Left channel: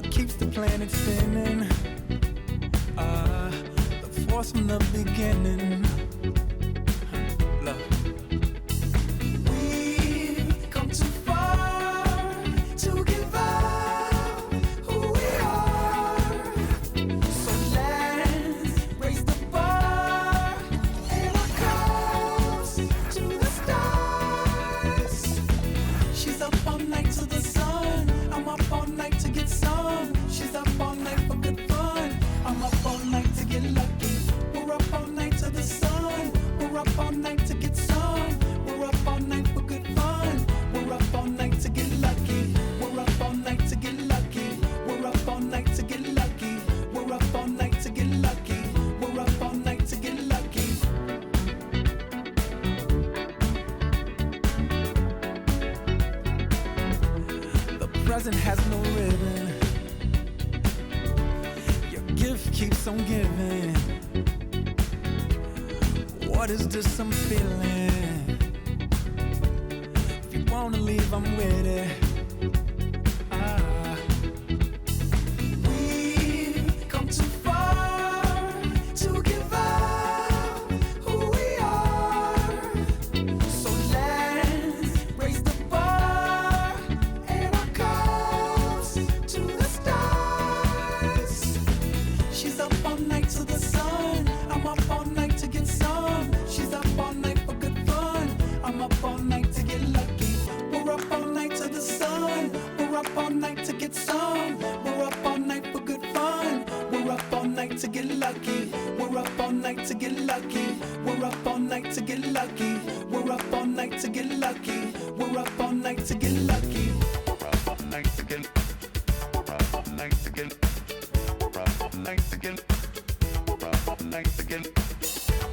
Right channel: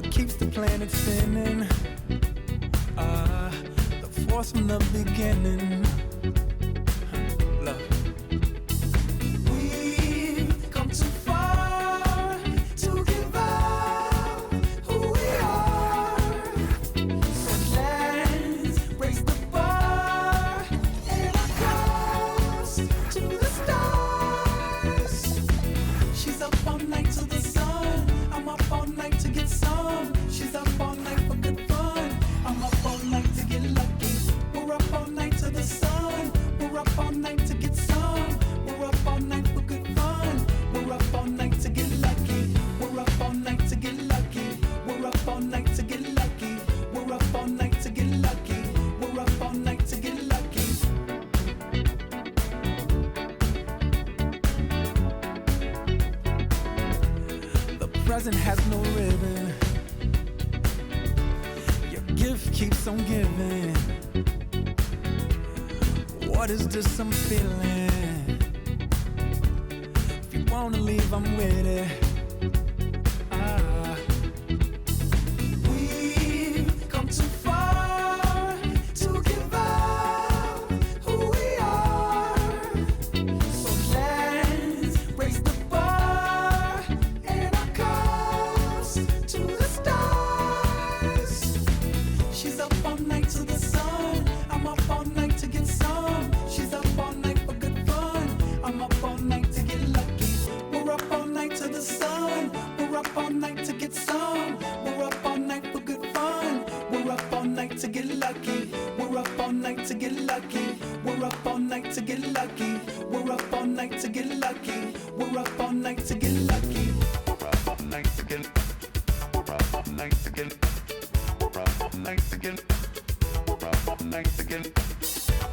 what keeps the planet spinning. The force from the beginning. Love. We've come too far to give up who we are. So let's raise the bar and our cups to the stars. She's up all night to the sun. I'm up all night to get some. She's up all night for good fun. I'm up all night to get lucky. We're up all night to the sun. We're up all night to get some. We're up all night for good fun. We're up all night to get lucky. We're up all night to get lucky. We're up all night to get lucky. We're up all night to get lucky. We're up all night to get lucky. The present has no ribbon. Your gift keeps on giving. What is this I'm feeling? If you wanna leave, I'm with it. We've come too far to give up who we are. So let's raise the bar and our cups to the stars. She's up all night to the sun. I'm up all night to get some. She's up all night for good fun. I'm up all night to get lucky. We're up all night to the sun. We're up all night to get some. We're up all night for good fun. We're up all night to get lucky. We're up all night to get lucky. We're up all night to get lucky. We're up all night to get lucky. We're up all night to get lucky. We're up all night to get. We're up all night to get. We're up all night to get. We're up all night to get.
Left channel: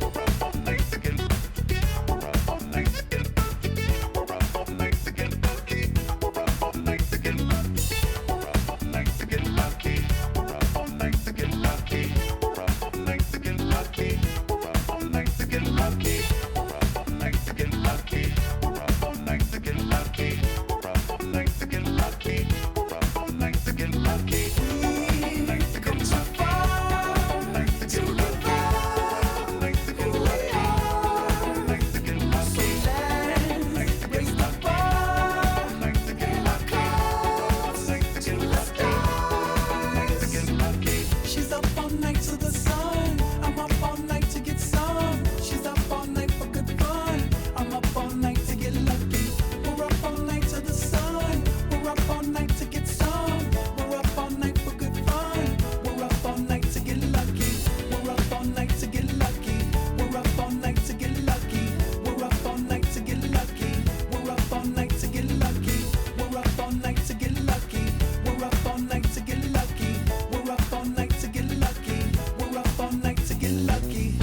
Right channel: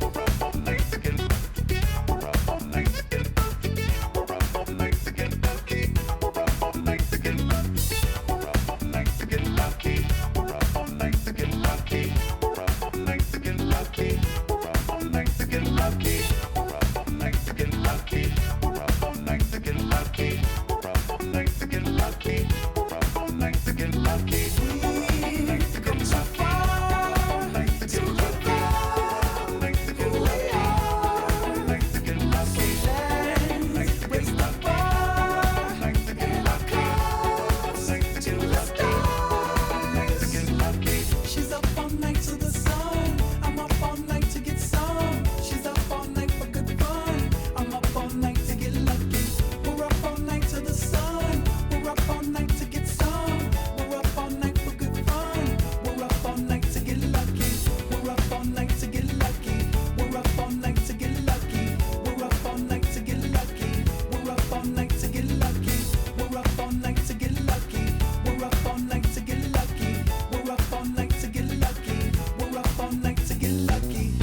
We're up all night to get. We're up all night to get. We're up all night to get lucky. We're up all night to get lucky. We're up all night to get lucky. We're up all night to get lucky. We're up all night to get lucky. We're up all night to get lucky. We're up all night to get lucky. We're up all night to get lucky. We're up all night to get lucky. We're up all night to get lucky. We've come too far to give up who we are. Let's raise the bar and our cups to the stars. She's up all night to the sun. I'm up all night to get some. She's up all night for good fun. I'm up all night to get lucky. We're up all night to the sun. We're up all night to get some. We're up all night for good fun. We're up all night to get lucky. We're up all night to get lucky. We're up all night to get lucky. We're up all night to get lucky. We're up all night to get lucky. We're up all night to get lucky. We're up all night to get lucky. We're up all night to get lucky. We're up all night to get lucky.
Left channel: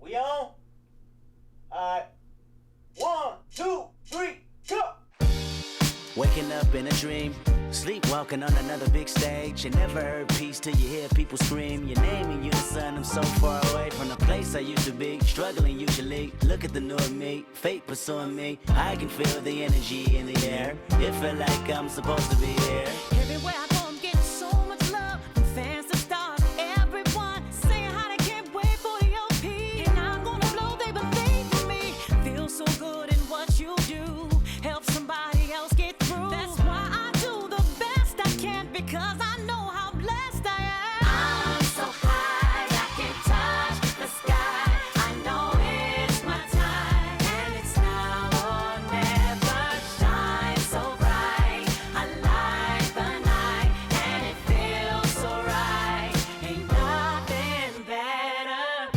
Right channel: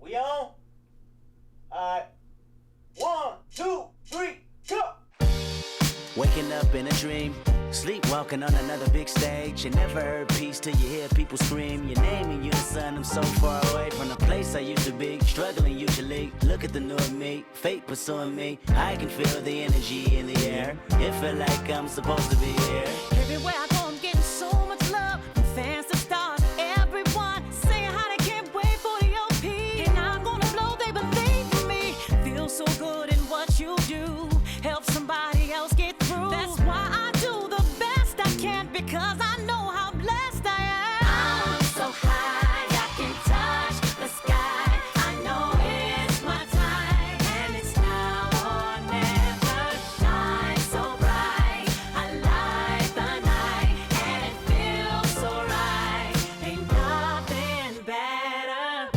We on? Alright. 1, 2, 3, go! Waking up in a dream, sleepwalking on another big stage. You never heard peace till you hear people scream your name in unison. I'm so far away from the place I used to be, struggling usually. Look at the new me, fate pursuing me. I can feel the energy in the air. It feel like I'm supposed to be here. Everywhere I go, I'm getting so much love from fans to stars. Everyone saying how they can't wait for the OP. And I'm gonna blow, they believe in me. Feel so good in what you do. Help somebody else get through. That's why I do the best I can, because I know how blessed I am. I'm so high, I can touch the sky. I know it's my time, and it's now or never. Shine so bright, I light the night, and it feels so right. Ain't nothing better.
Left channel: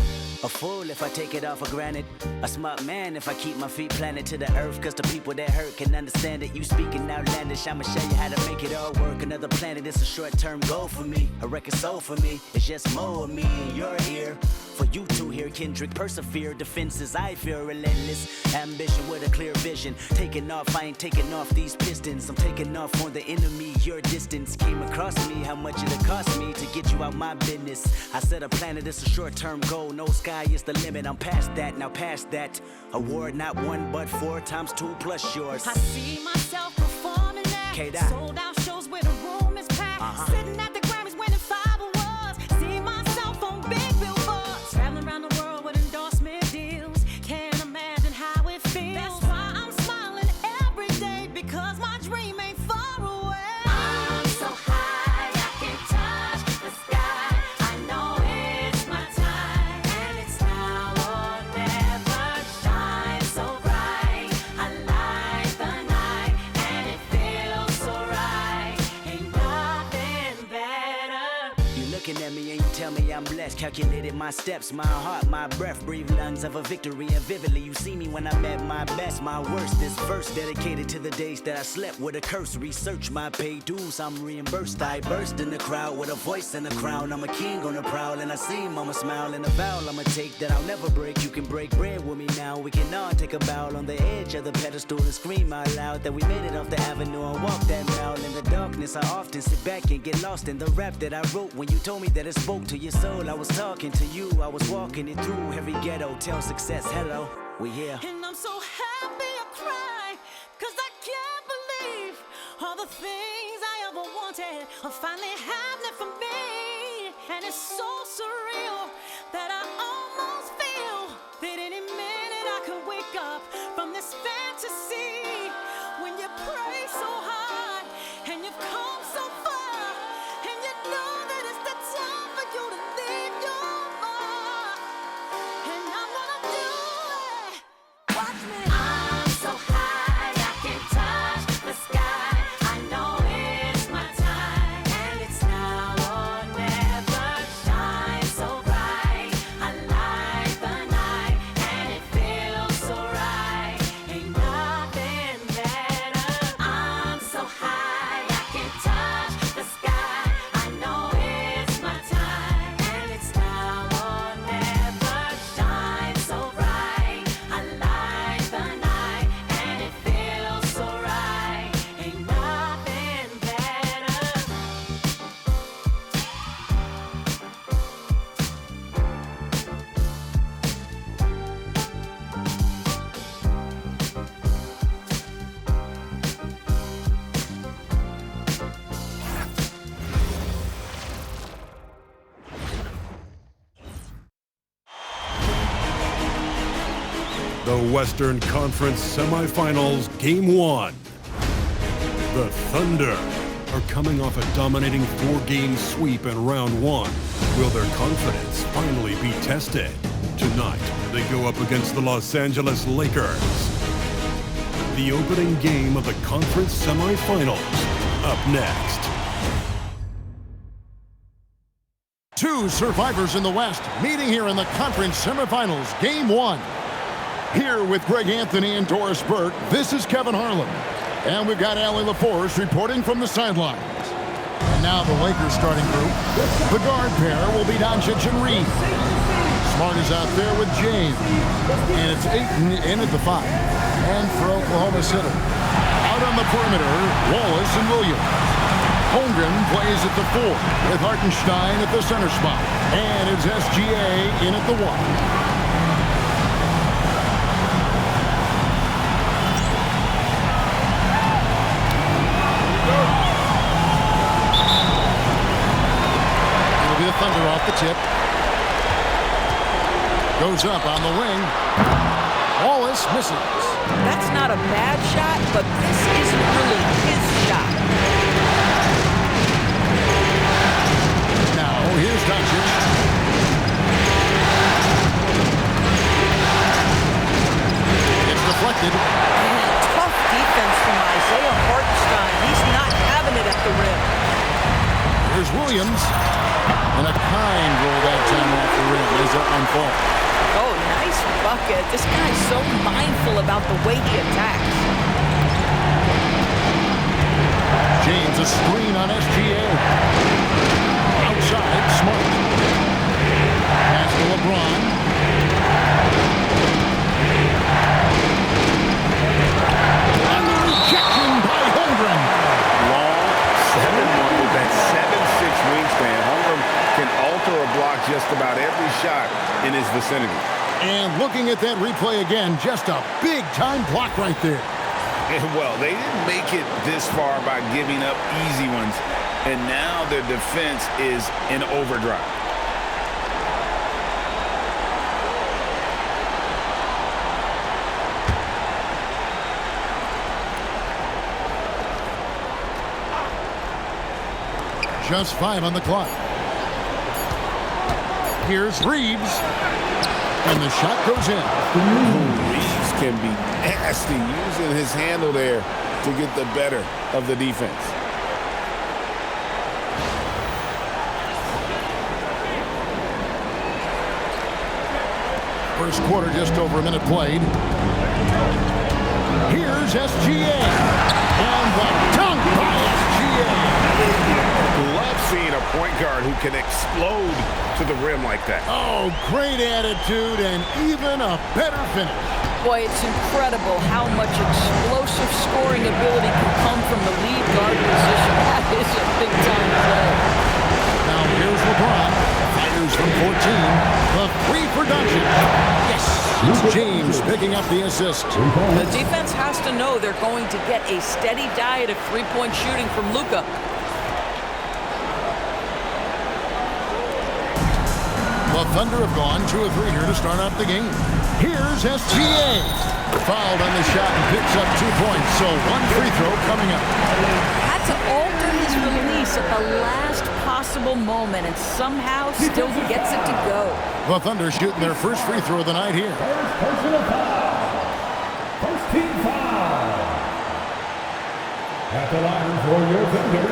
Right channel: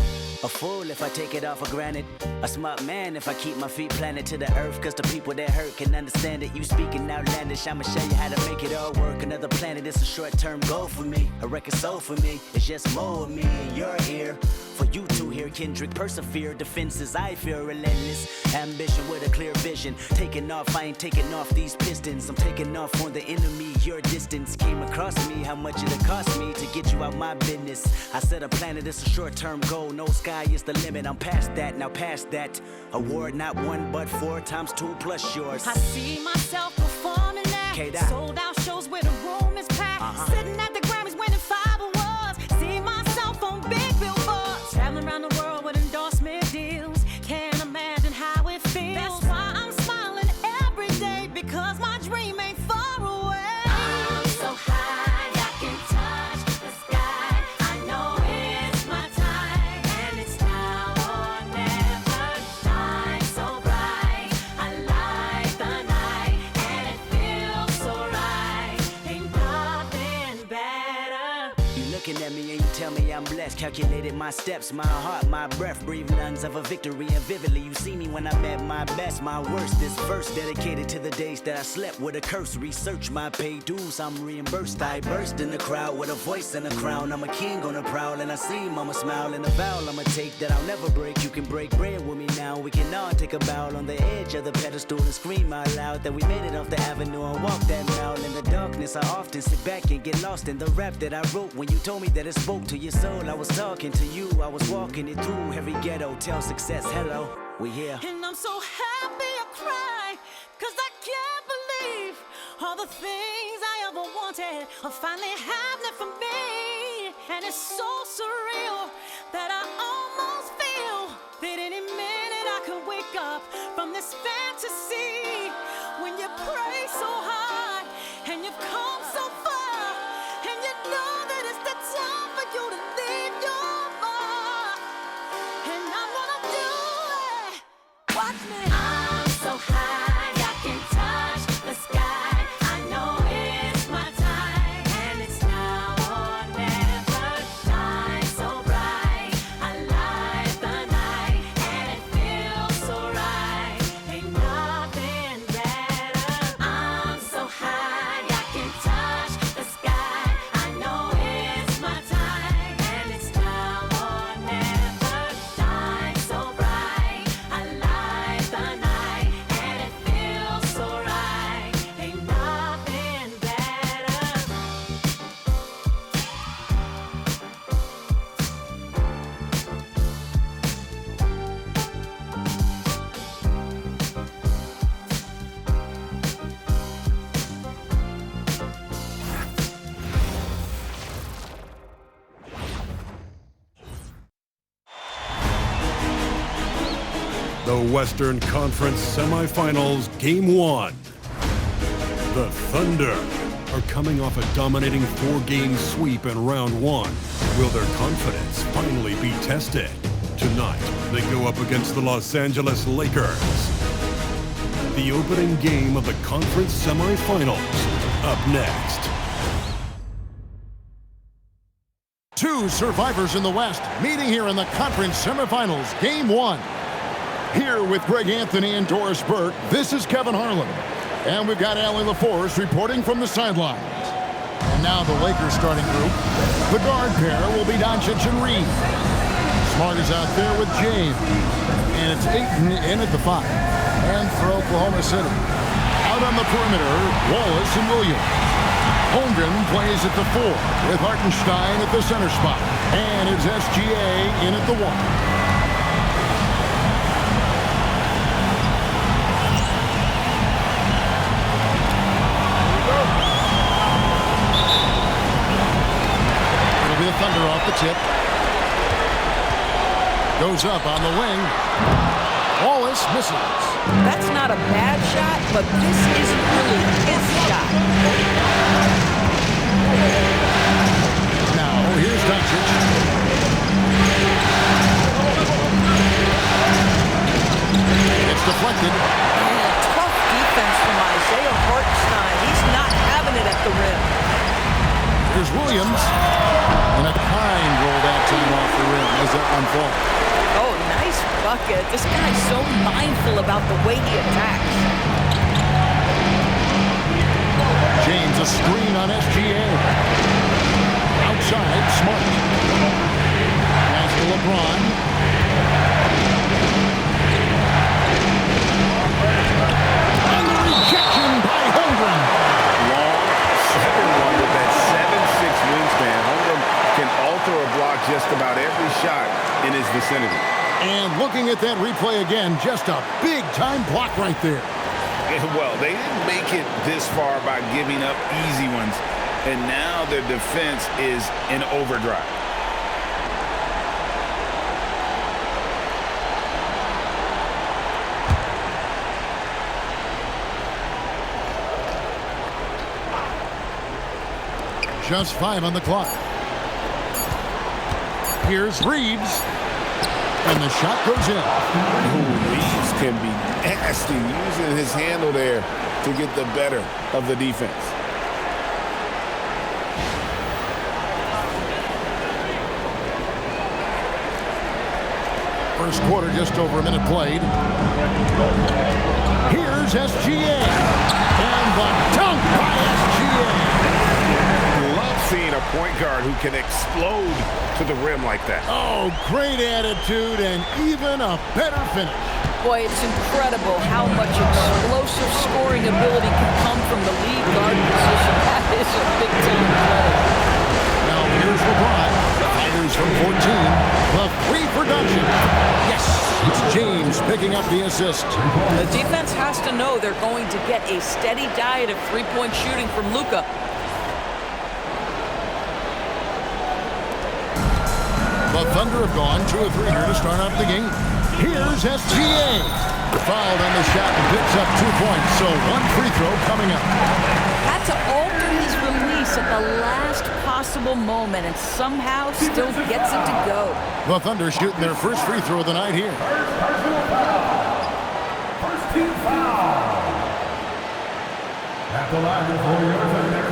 A fool if I take it all for granted. A smart man if I keep my feet planted to the earth. Cause the people that hurt can understand it. You speaking outlandish, I'ma show you how to make it all work. Another planet, it's a short-term goal for me. A record soul for me, it's just more of me in your ear. For you to hear severe. Kendrick persevere, defenses I fear relentless. Ambition with a clear vision. Taking off, I ain't taking off these pistons. I'm taking off on the enemy. Your distance came across me. How much it'll cost me to get you out my business? I set a planet, it's a short-term goal. No sky is the limit. I'm past that, now past that. Award not 1 but 4 times 2 plus yours. I see myself performing that. Sold out shows where the room is packed. Sitting at the Grammys winning 5 awards. See myself on big billboards. Traveling around the world with endorsement deals. Can't imagine how it feels. That's why I'm smiling every day, because my dream ain't far away. I'm so high I can touch the sky. I know it's my time, and it's now or never. Shine so bright, I light the night, and it feels so right. Ain't nothing better. You looking at me and you tell me I'm blessed. Calculated my steps, my heart, my breath. Breathe lungs of a victory, and vividly you see me when I'm at my best, my worst. This verse dedicated to the days that I slept with a curse. Research my paid dues, I'm reimbursed. I burst in the crowd with a voice and a crown. I'm a king on the prowl, and I see mama smile. And a vow I'ma take that I'll never break. You can break bread with me now. We can all take a bow on the edge of the pedestal and scream out loud that we made it off the avenue and walk that mile. In the darkness, I often sit back and get lost in the rap that I wrote. When you told me that it spoke to your soul, I was talking to you. I was walking it through every ghetto. Tell success, hello, we here. And I'm so happy I cry, 'cause I can't believe all the things I ever wanted are finally happening for me. And it's so surreal that I almost feel that any minute I could wake up from this fantasy. When you pray so hard and you've come so far, and you know that it's the time for you to leave your mark. And I'm gonna do it. Watch me. I'm so high I can touch the sky. I know it's my time, and it's now or never. Shine so bright, I light the night, and it feels so right. Ain't nothing better. I'm so high I can touch the sky. I know it's my time, and it's now or never. Shine so bright, I light the night, and it feels so right. Ain't nothing better. The Western Conference Semifinals, Game 1. The Thunder are coming off a dominating 4-game sweep in Round 1. Will their confidence finally be tested? Tonight, they go up against the Los Angeles Lakers. The opening game of the conference semifinals, up next. Two survivors in the West meeting here in the conference semifinals, Game 1. Here with Greg Anthony and Doris Burke, this is Kevin Harlan. And we've got Allie LaForce reporting from the sidelines. And now the Lakers starting group. The guard pair will be Doncic and Reed. Smart is out there with James. And it's Ayton in at the 5. And for Oklahoma City, out on the perimeter, Wallace and Williams. Holmgren plays at the 4 with Hartenstein at the center spot. And it's SGA in at the 1. It'll be the Thunder off the tip. Goes up on the wing. Wallace misses. That's not a bad shot, but this isn't really his shot. Now, here's Doncic. It's deflected. Man, tough defense from Isaiah Hartenstein. He's not having it at the rim. Here's Williams. And a kind roll that time off the rim as that one falls. Oh, nice bucket. This guy's so mindful about the way he attacks. James, a screen on SGA. Outside, Smart. Pass to LeBron. can alter or block just about every shot in his vicinity. And looking at that replay again, just a big-time block right there. Well, they didn't make it this far by giving up easy ones, and now their defense is in overdrive. Just 5 on the clock. Here's Reeves. And the shot goes in. Ooh, Reeves can be nasty, using his handle there to get the better of the defense. First quarter, just over a minute played. Here's SGA. And the dunk by SGA. Love seeing a point guard who can explode to the rim like that. Oh, great attitude and even a better finish. Boy, it's incredible how much explosive scoring ability can come from the lead guard position. That is a big-time play. Now here's LeBron. Fires from 14. The three for Doncic. Yes, it's James picking up the assist. The defense has to know they're going to get a steady diet of three-point shooting from Luka. The Thunder have gone 2 of 3 here to start out the game. Here's SGA. Fouled on the shot and picks up 2 points, so 1 free throw coming up. Had to alter his release at the last possible moment and somehow still gets it to go. The Thunder shooting their first free throw of the night here. First personal foul. First team foul. At the line for your Thunder,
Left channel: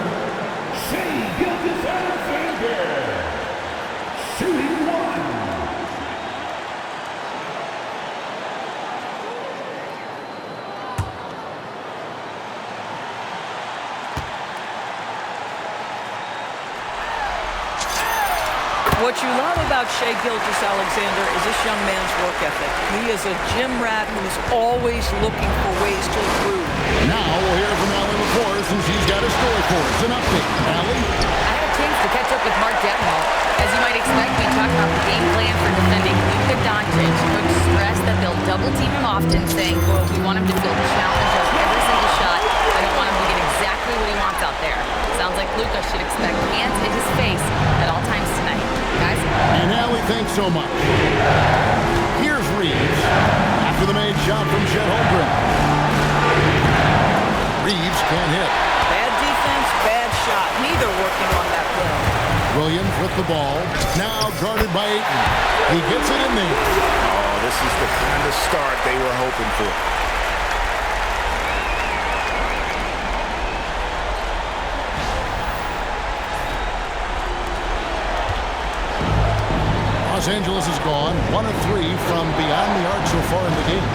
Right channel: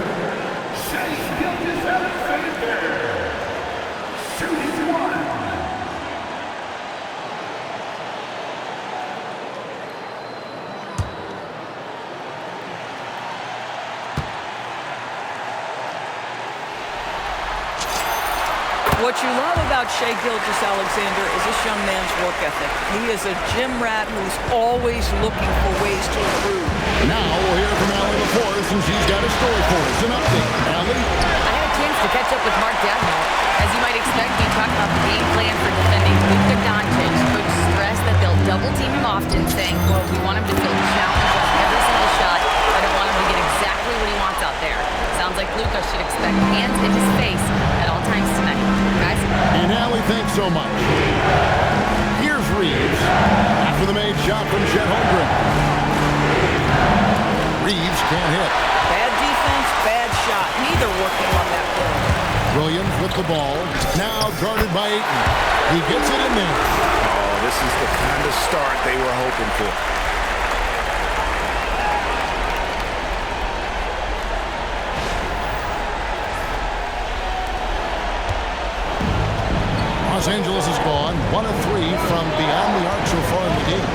Shai Gilgeous-Alexander. Shooting 1. What you love about Shai Gilgeous-Alexander is this young man's work ethic. He is a gym rat who's always looking for ways to improve. Now we'll hear from Allie LaForce, and she's got a story for us. An update. Allie? I had a chance to catch up with Mark Dagnall. As you might expect, we talked about the game plan for defending Luka Doncic. Coach stressed that they'll double team him often, saying, quote, we want him to feel challenged on every single shot. I don't want him to get exactly what he wants out there. Sounds like Luka should expect hands in his face at all times tonight. Guys? And Allie, thanks so much. Here's Reeves after the made shot from Chet Holmgren. Reeves can't hit. Bad defense, bad shot. Neither working on that play. Williams with the ball. Now guarded by Ayton. He gets it in there. Oh, this is the kind of start they were hoping for. Los Angeles is gone 1 of 3 from beyond the arc so far in the game.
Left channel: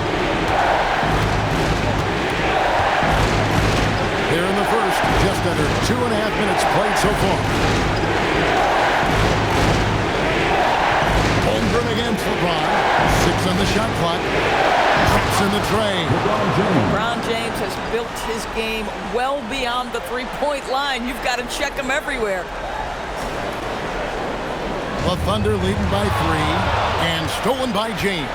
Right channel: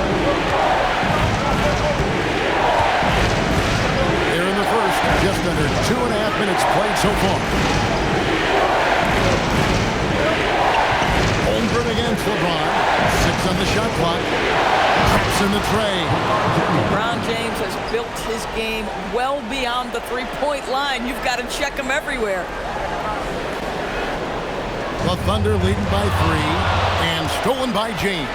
Here in the first, just under 2.5 minutes played so far. Holmgren against LeBron. 6 on the shot clock. Traps in the tray. LeBron James has built his game well beyond the three-point line. You've got to check him everywhere. The Thunder leading by 3 and stolen by James.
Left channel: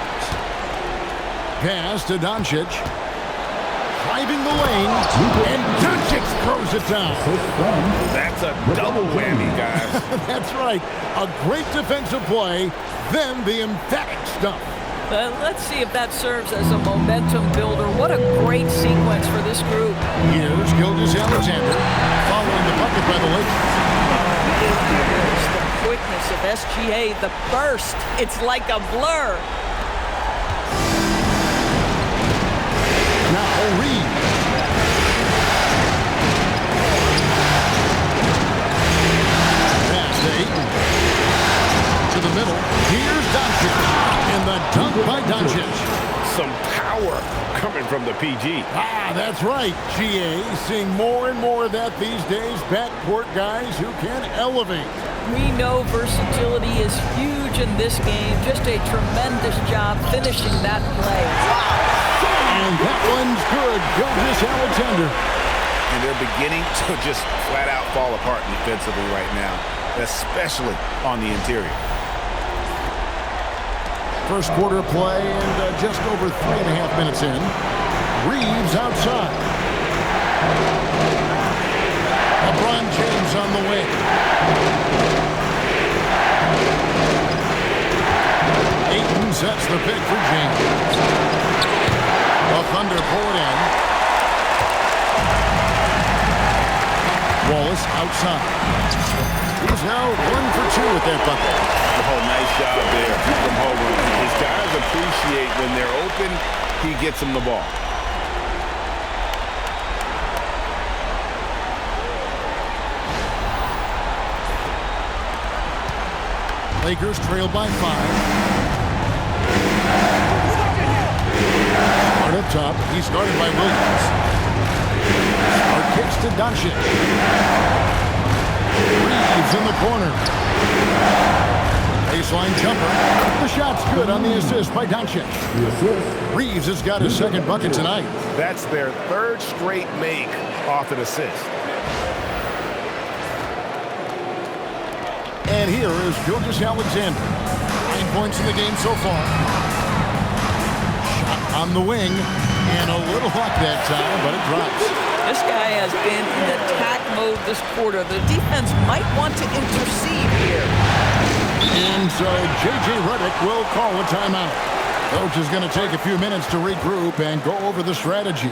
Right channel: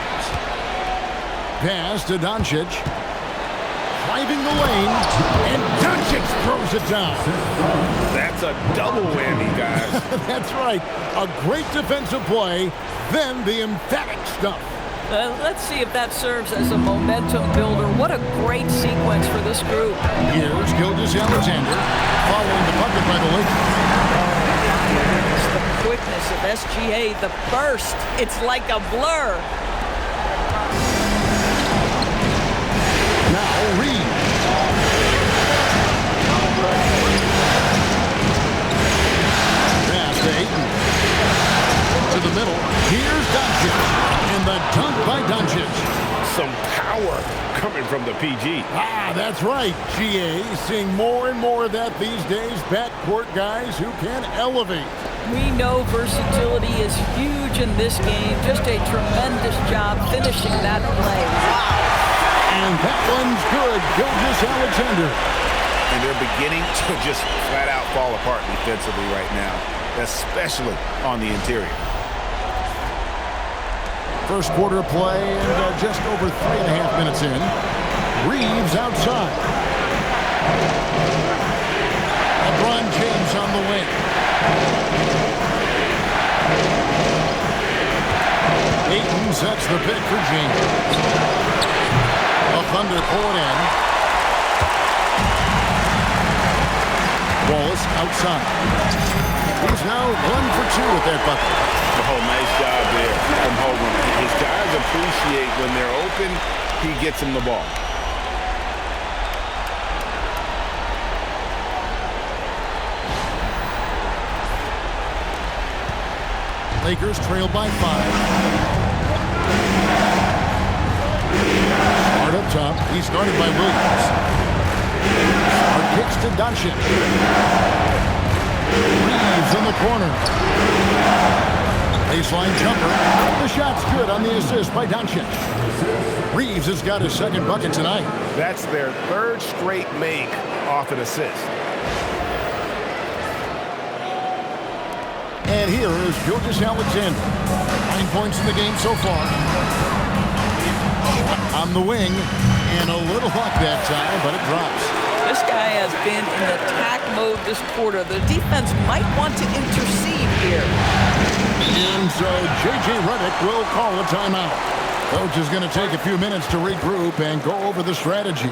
Pass to Doncic. Driving the lane, and Doncic throws it down. That's a double whammy, guys. That's right. A great defensive play, then the emphatic stuff. Let's see if that serves as a momentum builder. What a great sequence for this group. Here's Gilgeous-Alexander following the bucket by the Lakers. The quickness of SGA, the burst, it's like a blur. Now Reeves. Pass to Ayton. To the middle. Here's Doncic. And the dunk by Doncic. Some power coming from the PG. That's right. GA seeing more and more of that these days. Backcourt guys who can elevate. We know versatility is huge in this game. Just a tremendous job finishing that play. Wow. And that one's good. Gilgeous-Alexander. And they're beginning to just flat out fall apart defensively right now. especially on the interior. First quarter play and just over 3.5 minutes in. Reeves outside. LeBron James on the wing. Ayton sets the pick for James. The Thunder pull it in. Wallace outside. He's now 1 for 2 with that bucket. Oh, nice job there from Holmgren. His guys appreciate when they're open, he gets them the ball. Lakers trail by 5. Smart up top. He's guarded by Williams. Smart kicks to Doncic. Reeves in the corner. Baseline jumper. The shot's good on the assist by Doncic. Reeves has got his second bucket tonight. That's their third straight make off an assist. And here is Gilgeous-Alexander. 9 points in the game so far. Shot on the wing. And a little luck that time, but it drops. This guy has been in attack mode this quarter. The defense might want to intercede here. And so J.J. Redick will call a timeout. Coach is going to take a few minutes to regroup and go over the strategy.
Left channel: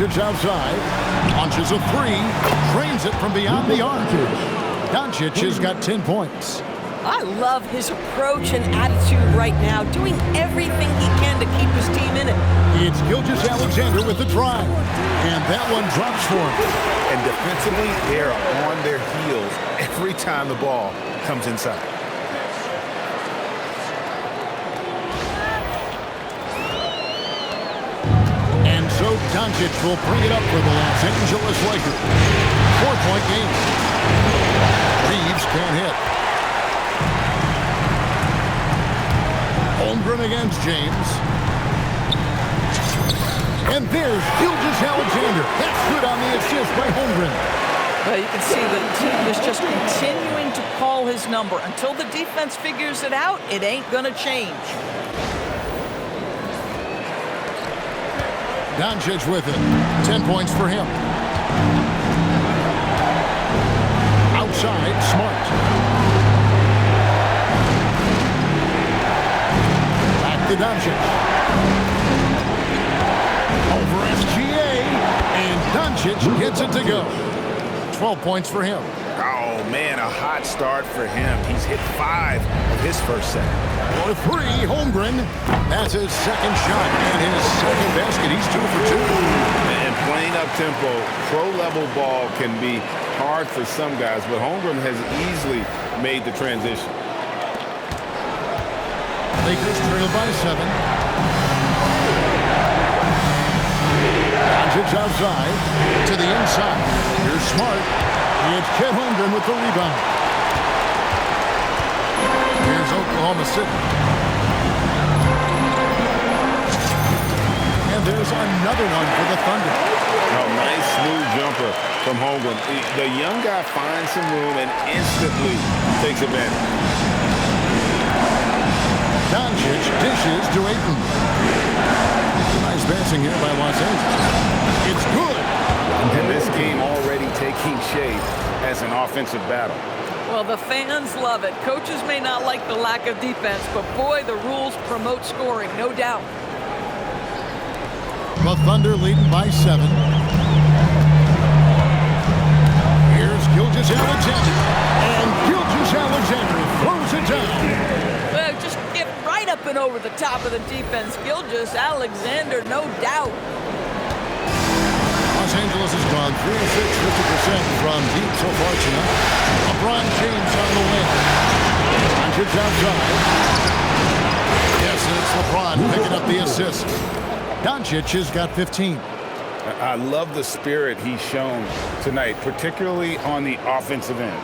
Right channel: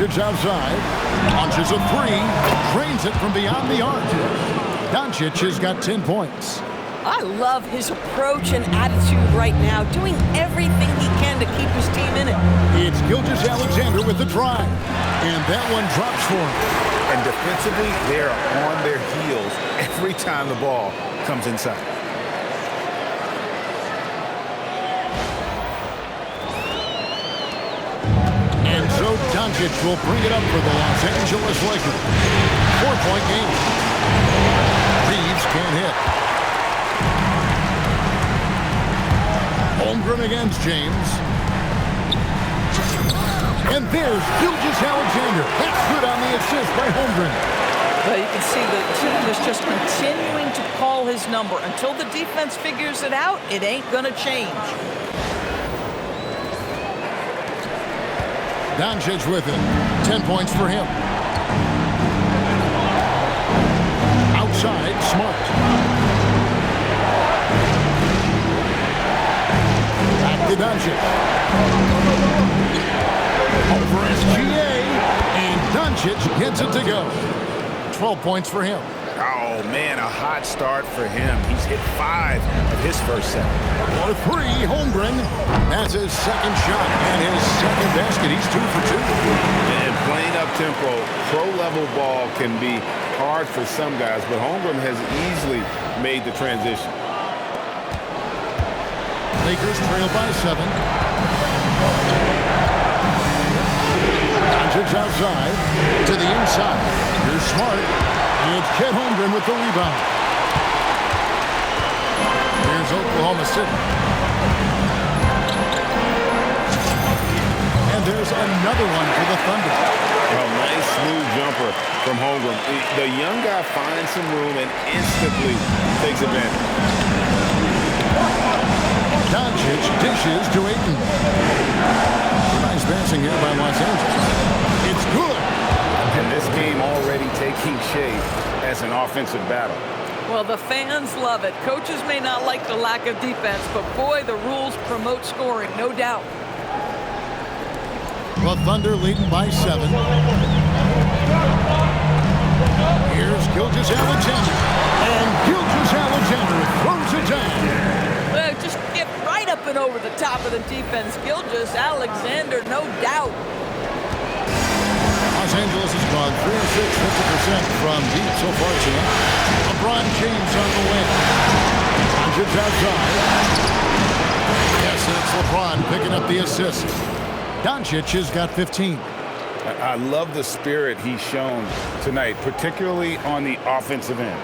Doncic outside. Launches a three. Drains it from beyond the arc. Doncic has got 10 points. I love his approach and attitude right now, doing everything he can to keep his team in it. It's Gilgeous-Alexander with the drive. And that one drops for him. And defensively, they're on their heels every time the ball comes inside. And so Doncic will bring it up for the Los Angeles Lakers. 4-point game. Reeves can't hit. Holmgren against James. And there's Gilgeous-Alexander. That's good on the assist by Holmgren. Well, you can see the team is just continuing to call his number. Until the defense figures it out, it ain't going to change. Doncic with it. 10 points for him. Outside, Smart. Back Back to Doncic. Over SGA, and Doncic gets it to go. 12 points for him. Oh, man, a hot start for him. He's hit 5 of his first set. For 3, Holmgren. That's his second shot and his second basket. He's 2 for 2. And playing up-tempo, pro-level ball can be hard for some guys, but Holmgren has easily made the transition. Lakers trail by 7. Doncic outside to the inside. Here's Smart. It's Chet Holmgren with the rebound. Here's Oklahoma City. And there's another one for the Thunder. Oh, nice smooth jumper from Holmgren. The young guy finds some room and instantly takes advantage. Doncic dishes to Ayton. Nice passing here by Los Angeles. It's good. And this game already taking shape as an offensive battle. Well, the fans love it. Coaches may not like the lack of defense, but boy, the rules promote scoring, no doubt. The Thunder leading by 7. Here's Gilgeous-Alexander. And Gilgeous-Alexander throws it down. Well, just get right up and over the top of the defense. Gilgeous-Alexander, no doubt. Los Angeles has gone 3 of 6, 50% from deep so far tonight. LeBron James on the win. Doncic outside. Yes, and it's LeBron picking up the assist. Doncic has got 15. I love the spirit he's shown tonight, particularly on the offensive end.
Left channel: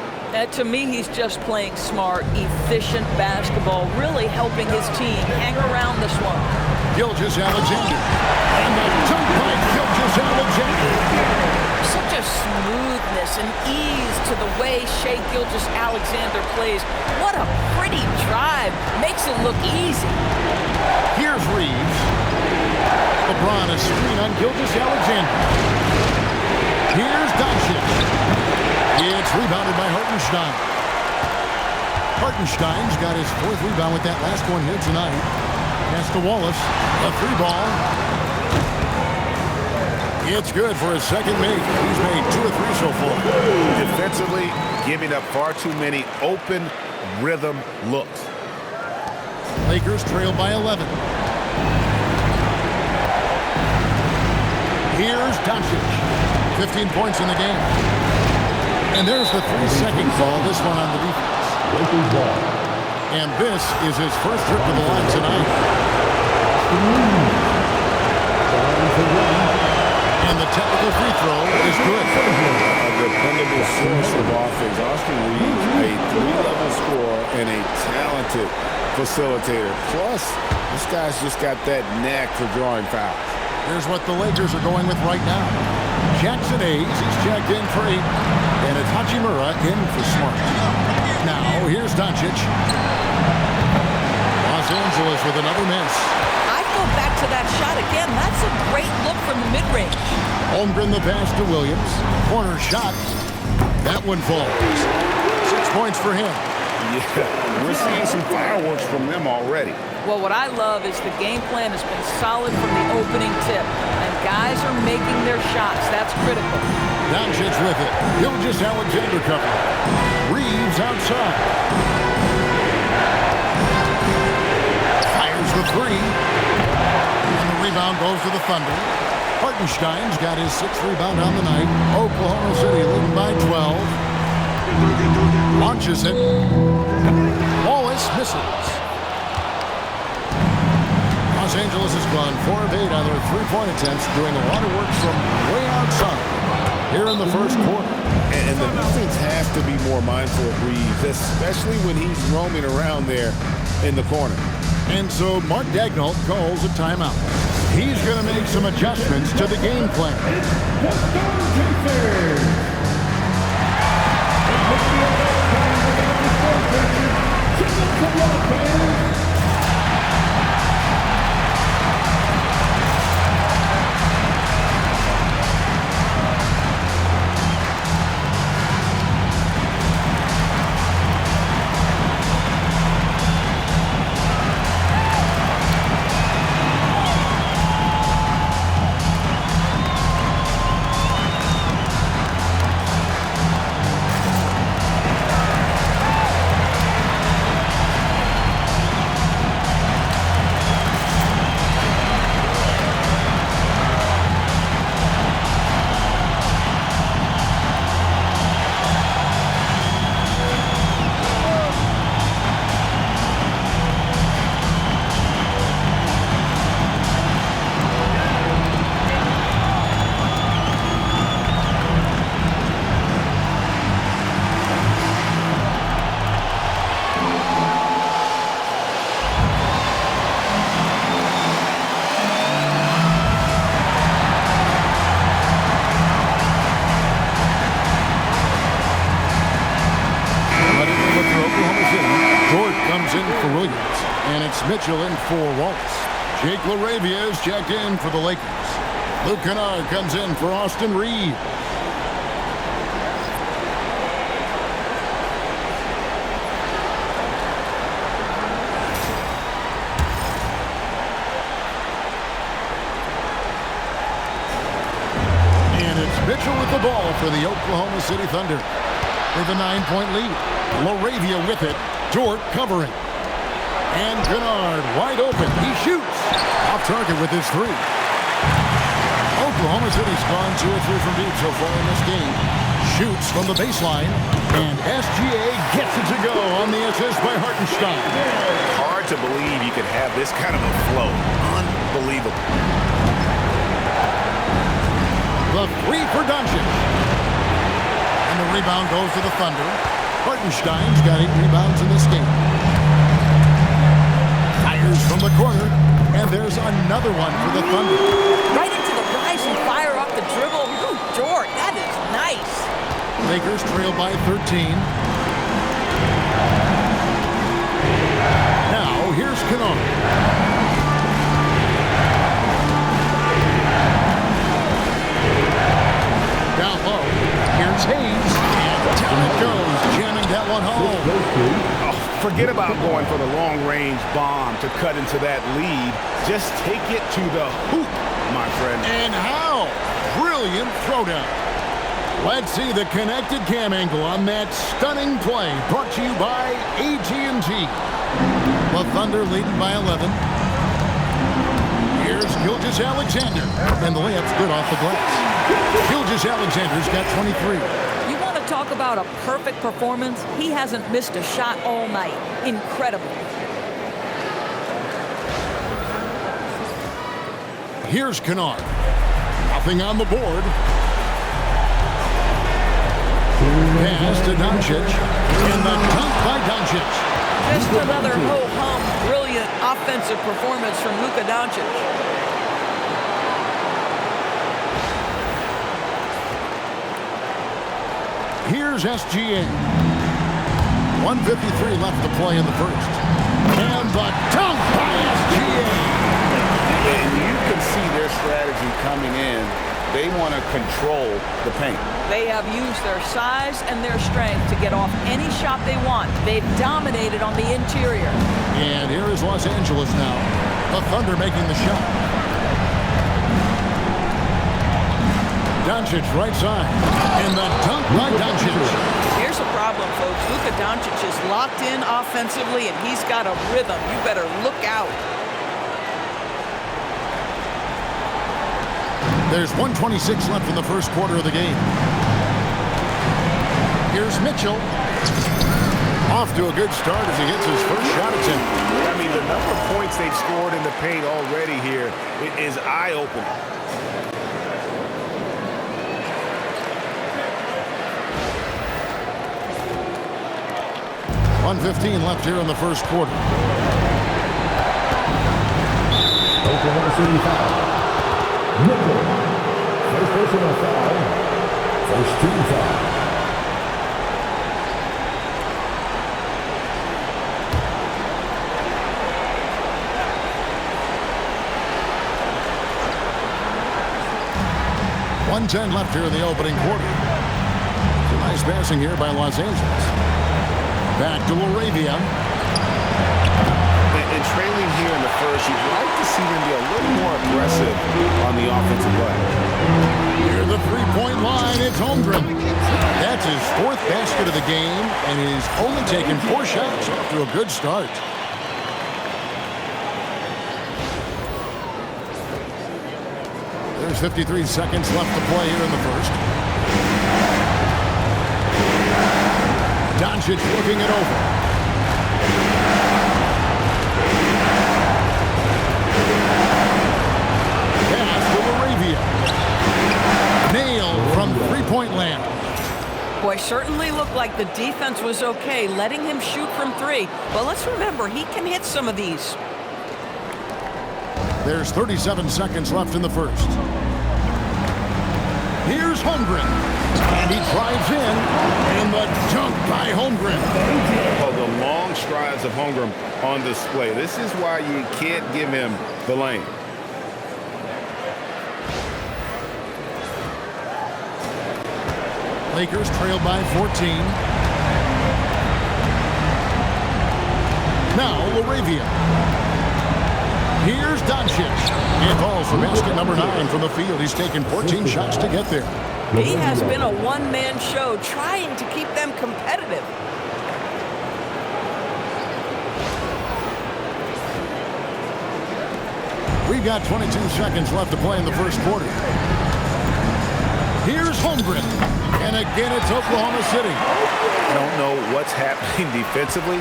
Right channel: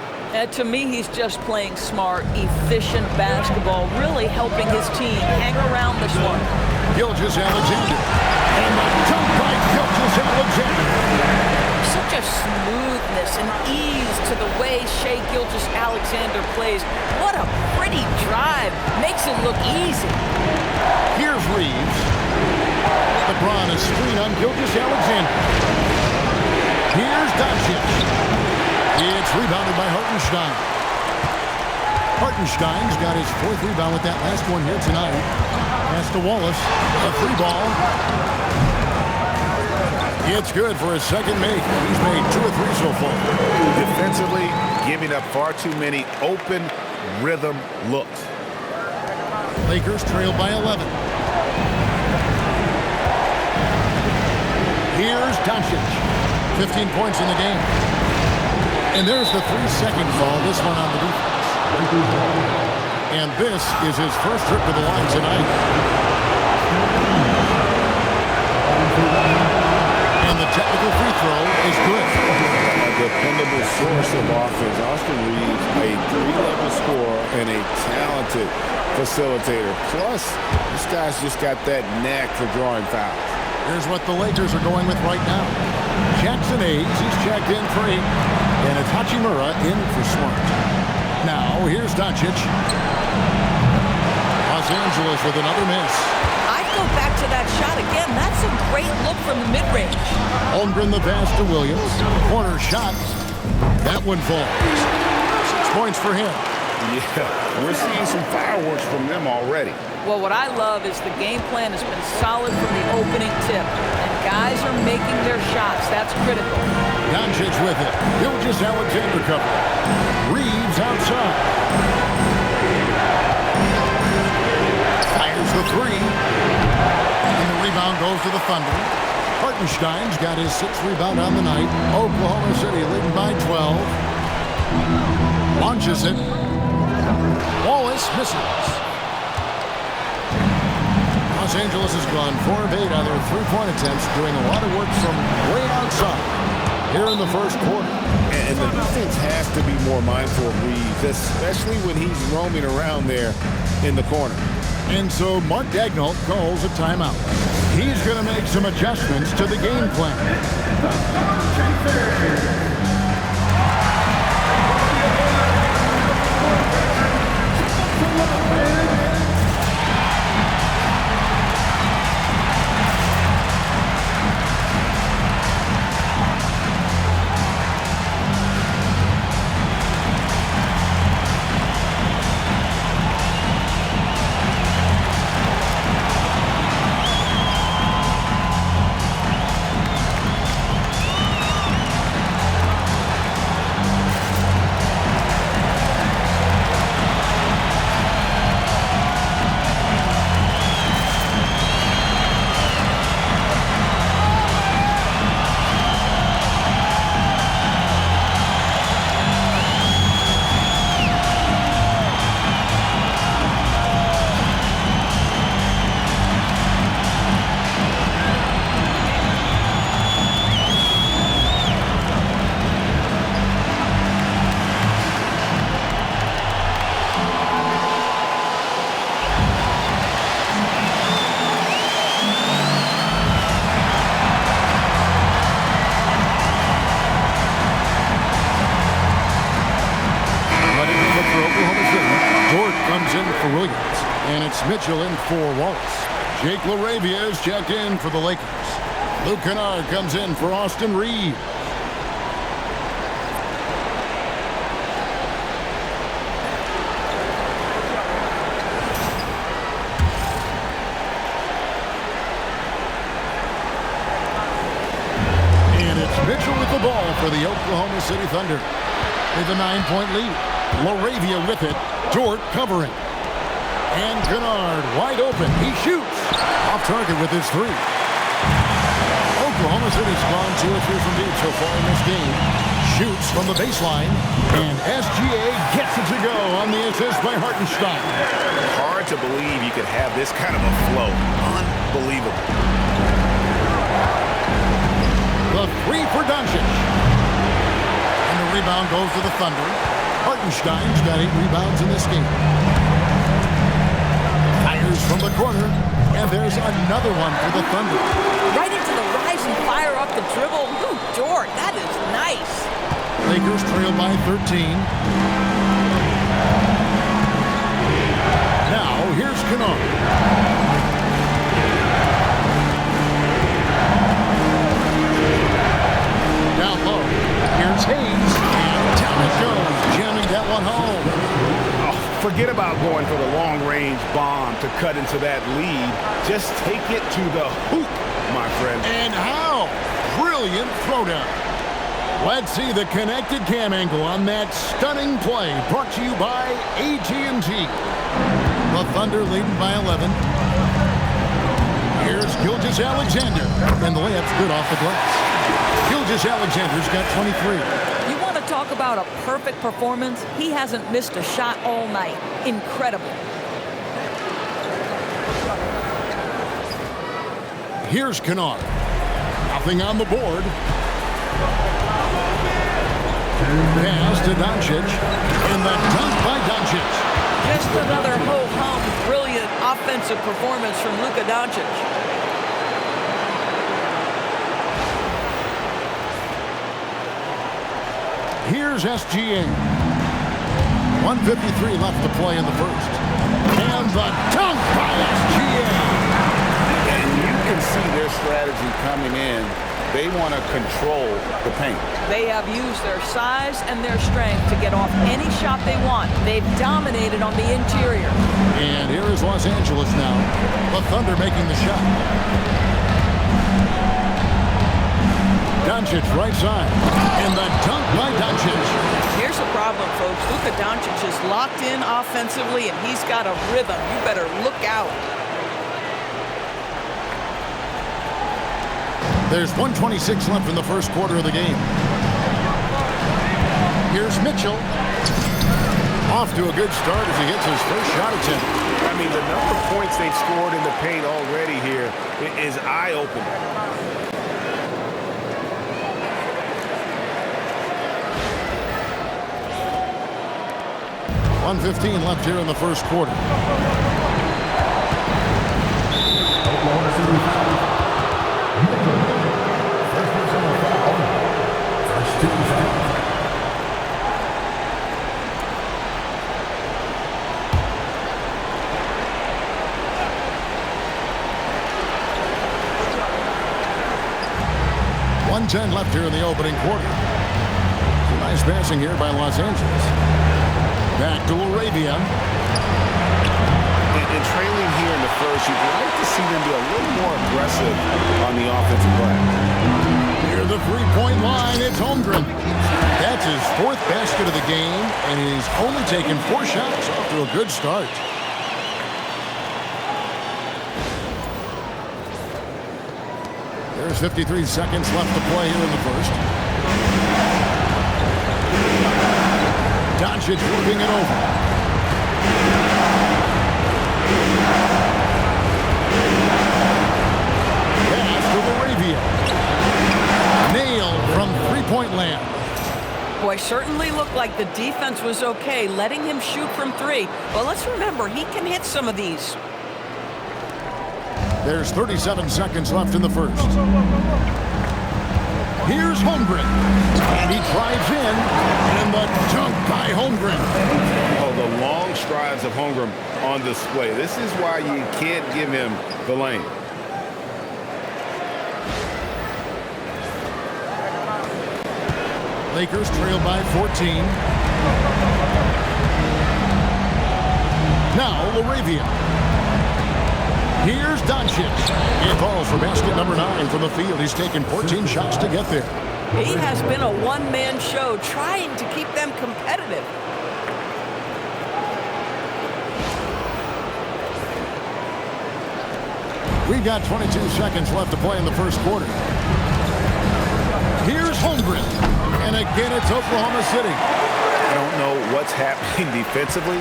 To me, he's just playing smart, efficient basketball, really helping his team hang around this one. Gilgeous-Alexander. And the dunk by Gilgeous-Alexander. Such a smoothness and ease to the way Shai Gilgeous-Alexander plays. What a pretty drive. Makes it look easy. Here's Reeves. LeBron a screen on Gilgeous-Alexander. Here's Doncic. It's rebounded by Hartenstein. Hartenstein's got his 4th rebound with that last one here tonight. Pass to Wallace. A 3 ball. It's good for his second make. He's made 2 or 3 so far. Defensively, giving up far too many open rhythm looks. Lakers trail by 11. Here's Doncic. 15 points in the game. And there's the 3-second call. This one on the defense. And this is his first trip to the line tonight. And the technical free throw is good. A dependable source of offense. Austin Reeves, a 3-level scorer and a talented facilitator. Plus, this guy's just got that knack for drawing fouls. Here's what the Lakers are going with right now. Jackson Hayes, he's checked in for 8. And it's Hachimura in for Smart. Now, here's Doncic. Los Angeles with another miss. I'd go back to that shot again. That's a great look from the mid-range. Holmgren the pass to Williams. Corner shot. That one falls. 6 points for him. Yeah, we're seeing some fireworks from them already. Well, what I love is the game plan has been solid from the opening tip. And guys are making their shots. That's critical. Doncic with it. Gilgeous-Alexander covering. Reeves outside. Fires the 3. And the rebound goes to the Thunder. Hartenstein's got his 6th rebound on the night. Oklahoma City leading by 12. Launches it. Wallace misses. Los Angeles has gone 4 of 8 on their 3-point attempts, doing a lot of work from way outside here in the first quarter. And the defense has to be more mindful of Reeves, especially when he's roaming around there in the corner. And so Mark Daigneault calls a timeout. He's going to make some adjustments to the game plan. comes in for Williams, and it's Mitchell in for Wallace. Jake LaRavia is checked in for the Lakers. Luke Kennard comes in for Austin Reeves. And it's Mitchell with the ball for the Oklahoma City Thunder. They have a 9-point lead. LaRavia with it. Dort covering. And Kennard wide open. He shoots. Off target with his three. Oklahoma City's gone 2 or 3 from deep so far in this game. Shoots from the baseline. And SGA gets it to go on the assist by Hartenstein. Hard to believe you could have this kind of a flow. Unbelievable. The three for Doncic. And the rebound goes to the Thunder. Hartenstein's got 8 rebounds in this game. Fires from the corner. And there's another one for the Thunder. Right into the rise and fire off the dribble. Ooh, Dort, that is nice. Lakers trail by 13. Now, here's Kennard. Down low. Here's Hayes. And down it goes. Jamming that one home. Oh, forget about going for the long-range bomb to cut into that lead. Just take it to the hoop, my friend. And how? Brilliant throwdown. Let's see the connected cam angle on that stunning play. Brought to you by AT&T. The Thunder leading by 11. Here's Gilgeous-Alexander. And the layup's good off the glass. Gilgeous-Alexander's got 23. You want to talk about a perfect performance? He hasn't missed a shot all night. Incredible. Here's Kennard. Nothing on the board. Pass to Doncic. And the dunk by Doncic. Just another ho-hum, brilliant offensive performance from Luka Doncic. Here's SGA. 1:53 left to play in the first. And the dunk by SGA. And you can see their strategy coming in. They want to control the paint. They have used their size and their strength to get off any shot they want. They've dominated on the interior. And here is Los Angeles now. The Thunder making the shot. Doncic right side. And the dunk by Doncic. Here's the problem, folks. Luka Doncic is locked in offensively, and he's got a rhythm. You better look out. There's 1:26 left in the first quarter of the game. Here's Mitchell. Off to a good start as he hits his first shot attempt. I mean, the number of points they've scored in the paint already here is eye-opening. .115 left here in the first quarter. Oklahoma City foul. Mitchell. First personal foul. First team foul. .110 left here in the opening quarter. Some nice passing here by Los Angeles. Back to LaRavia. And trailing here in the first, you'd like to see them be a little more aggressive on the offensive glass. Near the three-point line, it's Holmgren. That's his 4th basket of the game, and he's only taken 4 shots. Off to a good start. There's 53 seconds left to play here in the first. Doncic looking it over. Pass to LaRavia. Nailed from three-point land. Boy, certainly looked like the defense was okay, letting him shoot from 3. But let's remember, he can hit some of these. There's 37 seconds left in the first. Here's Holmgren. And he drives in, and the dunk by Holmgren. Oh, the long strides of Holmgren on display. This is why you can't give him the lane. Lakers trail by 14. Now Laravia. Here's Doncic. He falls for basket number 9 from the field. He's taken 14 shots to get there. He has been a one-man show trying to keep them competitive. We've got 22 seconds left to play in the first quarter. Here's Holmgren. And again, it's Oklahoma City. I don't know what's happening defensively,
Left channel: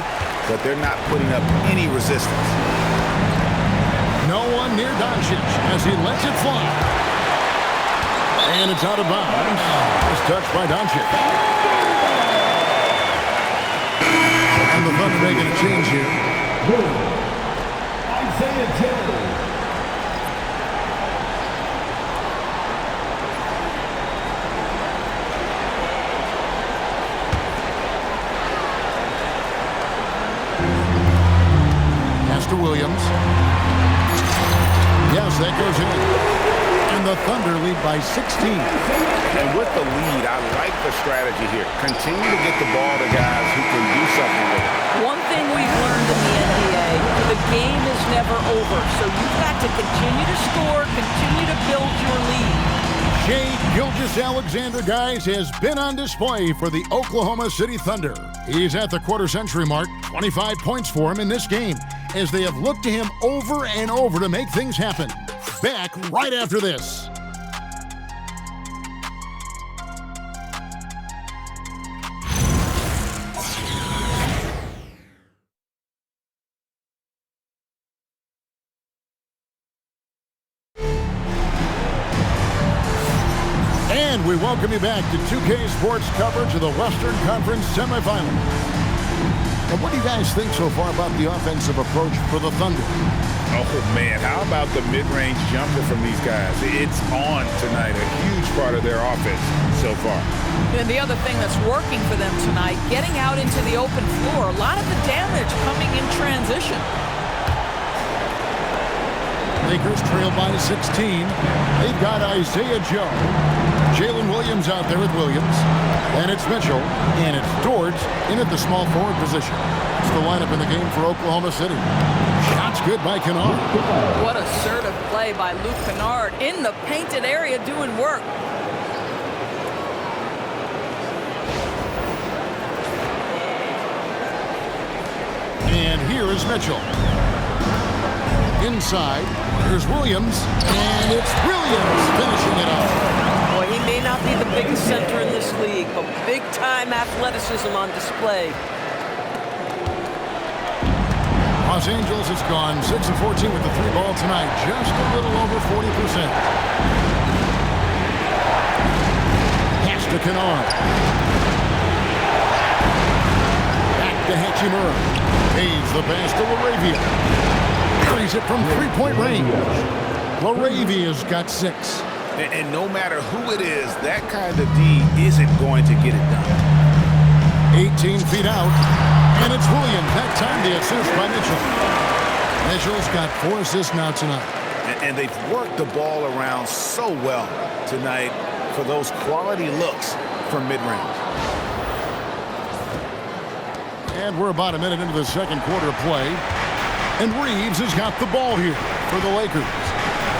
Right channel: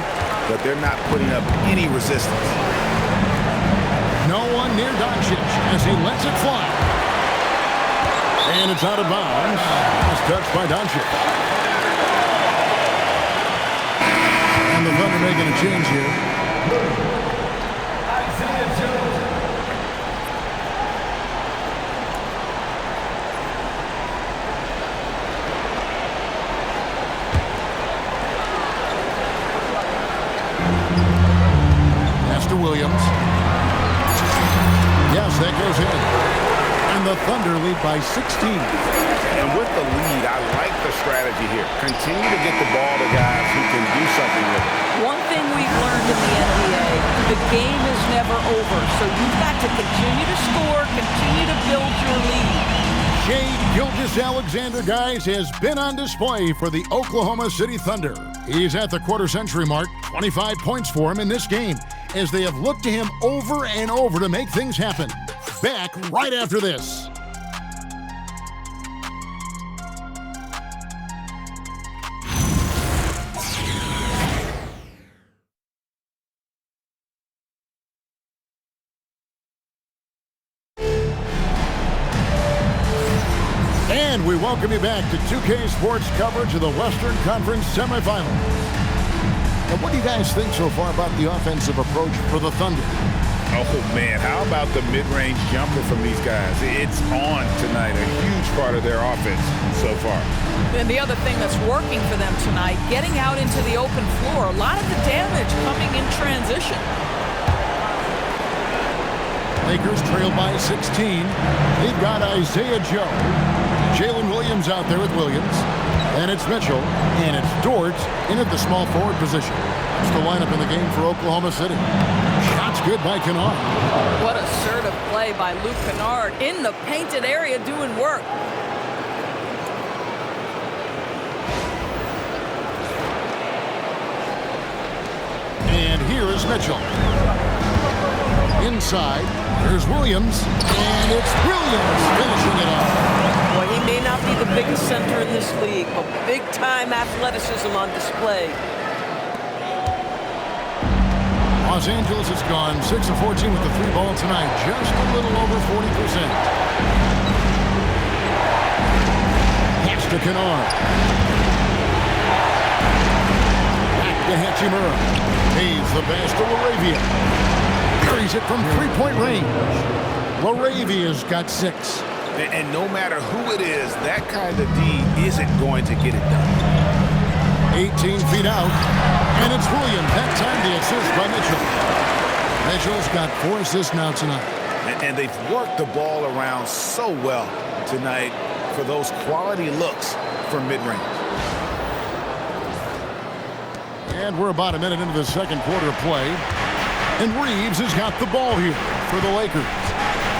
but they're not putting up any resistance. No one near Doncic as he lets it fly. And it's out of bounds. It's touched by Doncic. And the Thunder making a change here. Isaiah Joe. Pass to Williams. Yes, that goes in. And the Thunder lead by 16. And with the lead, I like the strategy here. Continue to get the ball to guys who can do something with it. One thing we've learned in the NBA, the game is never over. So you've got to continue to score, continue to build your lead. Shai Gilgeous-Alexander, guys, has been on display for the Oklahoma City Thunder. He's at the quarter-century mark, 25 points for him in this game, as they have looked to him over and over to make things happen. Back right after this. And we welcome you back to 2K Sports coverage of the Western Conference Semifinals. And what do you guys think so far about the offensive approach for the Thunder? Oh, man, how about the mid-range jumper from these guys? It's on tonight, a huge part of their offense so far. And the other thing that's working for them tonight, getting out into the open floor, a lot of the damage coming in transition. Lakers trail by 16. They've got Isaiah Joe. Jalen Williams out there with Williams. And it's Mitchell. And it's Dort in at the small forward position. That's the lineup in the game for Oklahoma City. Shots good by Kennard. What assertive play by Luke Kennard in the painted area doing work. And here is Mitchell. Inside, there's Williams. And it's Williams finishing it off. Boy, he may not be the biggest center in this league, but big-time athleticism on display. Los Angeles has gone 6 of 14 with the 3-ball tonight, just a little over 40%. Pass to Kennard. Back to Hachimura. Pays the pass to Laravia. Carries it from three-point range. Laravia's got 6. And no matter who it is, that kind of D isn't going to get it done. 18 feet out. And it's Williams. That time the assist by Mitchell. Mitchell's got 4 assists now tonight. And they've worked the ball around so well tonight for those quality looks from mid-range. And we're about a minute into the second quarter of play. And Reeves has got the ball here for the Lakers.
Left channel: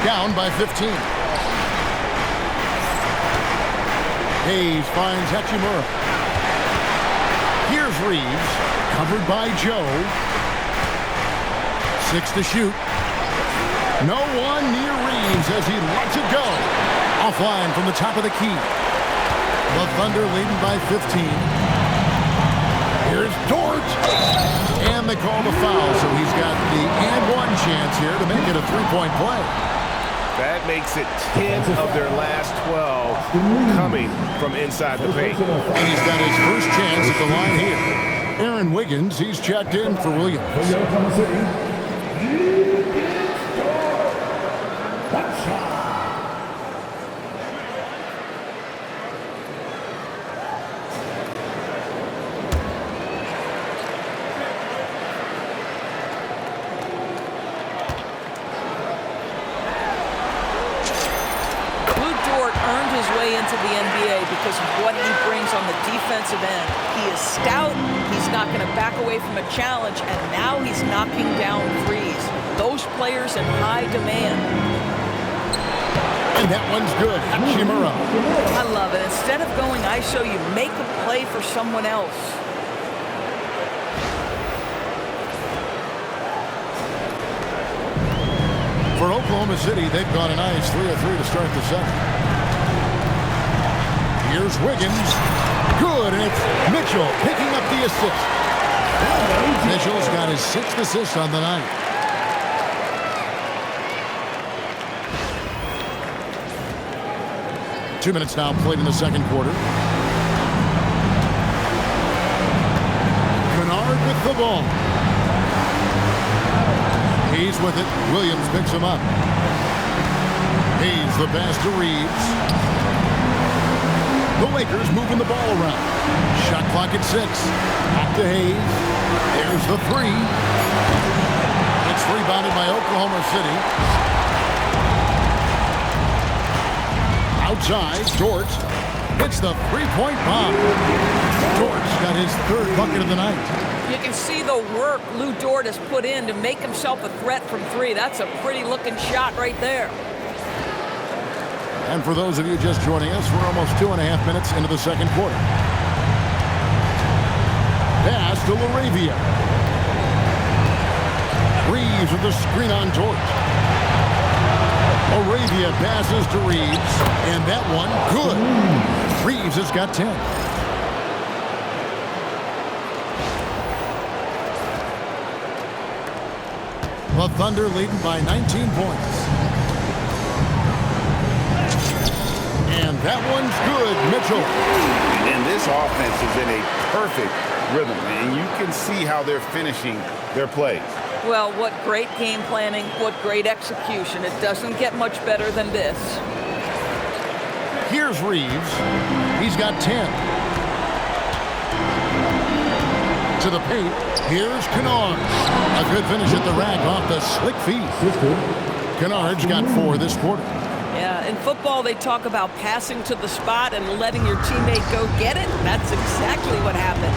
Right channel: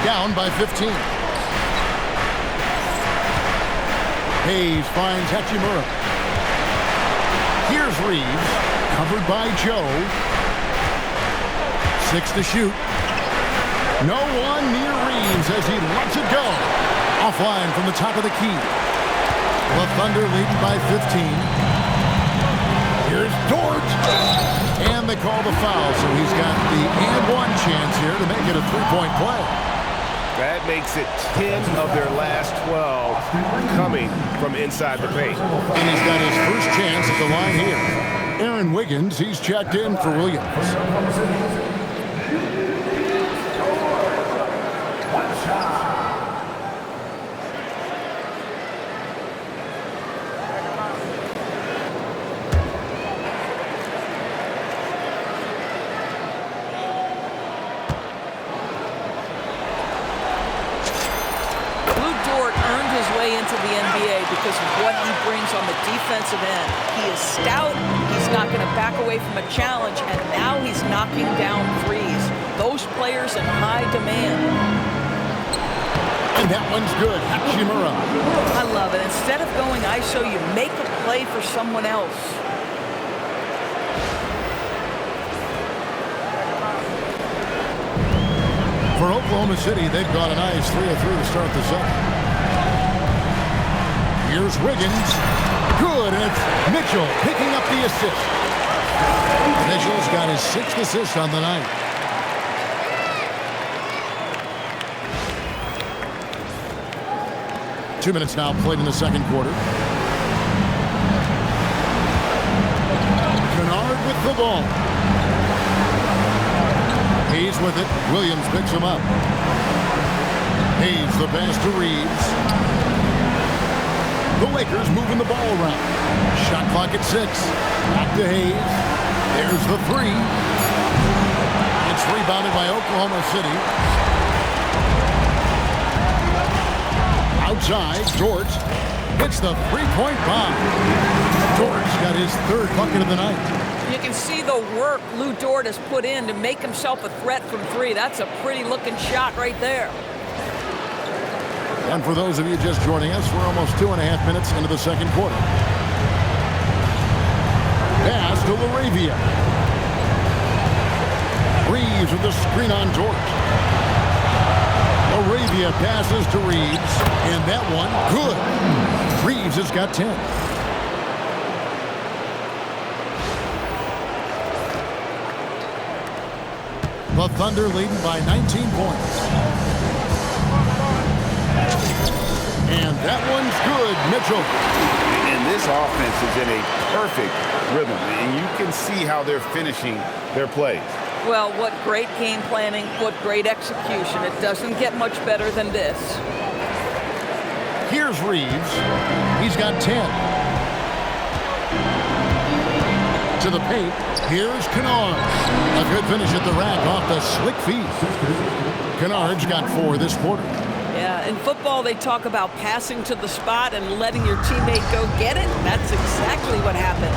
Down by 15. Hayes finds Hachimura. Here's Reeves, covered by Joe. 6 to shoot. No one near Reeves as he lets it go. Offline from the top of the key. The Thunder leading by 15. Here's Dort. And they call the foul, so he's got the and one chance here to make it a 3-point play. That makes it 10 of their last 12 coming from inside the paint. And he's got his first chance at the line here. Aaron Wiggins, he's checked in for Williams. Dort earned his way into the NBA because of what he brings on the defensive end. He is stout, he's not going to back away from a challenge, and now he's knocking down threes. Those players in high demand. And that one's good. Hachimura. I love it. Instead of going ISO, you make a play for someone else. For Oklahoma City, they've got a nice 3 of 3 to start the second. Here's Wiggins. Good, and it's Mitchell picking up the assist. Mitchell's got his 6th assist on the night. Two minutes now played in the second quarter. Kennard with the ball. Hayes with it. Williams picks him up. Hayes the pass to Reeves. The Lakers moving the ball around. Shot clock at 6. Back to Hayes. There's the 3. It's rebounded by Oklahoma City. Outside, Dort hits the three-point bomb. Dort's got his 3rd bucket of the night. You can see the work Lou Dort has put in to make himself a threat from 3. That's a pretty-looking shot right there. And for those of you just joining us, we're almost 2.5 minutes into the second quarter. Pass to LaRavia. Reeves with the screen on Dort. LaRavia passes to Reeves, and that one, good. Reeves has got 10. The Thunder leading by 19 points. And that one's good, Mitchell. And this offense is in a perfect rhythm, and you can see how they're finishing their plays. Well, what great game planning, what great execution. It doesn't get much better than this. Here's Reeves. He's got 10. To the paint. Here's Kennard. A good finish at the rack off the slick feet. Kennard's got 4 this quarter. Yeah, in football, they talk about passing to the spot and letting your teammate go get it. That's exactly what happened.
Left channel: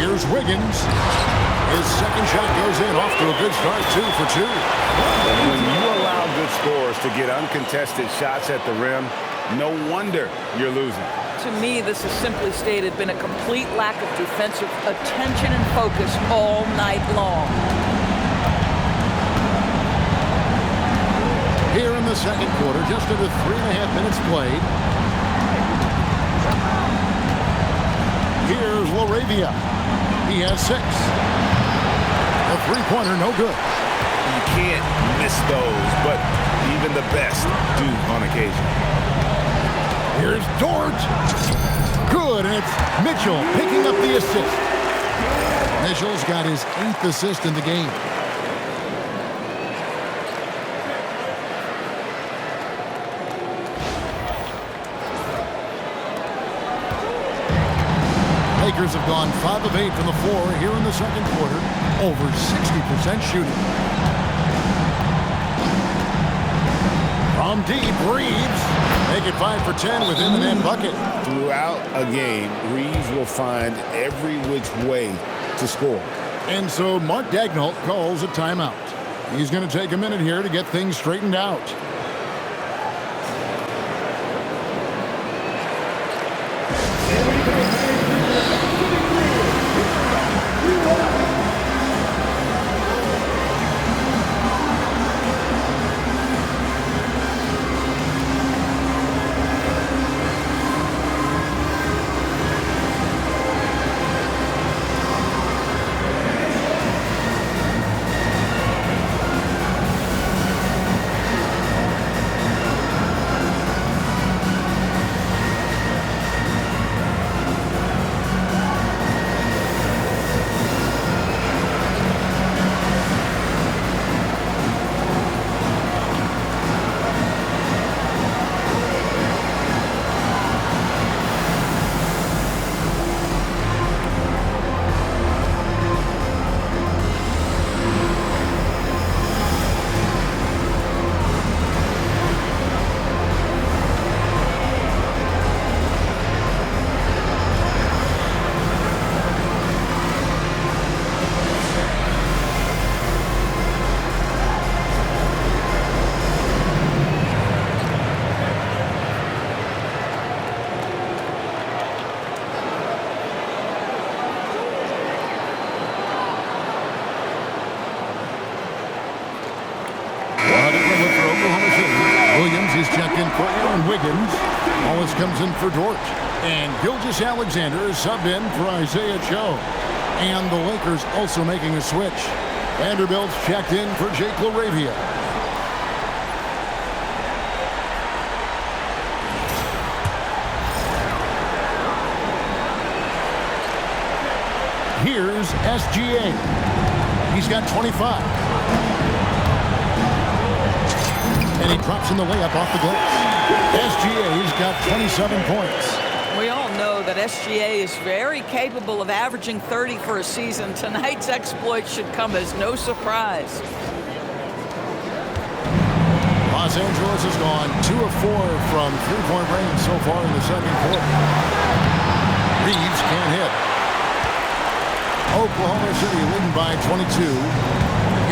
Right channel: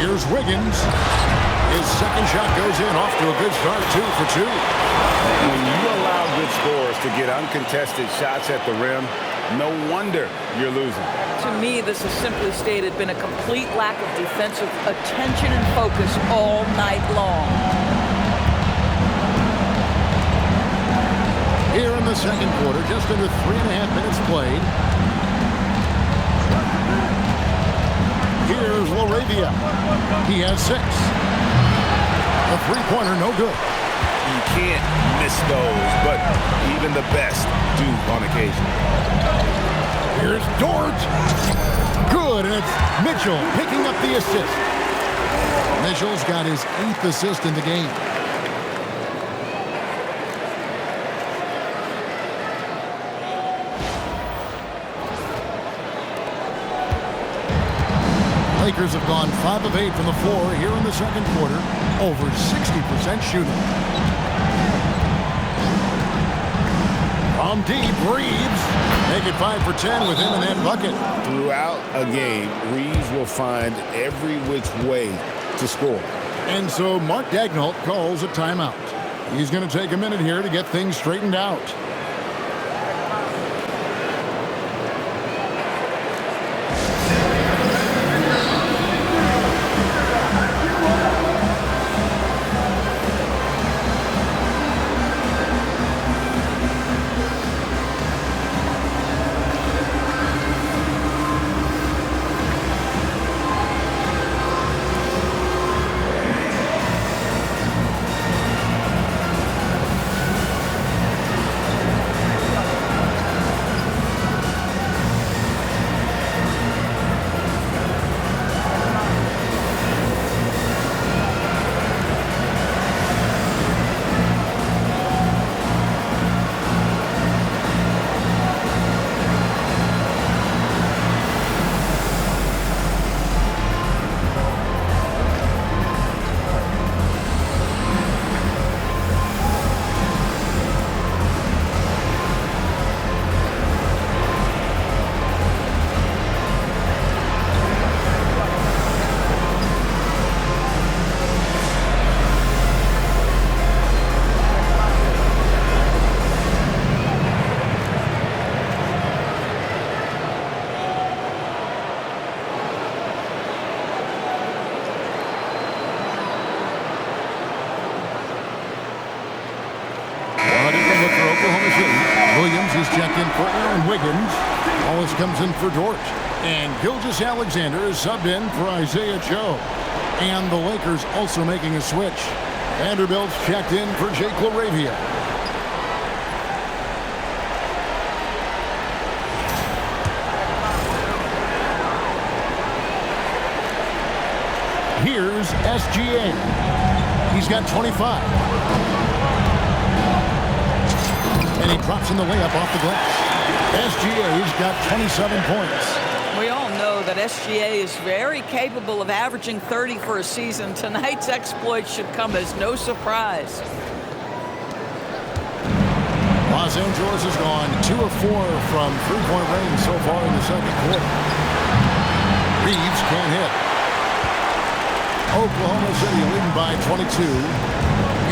Here's Wiggins. His second shot goes in, off to a good start, 2 for 2. When you allow good scorers to get uncontested shots at the rim, no wonder you're losing. To me, this has simply stated been a complete lack of defensive attention and focus all night long. Here in the second quarter, just under 3.5 minutes played. Here's LaRavia. He has 6. A three-pointer, no good. You can't miss those, but even the best do on occasion. Here's Dort. Good, and it's Mitchell picking up the assist. Mitchell's got his 8th assist in the game. Lakers have gone 5 of 8 from the floor here in the second quarter. Over 60% shooting. From deep, Reeves. Make it 5 for 10 with him in that bucket. Throughout a game, Reeves will find every which way to score. And so Mark Daigneault calls a timeout. He's going to take a minute here to get things straightened out. Second look for Oklahoma City. Williams is checked in for Aaron Wiggins. Wallace comes in for Dort. And Gilgeous-Alexander is subbed in for Isaiah Joe. And the Lakers also making a switch. Vanderbilt's checked in for Jake LaRavia. Here's SGA. He's got 25. And he drops in the layup off the glass. SGA's got 27 points. We all know that SGA is very capable of averaging 30 for a season. Tonight's exploit should come as no surprise. Los Angeles has gone 2 of 4 from three-point range so far in the second quarter. Reeves can't hit. Oklahoma City leading by 22.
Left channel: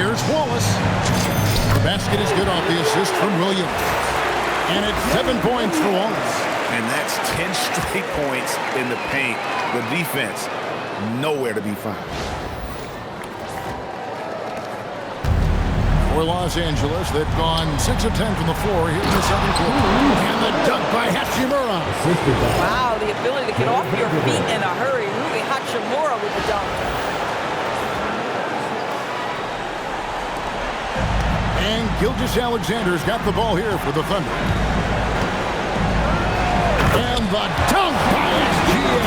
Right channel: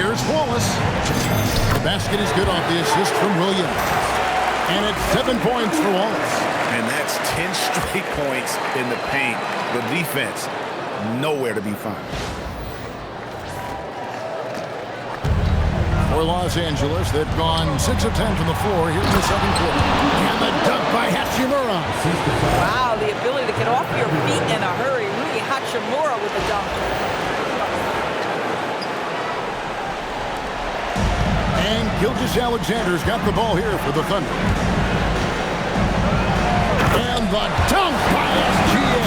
Here's Wallace. The basket is good off the assist from Williams. And it's 7 points for Wallace. And that's 10 straight points in the paint. The defense, nowhere to be found. For Los Angeles, they've gone 6 of 10 from the floor here in the second quarter. And the dunk by Hachimura. Wow, the ability to get off your feet in a hurry. Rui Hachimura with the dunk. And Gilgeous-Alexander's got the ball here for the Thunder. And the dunk by SGA.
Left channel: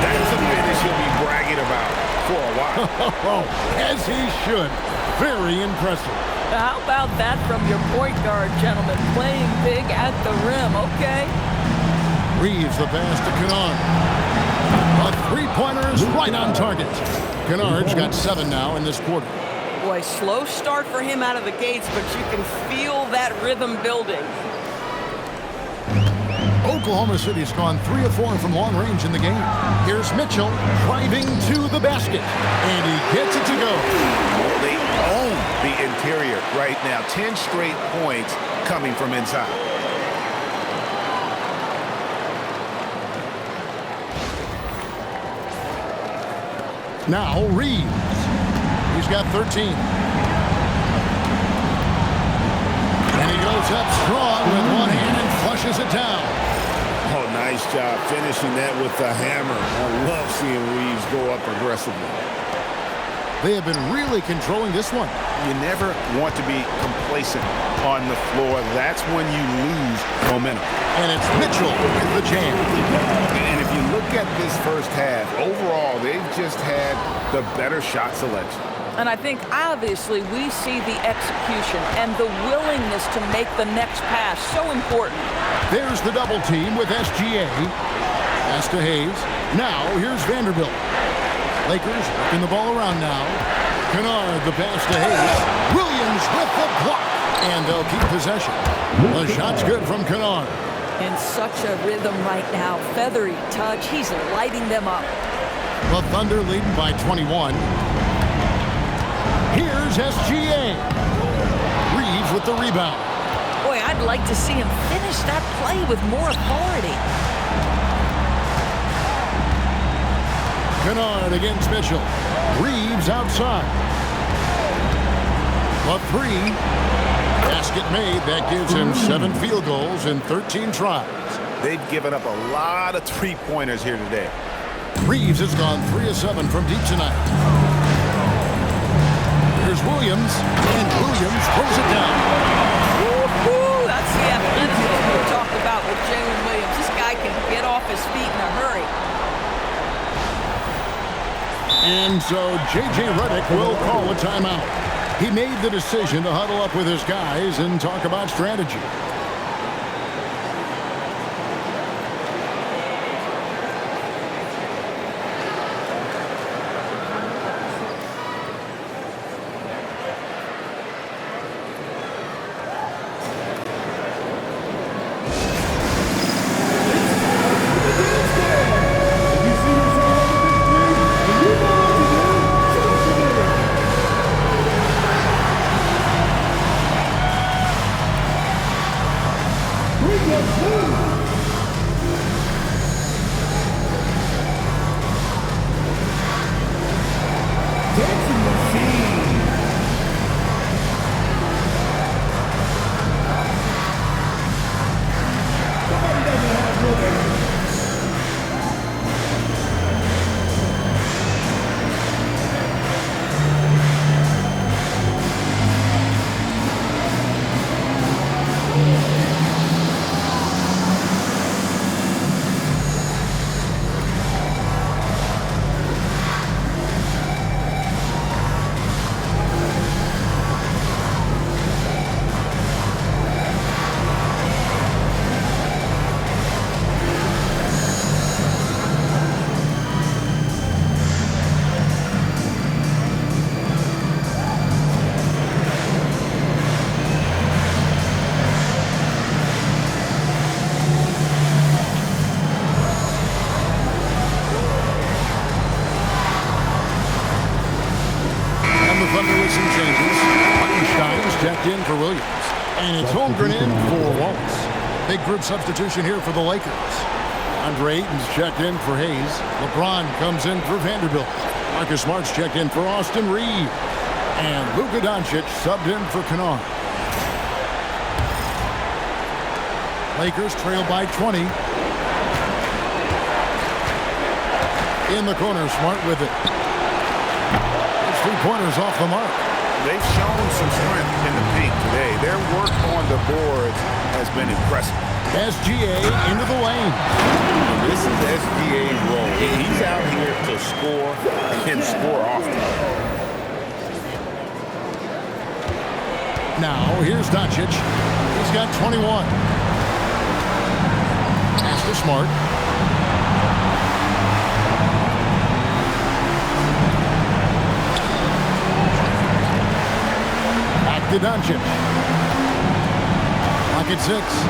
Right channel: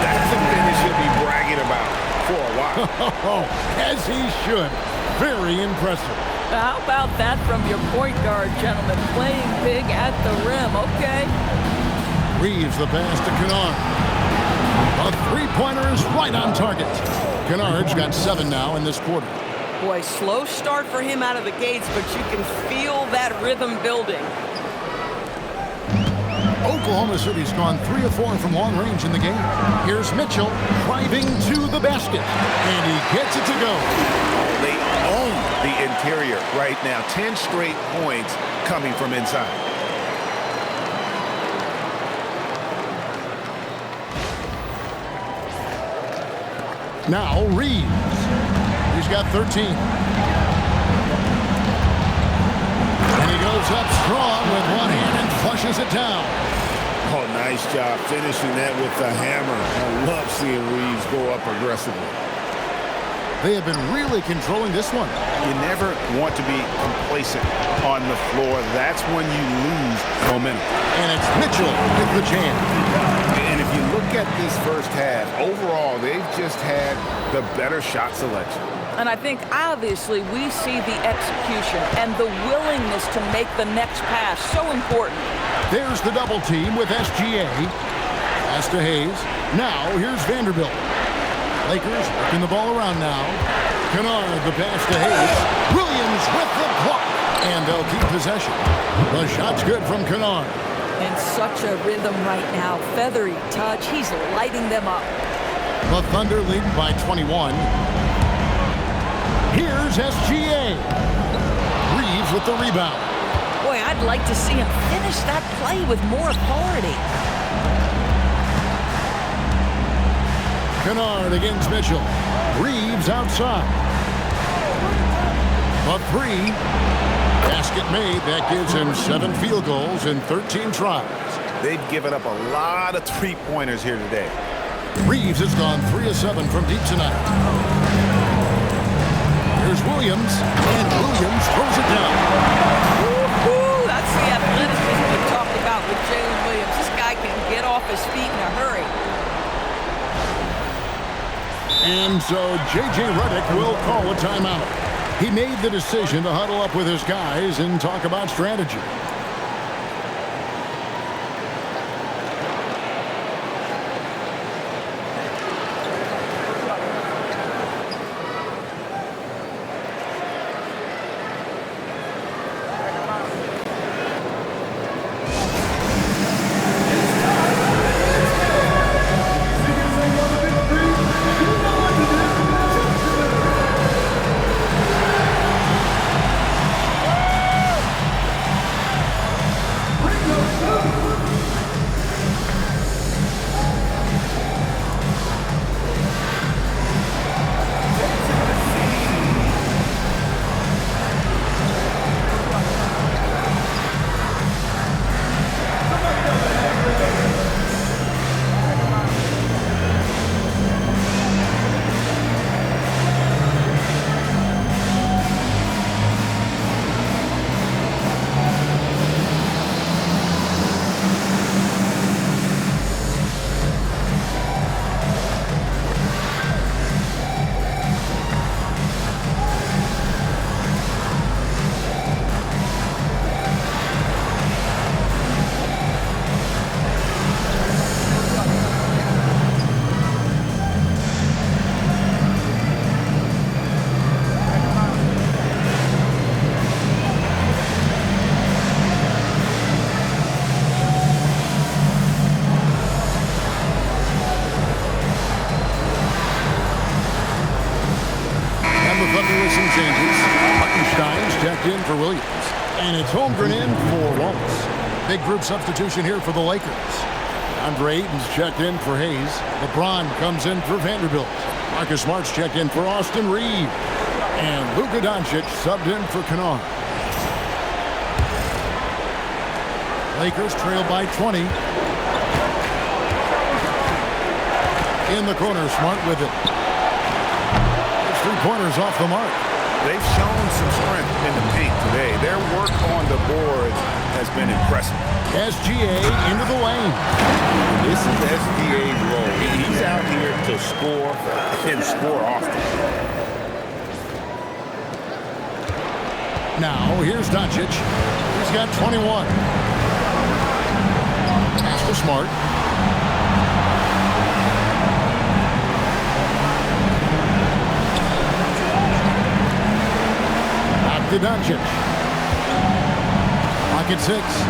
That's a finish he'll be bragging about for a while. As he should. Very impressive. How about that from your point guard, gentlemen? Playing big at the rim, okay? Reeves the pass to Kennard. The three-pointer is right on target. Kennard's got 7 now in this quarter. Boy, slow start for him out of the gates, but you can feel that rhythm building. Oklahoma City's gone 3 of 4 from long range in the game. Here's Mitchell driving to the basket, and he gets it to go. Oh, they own the interior right now. 10 straight points coming from inside. Now Reeves. He's got 13. And he goes up strong with one hand and flushes it down. Oh, nice job finishing that with the hammer. I love seeing Reeves go up aggressively. They have been really controlling this one. You never want to be complacent on the floor. That's when you lose momentum. And it's Mitchell with the jam. And if you look at this first half, overall, they've just had the better shot selection. And I think, obviously, we see the execution and the willingness to make the next pass so important. There's the double team with SGA. Pass to Hayes. Now, here's Vanderbilt. Lakers working the ball around now. Kennard, the pass to Hayes. Williams with the block. And they'll keep possession. The shot's good from Kennard. In such a rhythm right now. Feathery touch. He's lighting them up. The Thunder leading by 21. Here's SGA. Reeves with the rebound. Boy, I'd like to see him finish that play with more authority. Kennard against Mitchell. Reeves outside. The 3. Basket made. That gives him 7 field goals in 13 tries. They've given up a lot of three-pointers here today. Reeves has gone 3 of 7 from deep tonight. Here's Williams, and Williams throws it down. Woo-hoo! That's the athleticism we talked about with Jalen Williams. This guy can get off his feet in a hurry. And so J.J. Redick will call a timeout. He made the decision to huddle up with his guys and talk about strategy. with some changes. Hartenstein's checked in for Williams. And it's Holmgren in for Wallace. Big group substitution here for the Lakers. Andre Ayton's checked in for Hayes. LeBron comes in for Vanderbilt. Marcus Smart's checked in for Austin Reeves. And Luka Doncic subbed in for Kennard. Lakers trail by 20. In the corner, Smart with it. It's 3-pointers off the mark. They've shown some strength in the paint today. Their work on the boards has been impressive. SGA into the lane. And this is SGA's role. He's out here to score and score often. Now, here's Doncic. He's got 21. Pass to Smart. Back to Doncic. Clock at 6.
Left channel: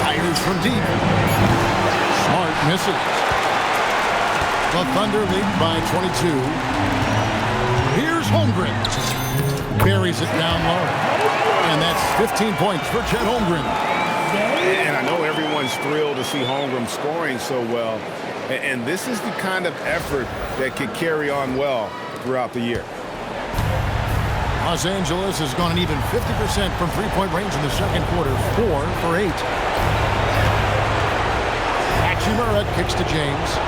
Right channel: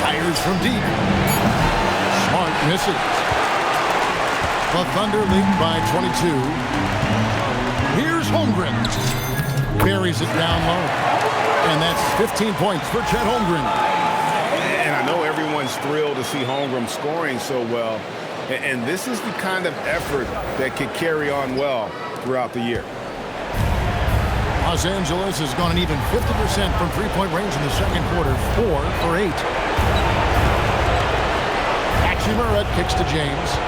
Fires from deep. Smart misses. The Thunder lead by 22. Here's Holmgren. Buries it down low. And that's 15 points for Chet Holmgren. And I know everyone's thrilled to see Holmgren scoring so well. And this is the kind of effort that could carry on well throughout the year. Los Angeles has gone an even 50% from three-point range in the second quarter, 4 for 8. Hachimura kicks to James.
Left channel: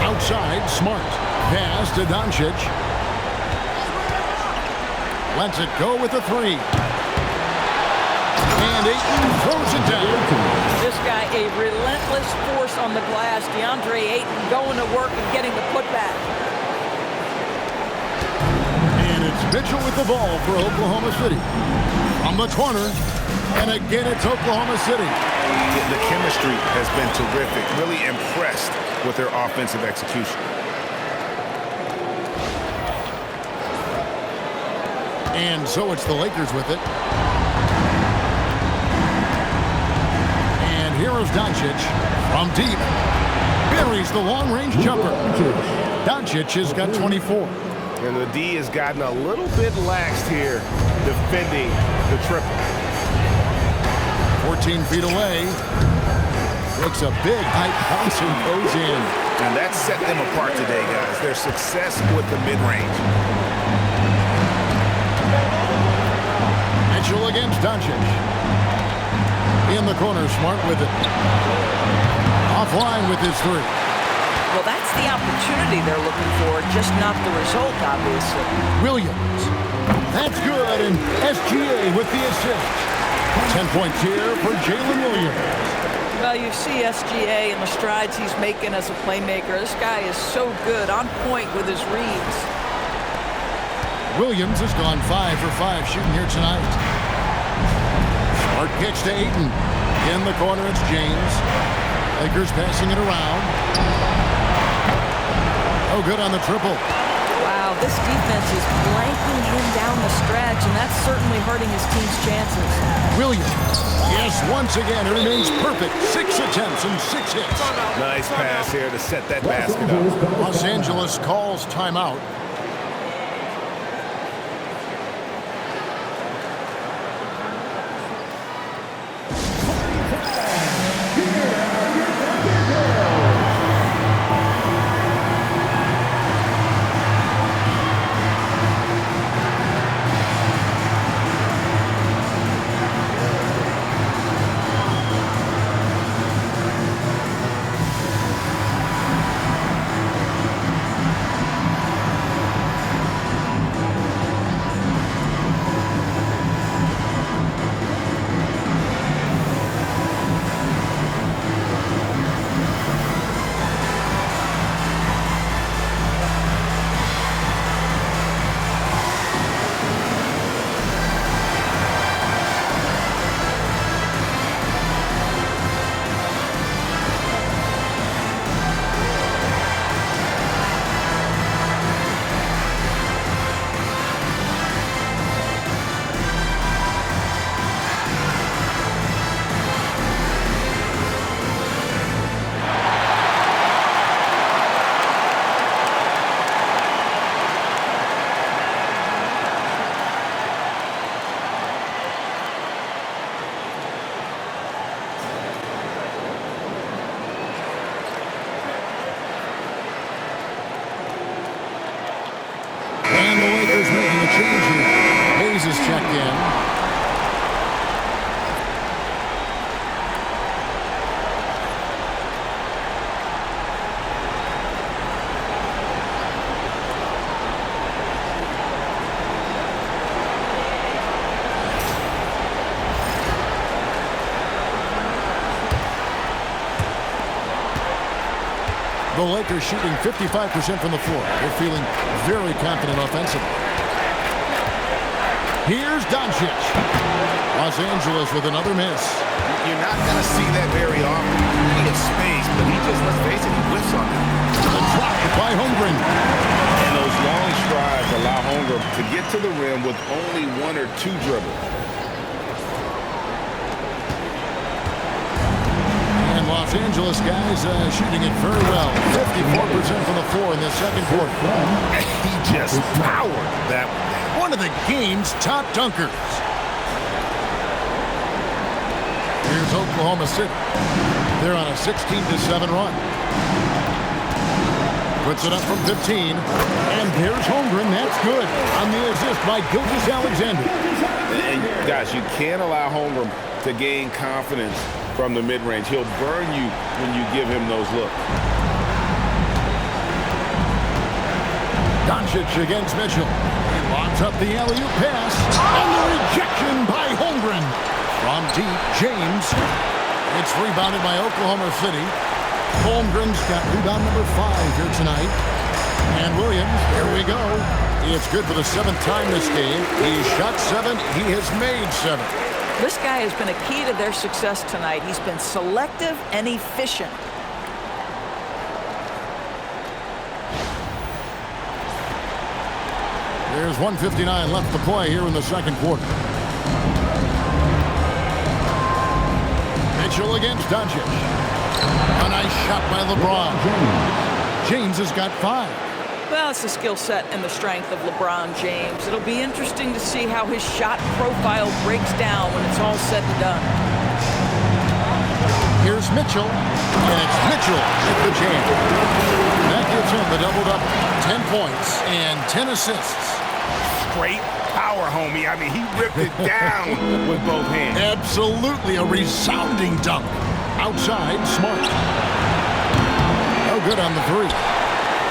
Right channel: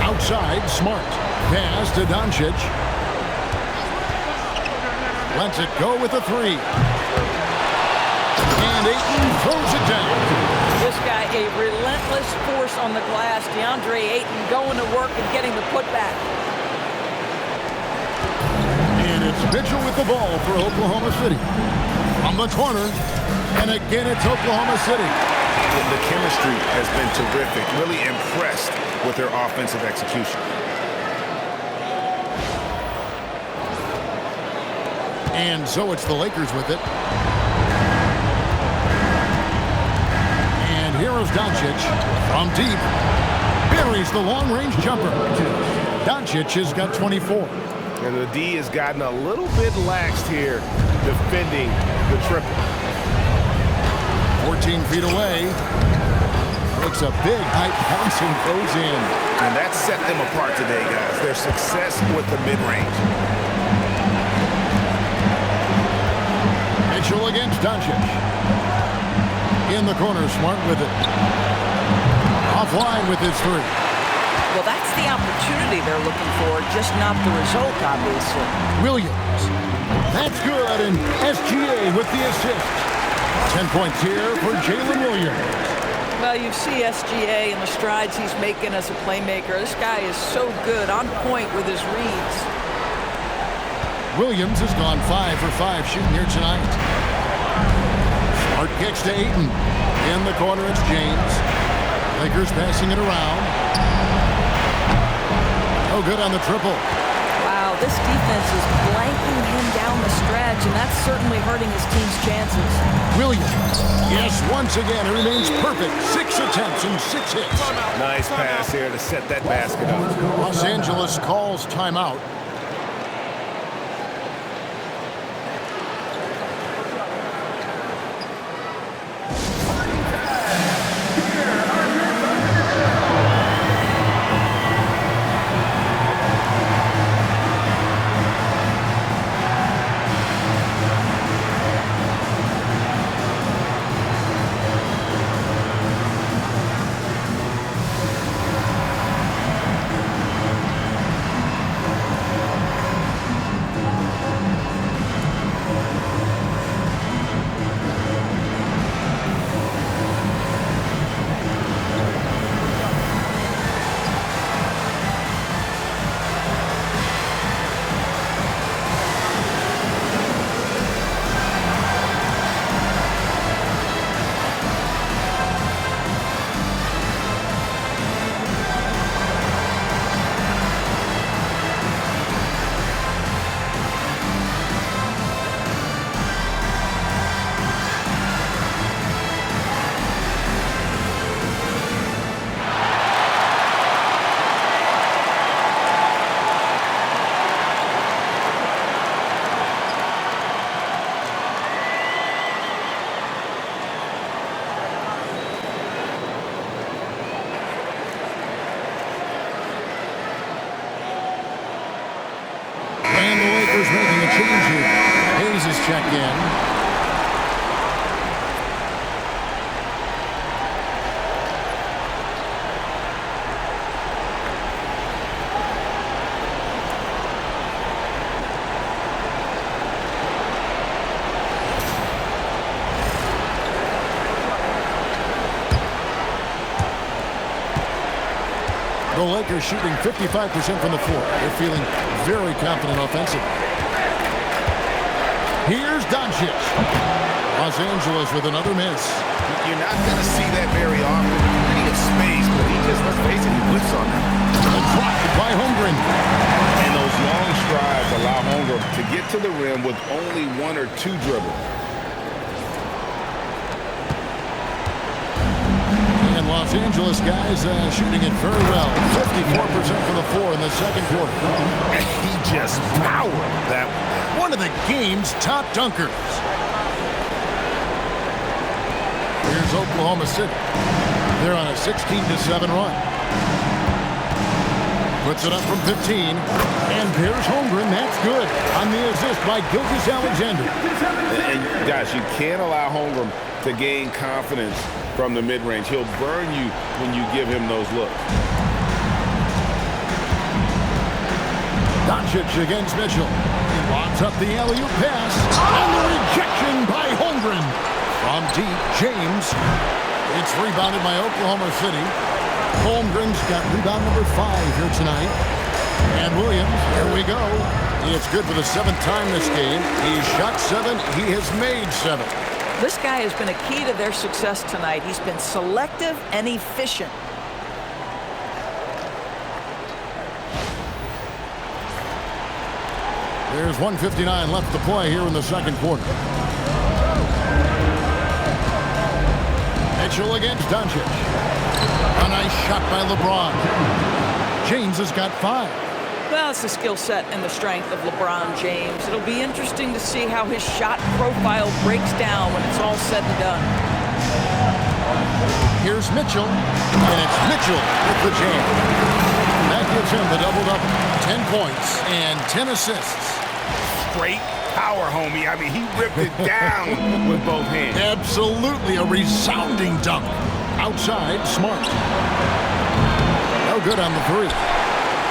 Outside, Smart. Pass to Doncic. Lets it go with a 3. And Ayton throws it down. This guy, a relentless force on the glass. DeAndre Ayton going to work and getting the putback. And it's Mitchell with the ball for Oklahoma City. From the corner, and again it's Oklahoma City. The chemistry has been terrific. Really impressed with their offensive execution. And so it's the Lakers with it. And here is Doncic from deep. Buries the long-range jumper. Doncic has got 24. And the D has gotten a little bit laxed here defending the triple. 14 feet away. Makes a big height bounce and goes in. And that set them apart today, guys. Their success with the mid-range. Mitchell against Doncic. In the corner, Smart with it. Offline with his 3. Well, that's the opportunity they're looking for, just not the result, obviously. Williams. That's good, and SGA with the assist. 10 points here for Jalen Williams. Well, you see SGA and the strides he's making as a playmaker. This guy is so good, on point with his reads. Williams has gone 5 for 5 shooting here tonight. Smart kicks to Ayton. In the corner, it's James. Lakers passing it around. No good on the triple. Wow, this defense is blanking him down the stretch, and that's certainly hurting his team's chances. Williams. Yes, once again, it remains perfect. 6 attempts and 6 hits. Nice pass here to set that basket up. Los Angeles calls timeout. Lakers making a change here. Hayes is checked in. The Lakers shooting 55% from the floor. They're feeling very confident offensively. Here's Doncic. Los Angeles with another miss. You're not going to see that very often. Plenty of space, but he just, let's face it, he whiffs on them. A drive by Holmgren. And those long strides allow Holmgren to get to the rim with only one or two dribbles. And Los Angeles guys shooting it very well. 54% from the floor in the second quarter. And he just powered that one. One of the game's top dunkers. Here's Oklahoma City. They're on a 16-7 run. Puts it up from 15. And there's Holmgren. That's good. On the assist by Gilgeous-Alexander. And guys, you can't allow Holmgren to gain confidence from the mid-range. He'll burn you when you give him those looks. Doncic against Mitchell. He lobs up the alley-oop pass. And the rejection by Holmgren. From deep, James. It's rebounded by Oklahoma City. Holmgren's got rebound number 5 here tonight. And Williams, here we go. It's good for the 7th time this game. He's shot 7. He has made 7. This guy has been a key to their success tonight. He's been selective and efficient. There's 1:59 left to play here in the second quarter. Mitchell against Doncic. A nice shot by LeBron. James has got 5. Well, it's the skill set and the strength of LeBron James. It'll be interesting to see how his shot profile breaks down when it's all said and done. Here's Mitchell, and it's Mitchell with the jam. That gives him the double-double. 10 points and 10 assists. Straight power, homie. I mean, he ripped it down with both hands. Absolutely a resounding dunk. Outside, Smart. No good on the 3.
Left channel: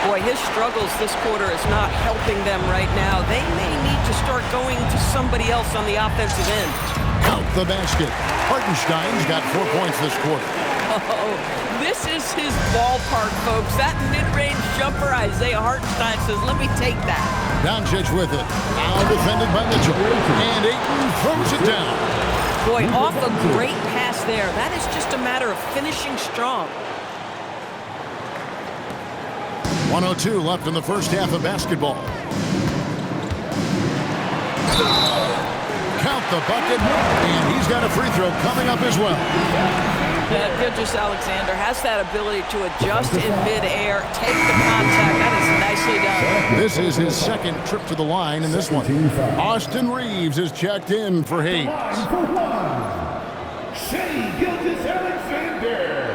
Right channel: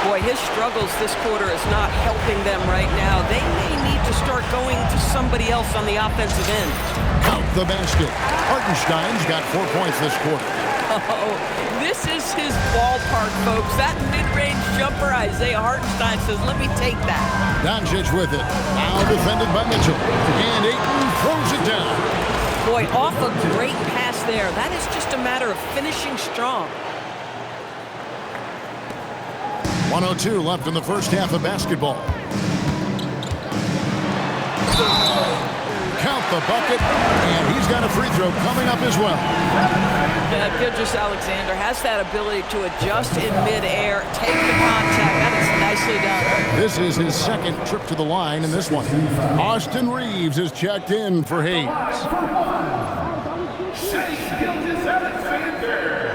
Boy, his struggles this quarter is not helping them right now. They may need to start going to somebody else on the offensive end. Count the basket. Hartenstein's got 4 points this quarter. Oh, this is his ballpark, folks. That mid-range jumper, Isaiah Hartenstein says, let me take that. Doncic with it. Now defended by Mitchell. And Ayton throws it down. Boy, off a great pass there. That is just a matter of finishing strong. 1:02 left in the first half of basketball. Count the bucket, and he's got a free throw coming up as well. Gilgeous-Alexander has that ability to adjust in midair, take the contact. That is nicely done. This is his second trip to the line in this one. Austin Reeves is checked in for Hayes. Gilgeous-Alexander.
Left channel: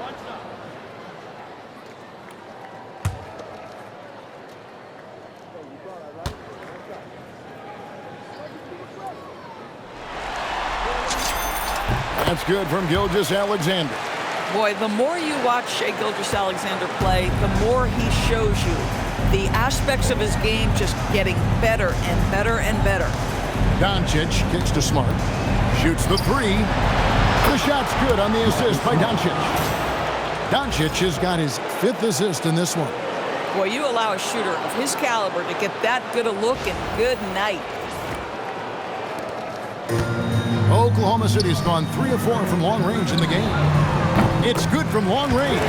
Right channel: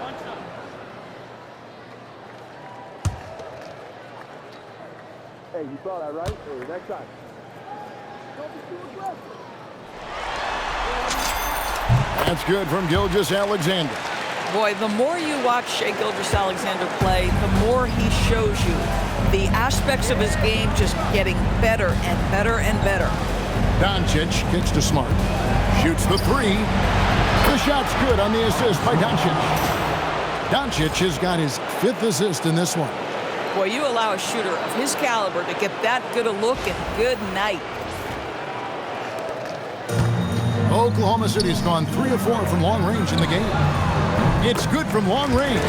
One shot. Hey, you saw that, right? Or next time. Don't be too aggressive. That's good from Gilgeous-Alexander. Boy, the more you watch Shai Gilgeous-Alexander play, the more he shows you the aspects of his game just getting better and better and better. Doncic kicks to Smart. Shoots the 3. The shot's good on the assist by Doncic. Doncic has got his 5th assist in this one. Boy, you allow a shooter of his caliber to get that good a look, and good night. Oklahoma City's gone 3 of 4 from long range in the game. It's good from long range.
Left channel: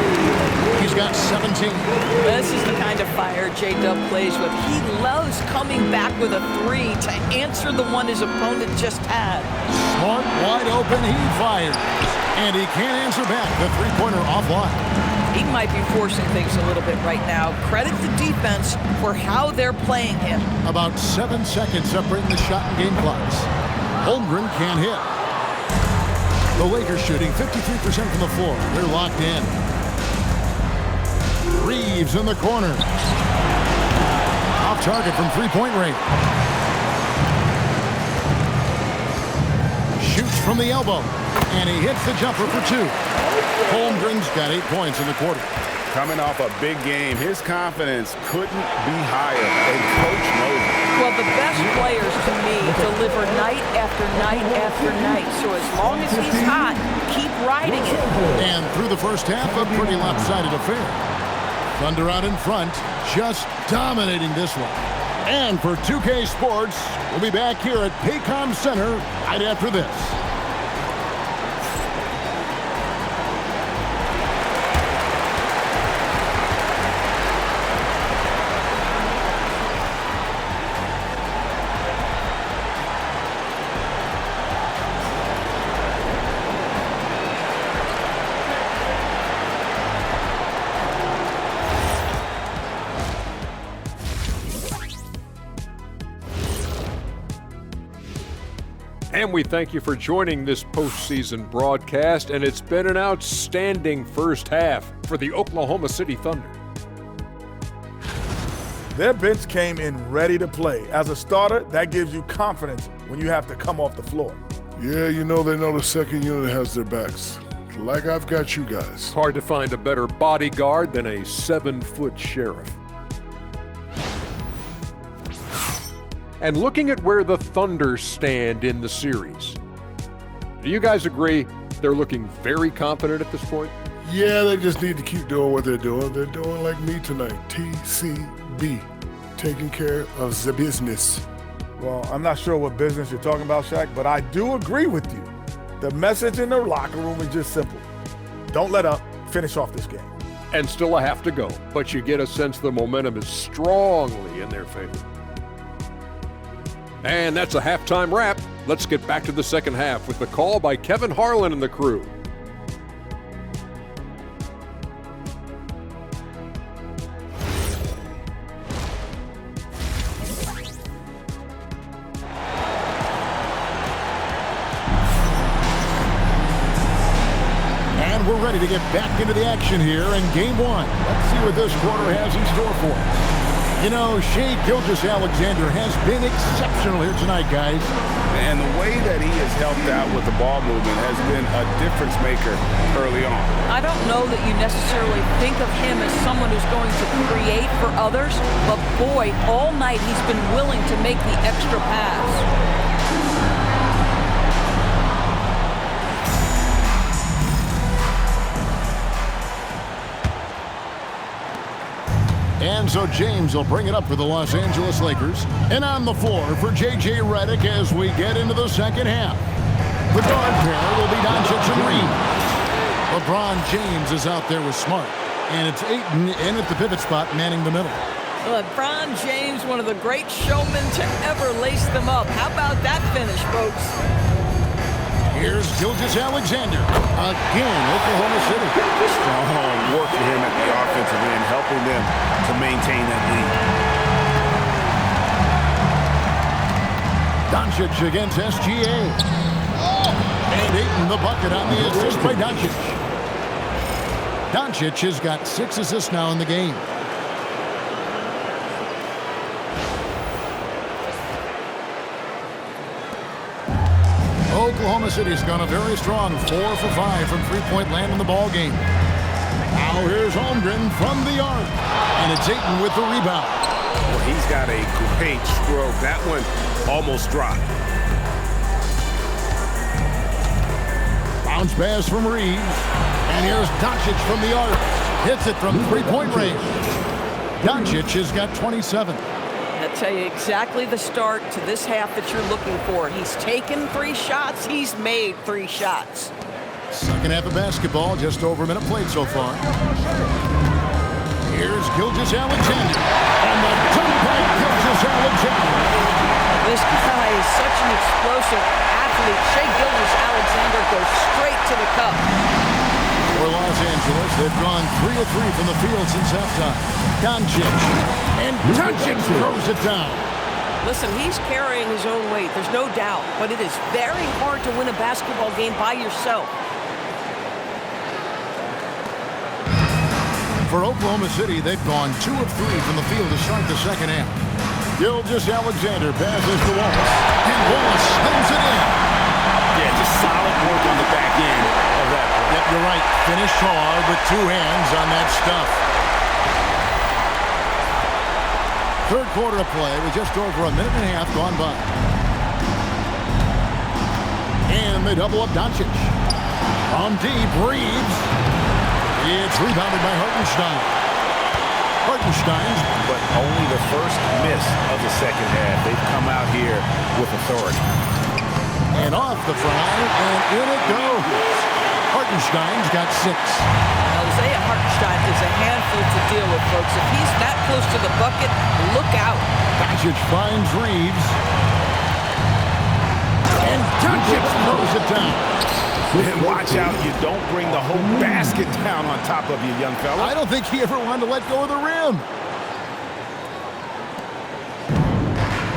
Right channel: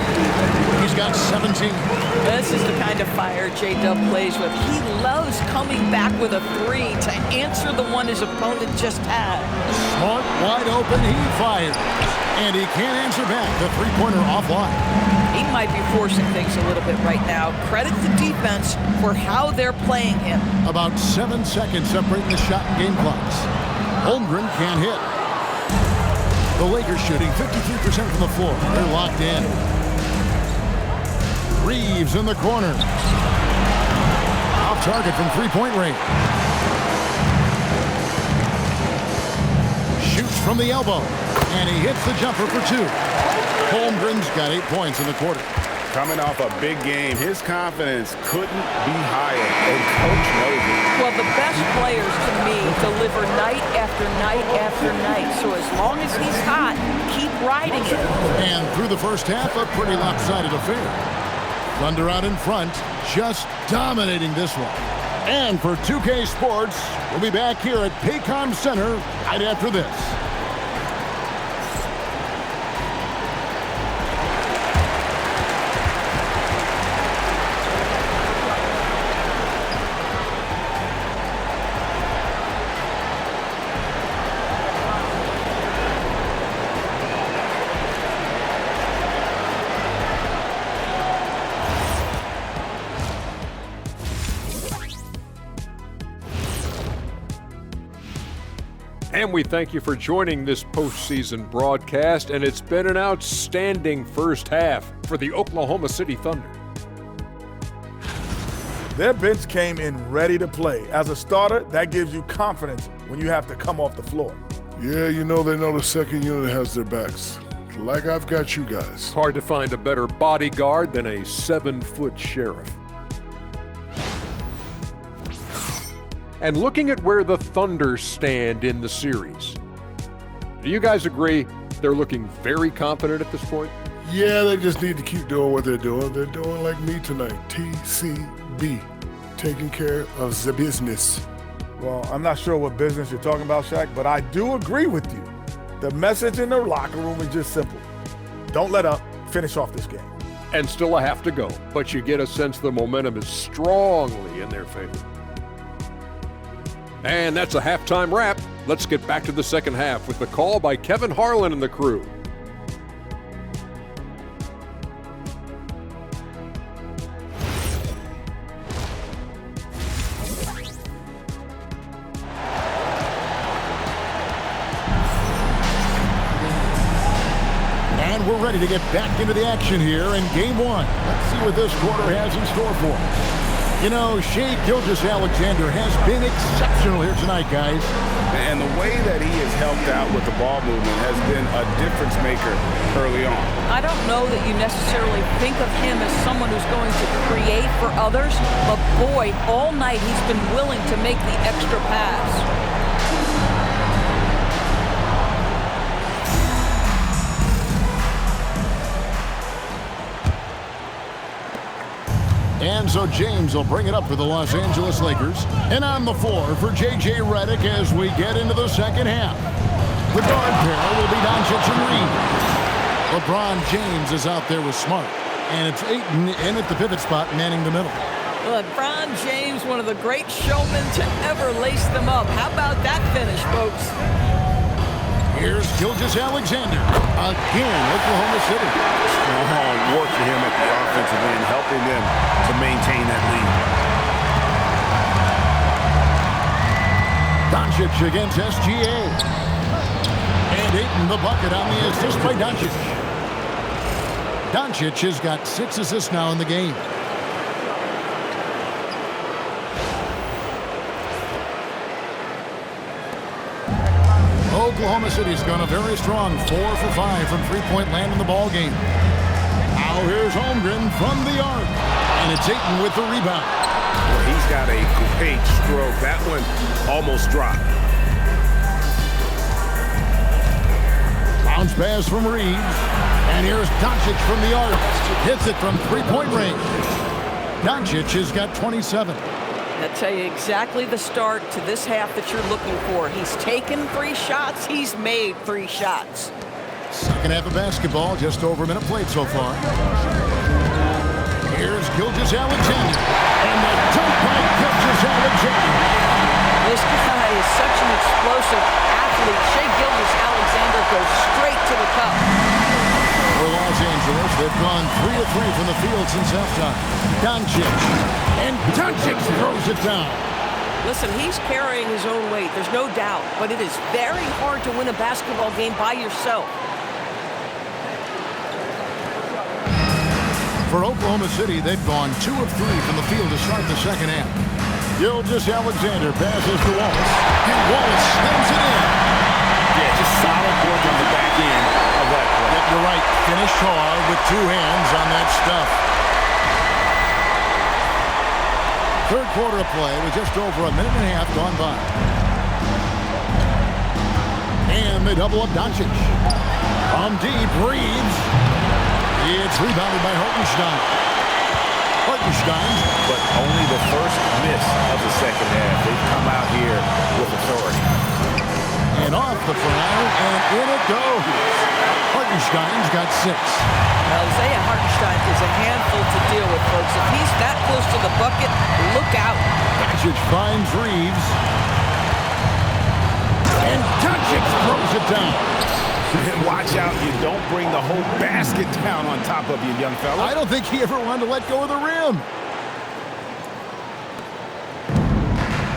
He's got 17. This is the kind of fire J-Dub plays with. He loves coming back with a 3 to answer the one his opponent just had. Smart, wide open, he fires. And he can't answer back. The 3-pointer offline. He might be forcing things a little bit right now. Credit the defense for how they're playing him. About 7 seconds separating the shot and game clocks. Holmgren can't hit. The Lakers shooting 53% from the floor. They're locked in. Reeves in the corner. Off target from three-point range. Shoots from the elbow. And he hits the jumper for 2. Holmgren's got 8 points in the quarter. Coming off a big game, his confidence couldn't be higher, and Coach knows it. Well, the best players, to me, deliver night after night after night. So as long as he's hot, keep riding it. And through the first half, a pretty lopsided affair. Thunder out in front, just dominating this one. And for 2K Sports, we'll be back here at Paycom Center right after this. And we thank you for joining this postseason broadcast, and it's been an outstanding first half for the Oklahoma City Thunder. Their bench came in ready to play. As a starter, that gives you confidence when you have to come off the floor. Yeah, they know the second unit has their backs. Like I've got you guys. Hard to find a better bodyguard than a 7-foot sheriff. And looking at where the Thunder stand in the series, do you guys agree they're looking very confident at this point? Yeah, they just need to keep doing what they're doing. They're doing like me tonight, TCB, taking care of the business. Well, I'm not sure what business you're talking about, Shaq, but I do agree with you. The message in the locker room is just simple. Don't let up. Finish off this game. And still a half to go, but you get a sense the momentum is strongly in their favor. And that's a halftime wrap. Let's get back to the second half with the call by Kevin Harlan and the crew. And we're ready to get back into the action here in Game 1. Let's see what this quarter has in store for us. You know, Shai Gilgeous-Alexander has been exceptional here tonight, guys. And the way that he has helped out with the ball movement has been a difference maker early on. I don't know that you necessarily think of him as someone who's going to create for others, but boy, all night he's been willing to make the extra pass. And so James will bring it up for the Los Angeles Lakers. And on the floor for J.J. Redick as we get into the second half. The guard pair will be Doncic and Reed. LeBron James is out there with Smart. And it's Ayton in at the pivot spot, manning the middle. LeBron James, one of the great showmen to ever lace them up. How about that finish, folks? Here's Gilgeous-Alexander. Again, Oklahoma City. Strong work for him at the offensive end, helping them to maintain that lead. Doncic against SGA. And Ayton the bucket on the assist by Doncic. Doncic has got 6 assists now in the game. Oklahoma City's gone a very strong 4 for 5 from three-point land in the ball game. Now here's Holmgren from the arc. And it's Ayton with the rebound. Well, he's got a great stroke. That one almost dropped. Bounce pass from Reeves. And here's Doncic from the arc. Hits it from three-point range. Doncic has got 27. I'll tell you exactly the start to this half that you're looking for. He's taken 3 shots. He's made 3 shots. Second half of basketball, just over a minute played so far. Here's Gilgeous-Alexander. And the dunk by Gilgeous-Alexander. This guy is such an explosive athlete. Shai Gilgeous-Alexander goes straight to the cup. For Los Angeles, they've gone 3 of 3 from the field since halftime. Doncic. And Doncic throws it down. Listen, he's carrying his own weight. There's no doubt. But it is very hard to win a basketball game by yourself. For Oklahoma City, they've gone 2 of 3 from the field to start the second half. Gilgeous-Alexander passes to Wallace, and Wallace slams it in. Yeah, just solid work on the back end of that play. Yep, you're right. Finished hard with 2 hands on that stuff. Third quarter of play with just over a minute and a half gone by. And they double up Doncic. From deep, Reeves. It's rebounded by Hartenstein. But only the first miss of the second half. They've come out here with authority. And off the front iron, and in it goes. Hartenstein's got 6. Well, Isaiah Hartenstein is a handful to deal with, folks. If he's that close to the bucket, look out. Doncic finds Reeves. And Doncic throws it down. And watch out, you don't bring the whole basket down on top of you, young fella. I don't think he ever wanted to let go of the rim.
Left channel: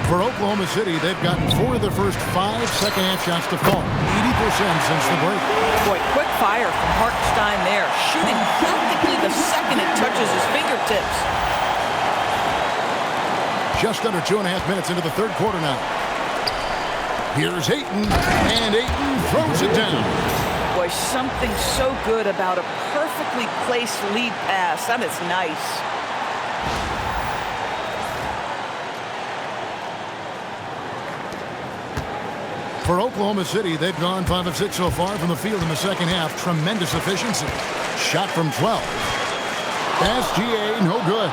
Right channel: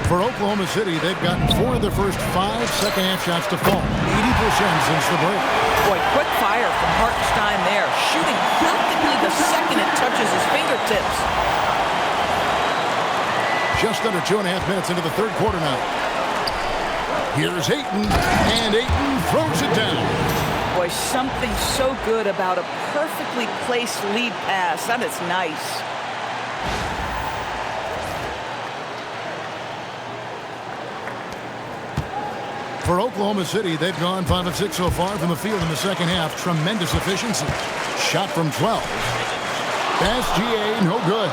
For Oklahoma City, they've gotten 4 of their first 5 second-half shots to fall. 80% since the break. Boy, quick fire from Hartenstein there. Shooting practically the second it touches his fingertips. Just under 2.5 minutes into the third quarter now. Here's Ayton, and Ayton throws it down. Boy, something so good about a perfectly placed lead pass. That is nice. For Oklahoma City, they've gone 5 of 6 so far from the field in the second half. Tremendous efficiency. Shot from 12. SGA, no good.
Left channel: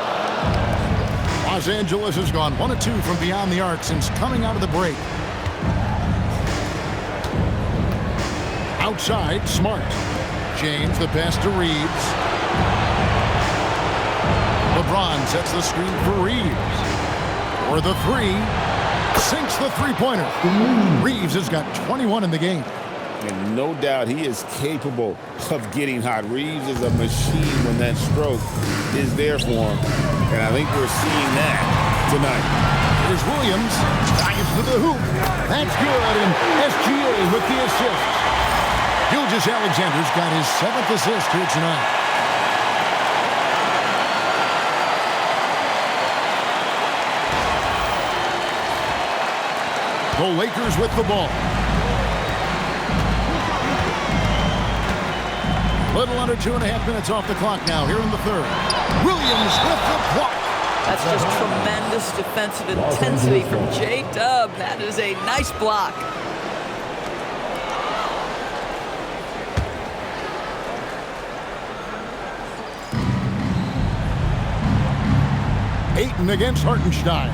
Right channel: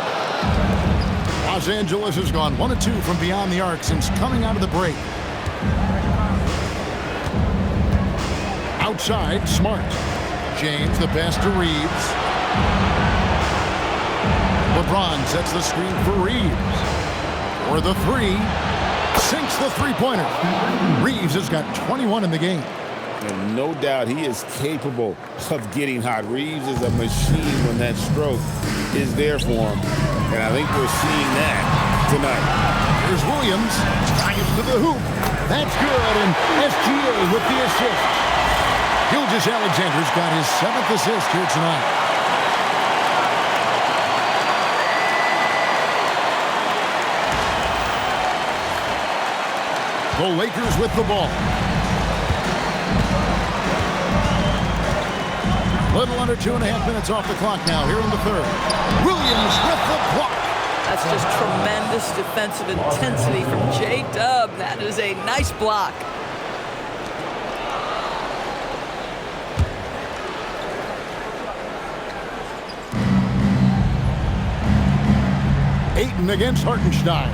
Los Angeles has gone 1 of 2 from beyond the arc since coming out of the break. Outside, Smart. James, the pass to Reeves. LeBron sets the screen for Reeves. For the 3. Sinks the three-pointer. Reeves has got 21 in the game. And no doubt he is capable of getting hot. Reeves is a machine when that stroke is there for him. And I think we're seeing that tonight. Here's Williams. Drives to the hoop. That's good. And SGA with the assist. Gilgeous-Alexander's got his 7th assist here tonight. The Lakers with the ball. Little under 2.5 minutes off the clock now here in the third. Williams with the block. That's just tremendous defensive intensity from J-Dub. That is a nice block. Ayton against Hartenstein.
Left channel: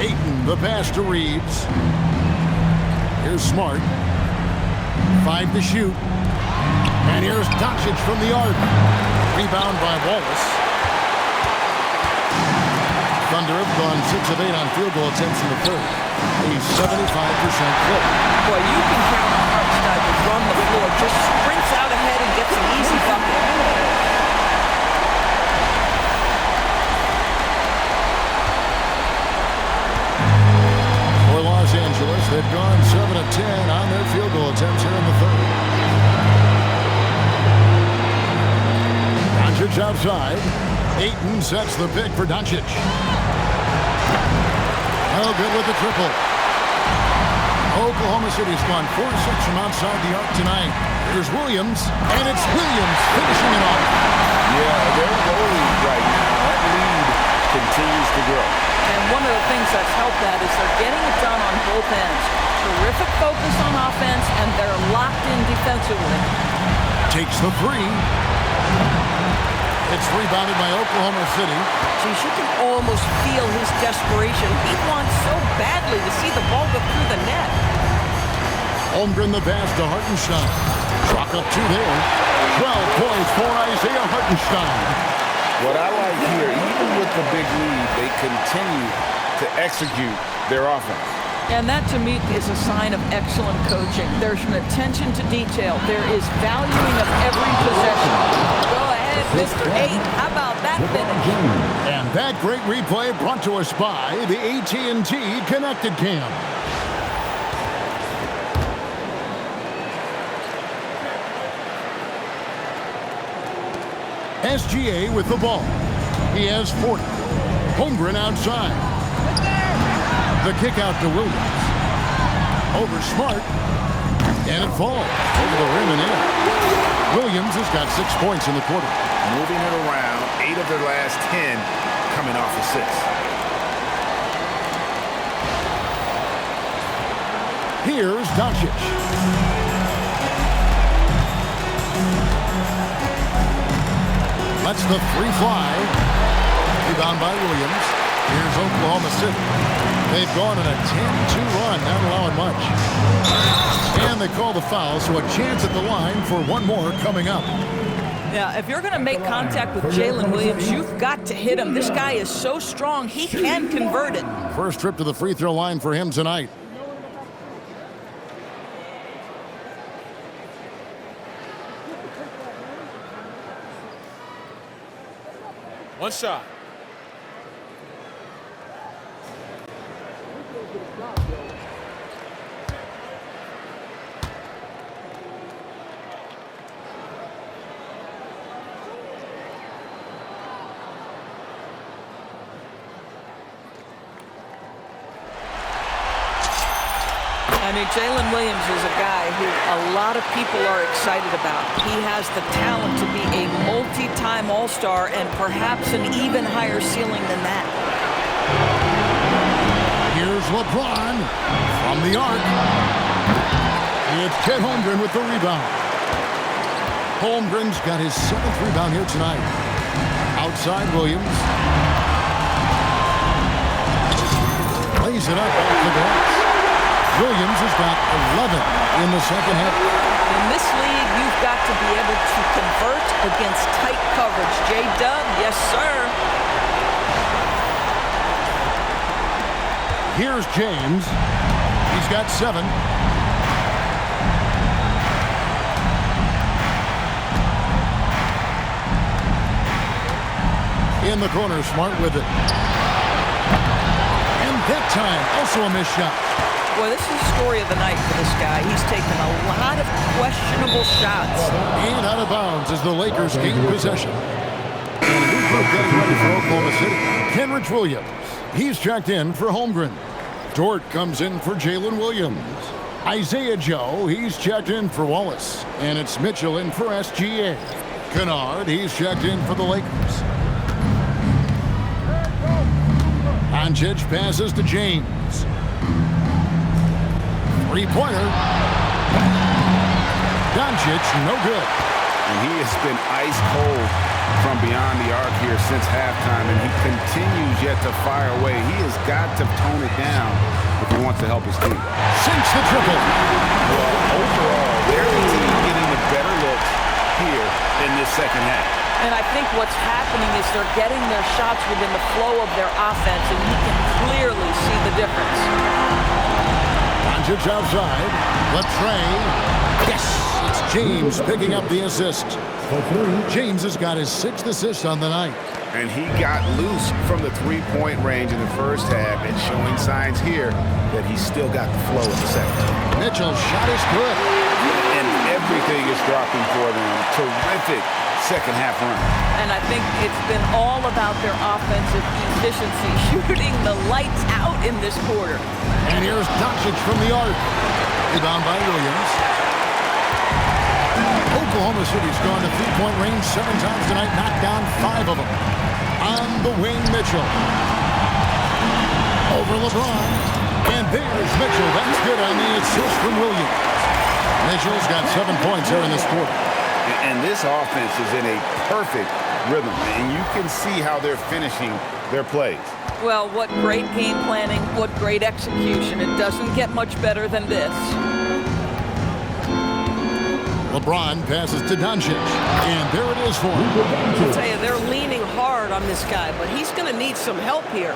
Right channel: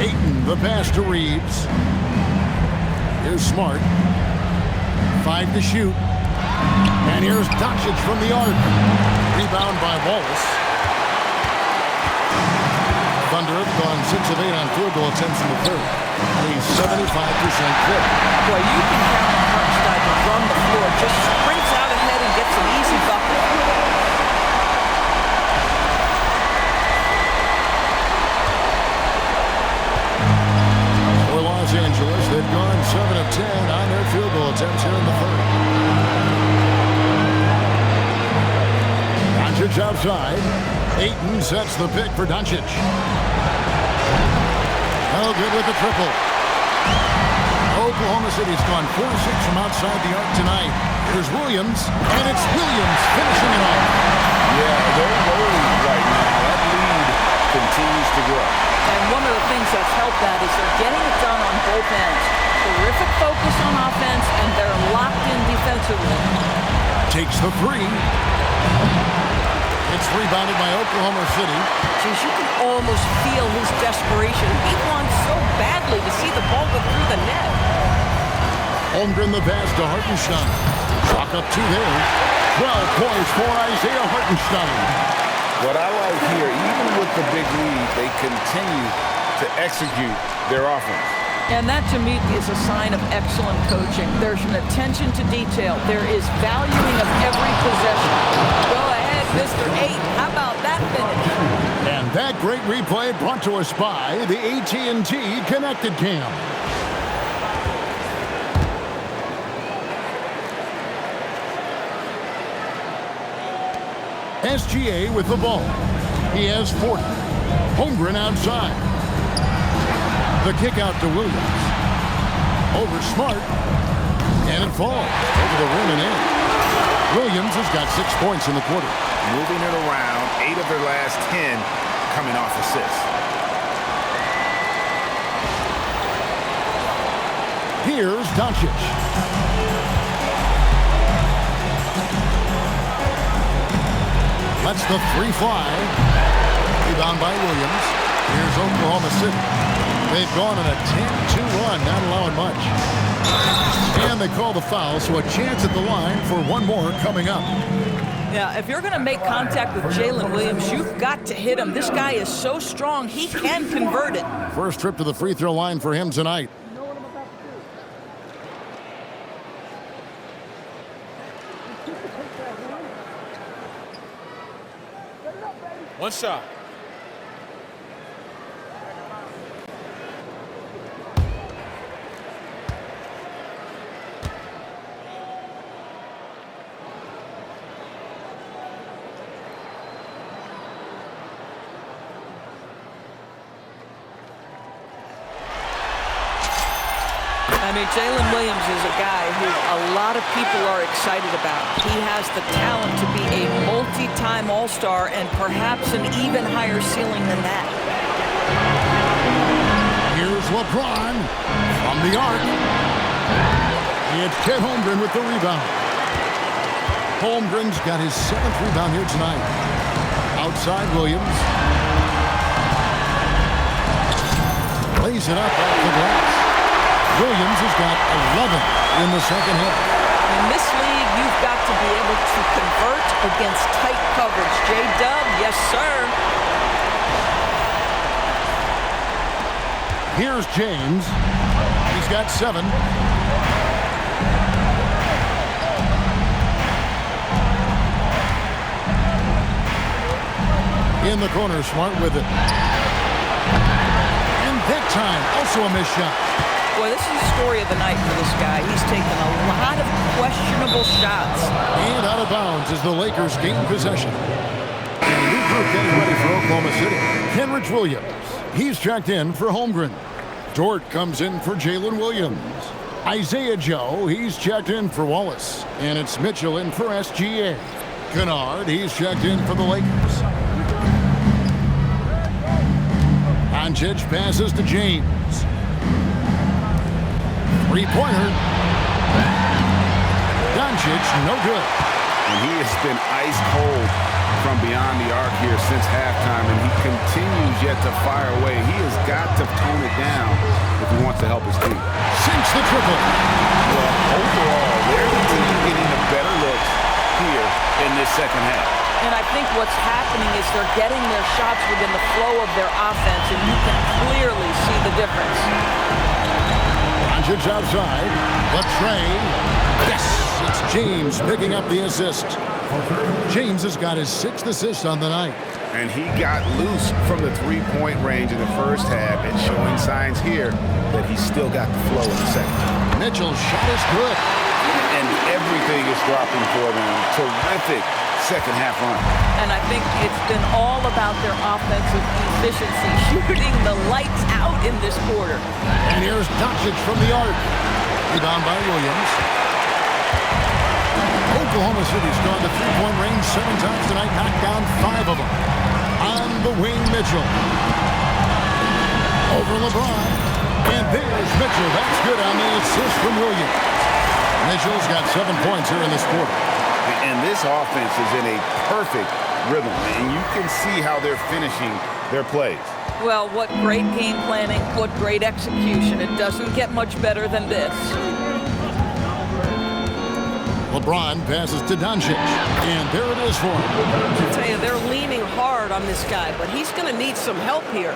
Ayton, the pass to Reeves. Here's Smart. 5 to shoot. And here's Doncic from the arc. Rebound by Wallace. Thunder have gone 6 of 8 on field goal attempts in the third. A 75% clip. Boy, you can count on Hartenstein to run the floor. Just sprints out ahead and gets an easy bucket. For Los Angeles, they've gone 7 of 10 on their field goal attempts here in the third. Doncic outside. Ayton sets the pick for Doncic. No good with the triple. Oklahoma City's gone 4 of 6 from outside the arc tonight. Here's Williams, and it's Williams finishing it off. Yeah, they're rolling right now. That lead continues to grow. And one of the things that's helped that is they're getting it done on both ends. Terrific focus on offense, and they're locked in defensively. Takes the 3. It's rebounded by Oklahoma City. Geez, you can almost feel his desperation. He wants so badly to see the ball go through the net. Holmgren the pass to Hartenstein. Clock up 2 there. 12 points for Isaiah Hartenstein. What I like here, even with the big lead, they continue to execute their offense. And that, to me, is a sign of excellent coaching. There's an attention to detail. There is valuing of every possession. Go ahead, Mr. 8. How about that finish? And that great replay brought to us by the AT&T Connected Cam. SGA with the ball. He has 40. Holmgren outside. The kick out to Williams. Over Smart. And it falls over the rim and in. Williams has got 6 points in the quarter. Moving it around, 8 of their last 10 coming off assists. Here's Doncic. Lets the three fly. Rebound by Williams. Here's Oklahoma City. They've gone on a 10-2 run, not allowing much. And they call the foul, so a chance at the line for one more coming up. Yeah, if you're going to make contact with Jalen Williams, you've got to hit him. This guy is so strong, he can convert it. First trip to the free throw line for him tonight. One shot. I mean, Jalen Williams is a guy who a lot of people are excited about. He has the talent to be a multi-time All-Star and perhaps an even higher ceiling than that. Here's LeBron from the arc. It's Chet Holmgren with the rebound. Holmgren's got his 7th rebound here tonight. Outside Williams. Lays it up off the glass. Williams has got 11 in the second half. In this league, you've got to be able to convert against tight coverage. J-Dub, yes, sir. Here's James. He's got 7. In the corner, Smart with it. And that time, also a missed shot. Boy, this is the story of the night for this guy. He's taken a lot of questionable shots. And out of bounds as the Lakers gain possession. And a new group getting ready for Oklahoma City. Kenrich Williams. He's checked in for Holmgren. Dort comes in for Jalen Williams. Isaiah Joe, he's checked in for Wallace. And it's Mitchell in for SGA. Kennard, he's checked in for the Lakers. Doncic passes to James. Three-pointer. Doncic, no good. And he has been ice cold from beyond the arc here since halftime, and he continues yet to fire away. He has got to tone it down if he wants to help his team. Sinks the triple. Well, overall, they're the team getting the better looks here in this second half. And I think what's happening is they're getting their shots within the flow of their offense, and you can clearly see the difference. Doncic outside. Latrey. Yes! It's James picking up the assist. James has got his 6th assist on the night. And he got loose from the three-point range in the first half and showing signs here that he's still got the flow in the second. Mitchell's shot is good. And everything is dropping for them. Terrific second half run. And I think it's been all about their offensive efficiency, shooting the lights out in this quarter. And here's Doncic from the arc. Rebound by Williams. Oklahoma City's gone to three-point range 7 times tonight, knocked down 5 of them. On the wing, Mitchell. Over LeBron. And there's Mitchell. That's good on the assist from Williams. Mitchell's got 7 points here in this quarter. And this offense is in a perfect rhythm, and you can see how they're finishing their plays. Well, what great game planning, what great execution. It doesn't get much better than this. LeBron passes to Doncic, and there it is for him. I'll tell you, they're leaning hard on this guy, but he's going to need some help here.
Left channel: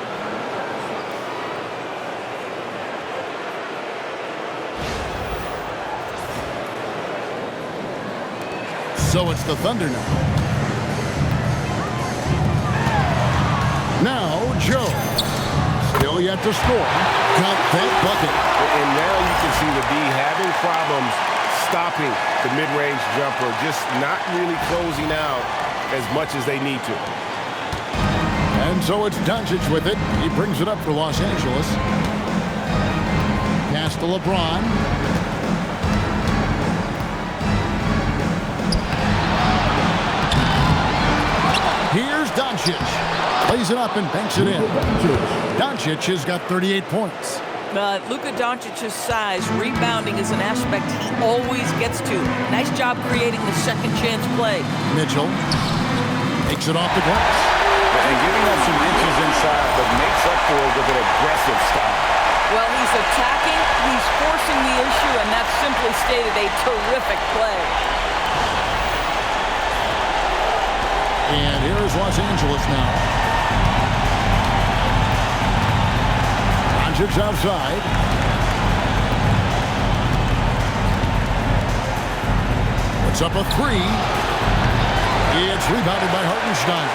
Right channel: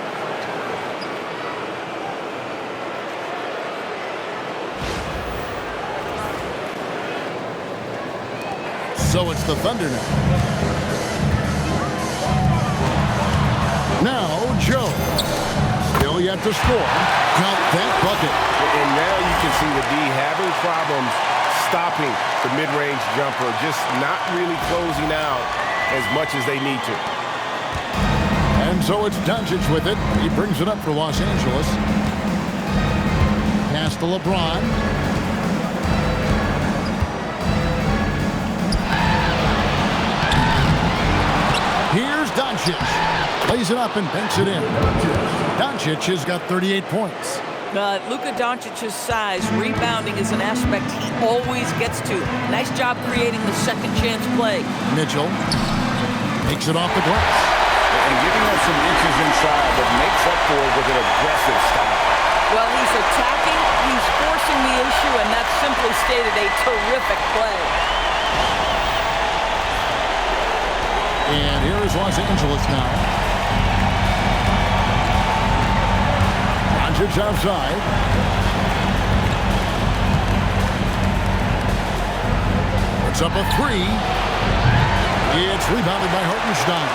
So it's the Thunder now. Now, Joe. Still yet to score. Got that bucket. And now you can see the D having problems stopping the mid-range jumper, just not really closing out as much as they need to. And so it's Doncic with it. He brings it up for Los Angeles. Pass to LeBron. Here's Doncic. Plays it up and banks it in. Doncic has got 38 points. Luka Doncic's size, rebounding is an aspect he always gets to. Nice job creating the second chance play. Mitchell takes it off the glass. And giving up some inches inside, but makes up for it with an aggressive style. Well, he's attacking, he's forcing the issue, and that's simply stated a terrific play. And here is Los Angeles now. Doncic outside. Puts up a three. It's rebounded by Hartenstein.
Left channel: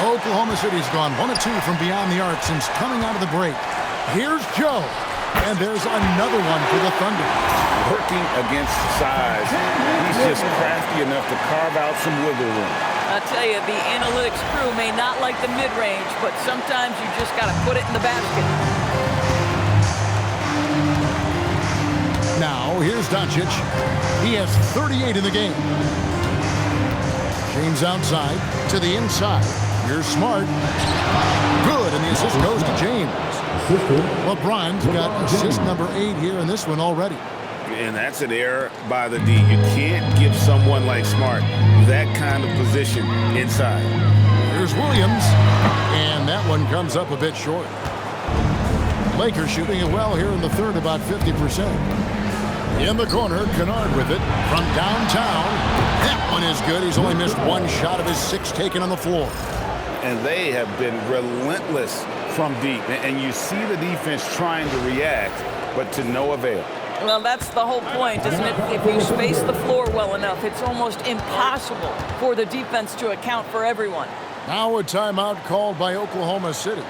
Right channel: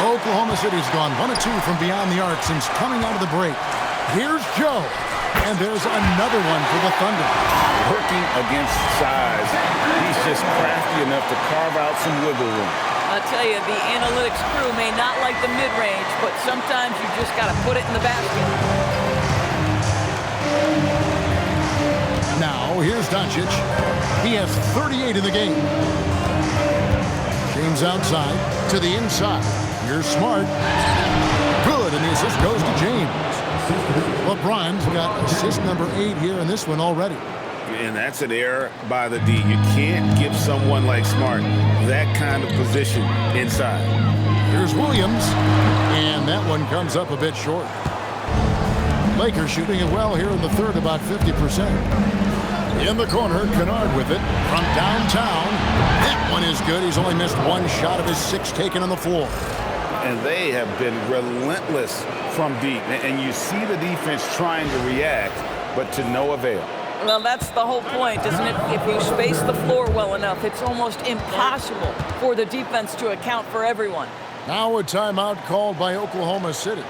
Oklahoma City's gone 1 of 2 from beyond the arc since coming out of the break. Here's Joe. And there's another one for the Thunder. Working against size. He's just crafty enough to carve out some wiggle room. I'll tell you, the analytics crew may not like the mid-range, but sometimes you just got to put it in the basket. Now, here's Doncic. He has 38 in the game. James outside to the inside. Here's Smart. Good, and the assist goes to James. LeBron's got assist number 8 here in this one already. And that's an error by the D. You can't give someone like Smart that kind of position inside. Here's Williams, and that one comes up a bit short. Lakers shooting it well here in the third, about 50%. In the corner, Kennard with it from downtown. That one is good. He's only missed one shot of his 6 taken on the floor. And they have been relentless from deep. And you see the defense trying to react, but to no avail. Well, that's the whole point, isn't it? If you space the floor well enough, it's almost impossible for the defense to account for everyone. Now a timeout called by Oklahoma City.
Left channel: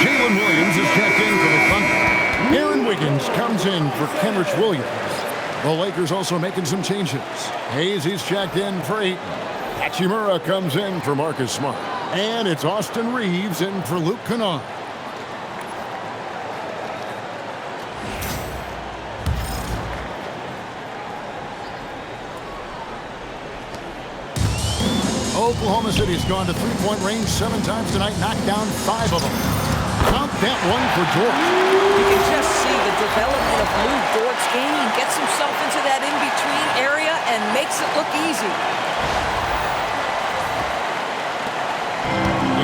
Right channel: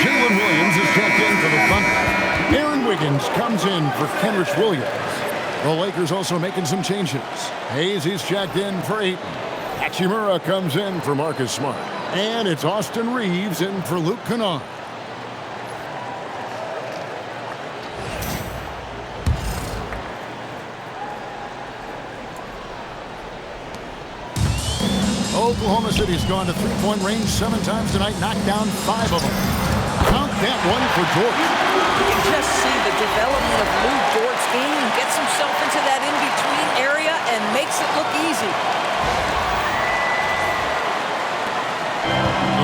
Jalen Williams is checked in for the Thunder. Aaron Wiggins comes in for Kenrich Williams. The Lakers also making some changes. Hayes, he's checked in for Ayton. Hachimura comes in for Marcus Smart. And it's Austin Reeves in for Luke Kennard. Oklahoma City's gone to three-point range 7 times tonight, knocked down 5 of them. Count that one for Dort. You can just see the development of Lou Dort's game. He gets himself into that in-between area and makes it look easy.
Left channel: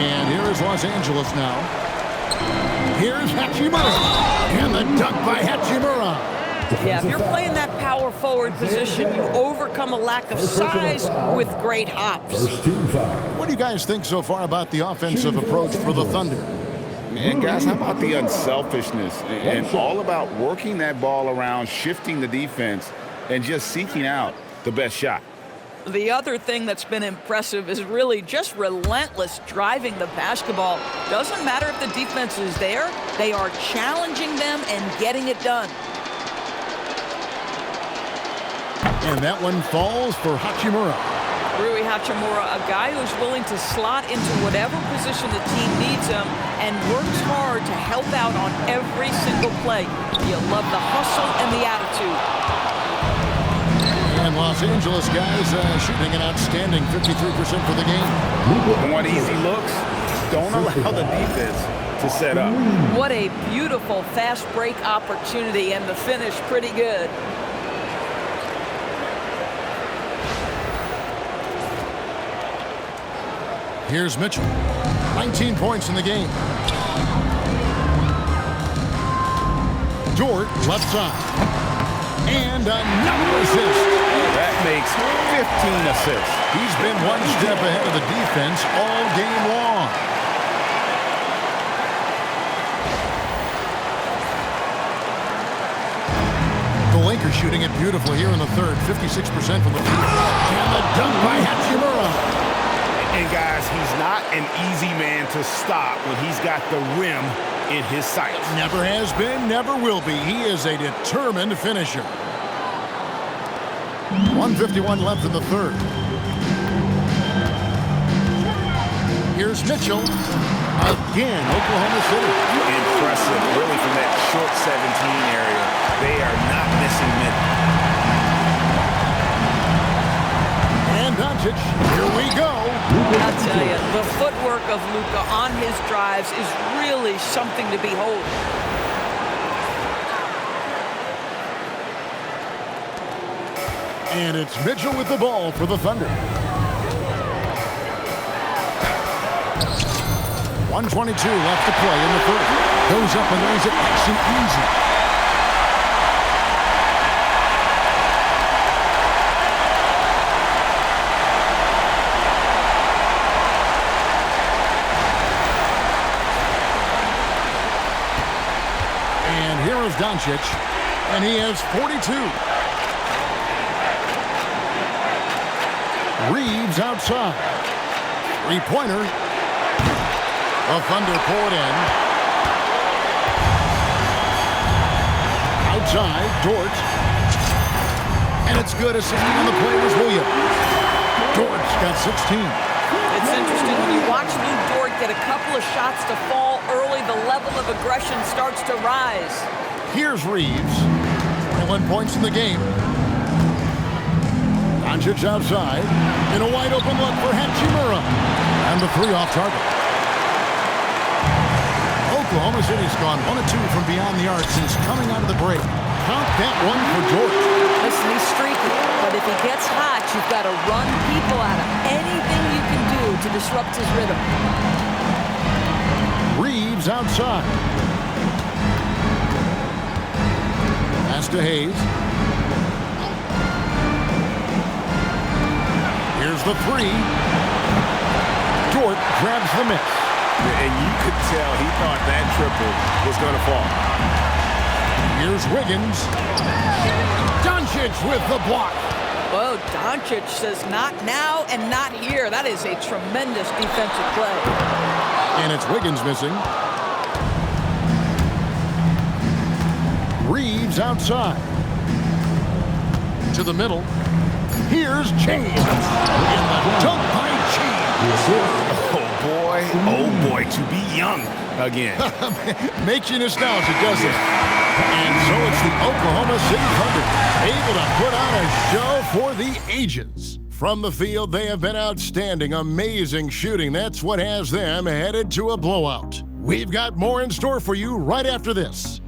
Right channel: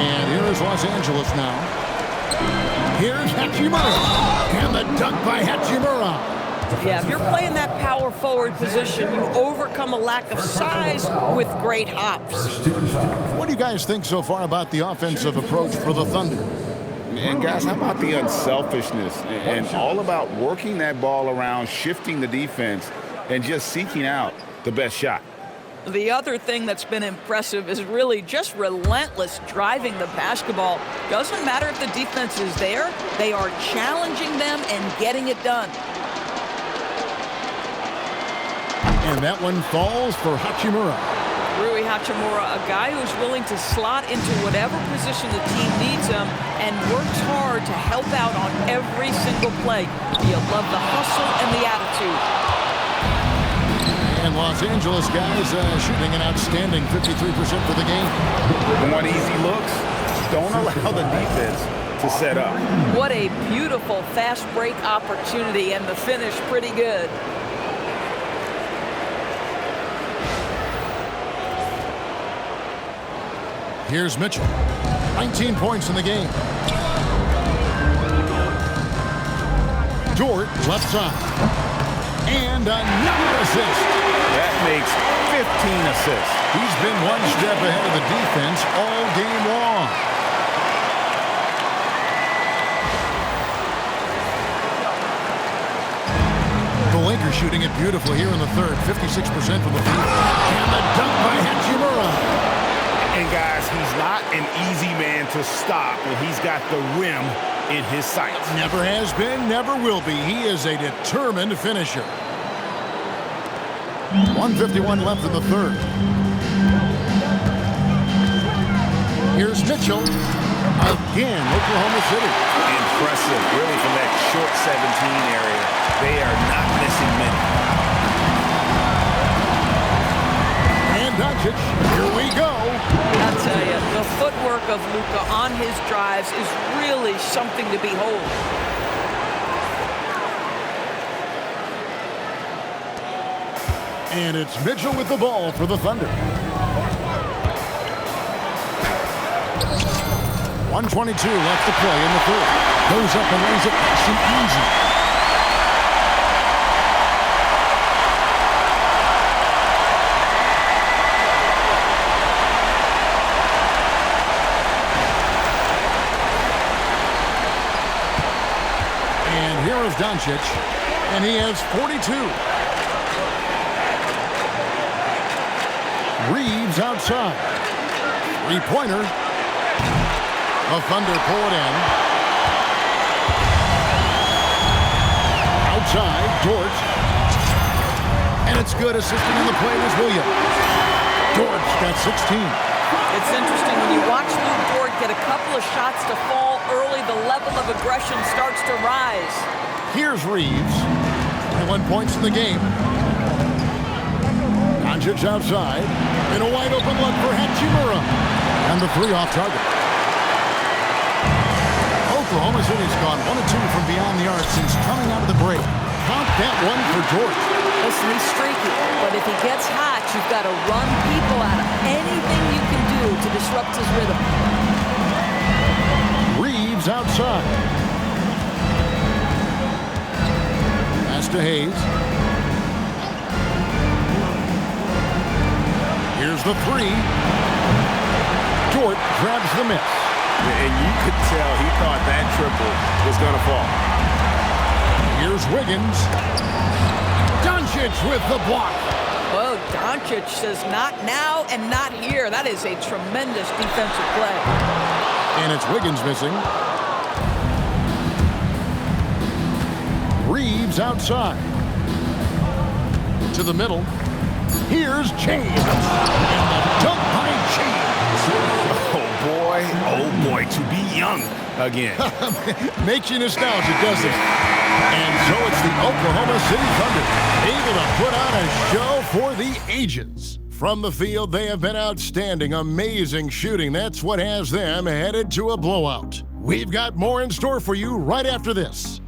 And here is Los Angeles now. Here's Hachimura. And the dunk by Hachimura. Yeah, if you're playing that power forward position, you overcome a lack of size with great hops. What do you guys think so far about the offensive approach for the Thunder? And guys, how about the unselfishness and all about working that ball around, shifting the defense, and just seeking out the best shot? The other thing that's been impressive is really just relentless driving the basketball. Doesn't matter if the defense is there, they are challenging them and getting it done. And that one falls for Hachimura. Rui Hachimura, a guy who's willing to slot into whatever position the team needs him and works hard to help out on every single play. You love the hustle and the attitude. And Los Angeles guys shooting an outstanding 53% for the game. Want easy looks? Don't allow the defense to set up. What a beautiful fast break opportunity, and the finish pretty good. Here's Mitchell. 19 points in the game. Dort, left side. And another assist. That makes 15 assists. He's been one step ahead of the defense all game long. The Lakers shooting it beautifully here in the third. 56% from the field. And the dunk by Hachimura. And guys, he's not an easy man to stop when he's got the rim in his sights. Never has been, never will be. He is a determined finisher. 1:51 left in the third. Here's Mitchell. Again, Oklahoma City. Impressive, really, from that short 17 area. They are not missing many. And Doncic, here we go. I'll tell you, the footwork of Luka on his drives is really something to behold. And it's Mitchell with the ball for the Thunder. 1:22 left to play in the third. Goes up and lays it nice and easy. And here is Doncic, and he has 42. Reeves outside. Three-pointer. The Thunder pull it in. Outside, Dort. And it's good. Assisting on the play was Williams. Dort's got 16. It's interesting when you watch Lou Dort get a couple of shots to fall early, the level of aggression starts to rise. Here's Reeves. 21 points in the game. Doncic outside. In a wide open look for Hachimura. And the three off target. Oklahoma City's gone 1 of 2 from beyond the arc since coming out of the break. Count that one for Dort. Listen, he's streaky, but if he gets hot, you've got to run people out of anything you can do to disrupt his rhythm. Reeves outside. Pass to Hayes. Here's the three. Dort grabs the miss. And you could tell he thought that triple was going to fall. Here's Wiggins. Doncic with the block. Well, Doncic says not now and not here. That is a tremendous defensive play. And it's Wiggins missing. Reeves outside. To the middle. Here's James. And the dunk by James. Oh boy, to be young again. Makes you nostalgic, doesn't it? And so it's the Oklahoma City Thunder, able to put on a show for the ages. From the field, they have been outstanding, amazing shooting. That's what has them headed to a blowout. We've got more in store for you right after this.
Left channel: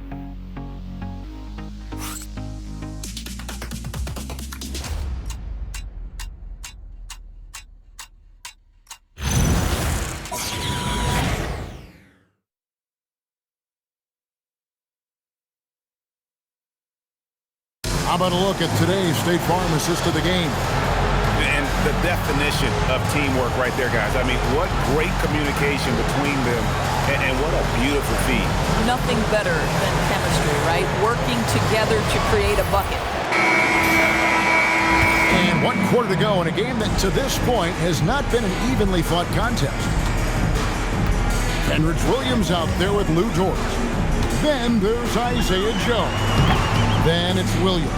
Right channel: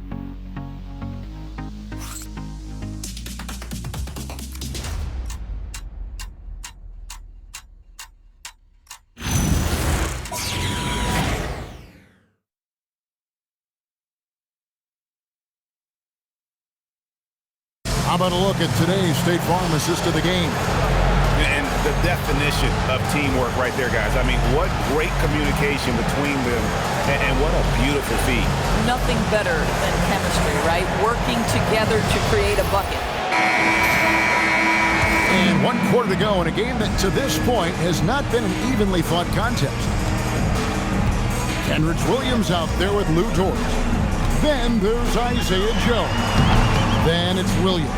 How about a look at today's State Farm assist of the game? And the definition of teamwork right there, guys. I mean, what great communication between them, and what a beautiful feed. Nothing better than chemistry, right? Working together to create a bucket. And 1 quarter to go in a game that to this point has not been an evenly fought contest. Jalen Williams out there with Lou Dort. Then there's Isaiah Joe. Then it's Williams.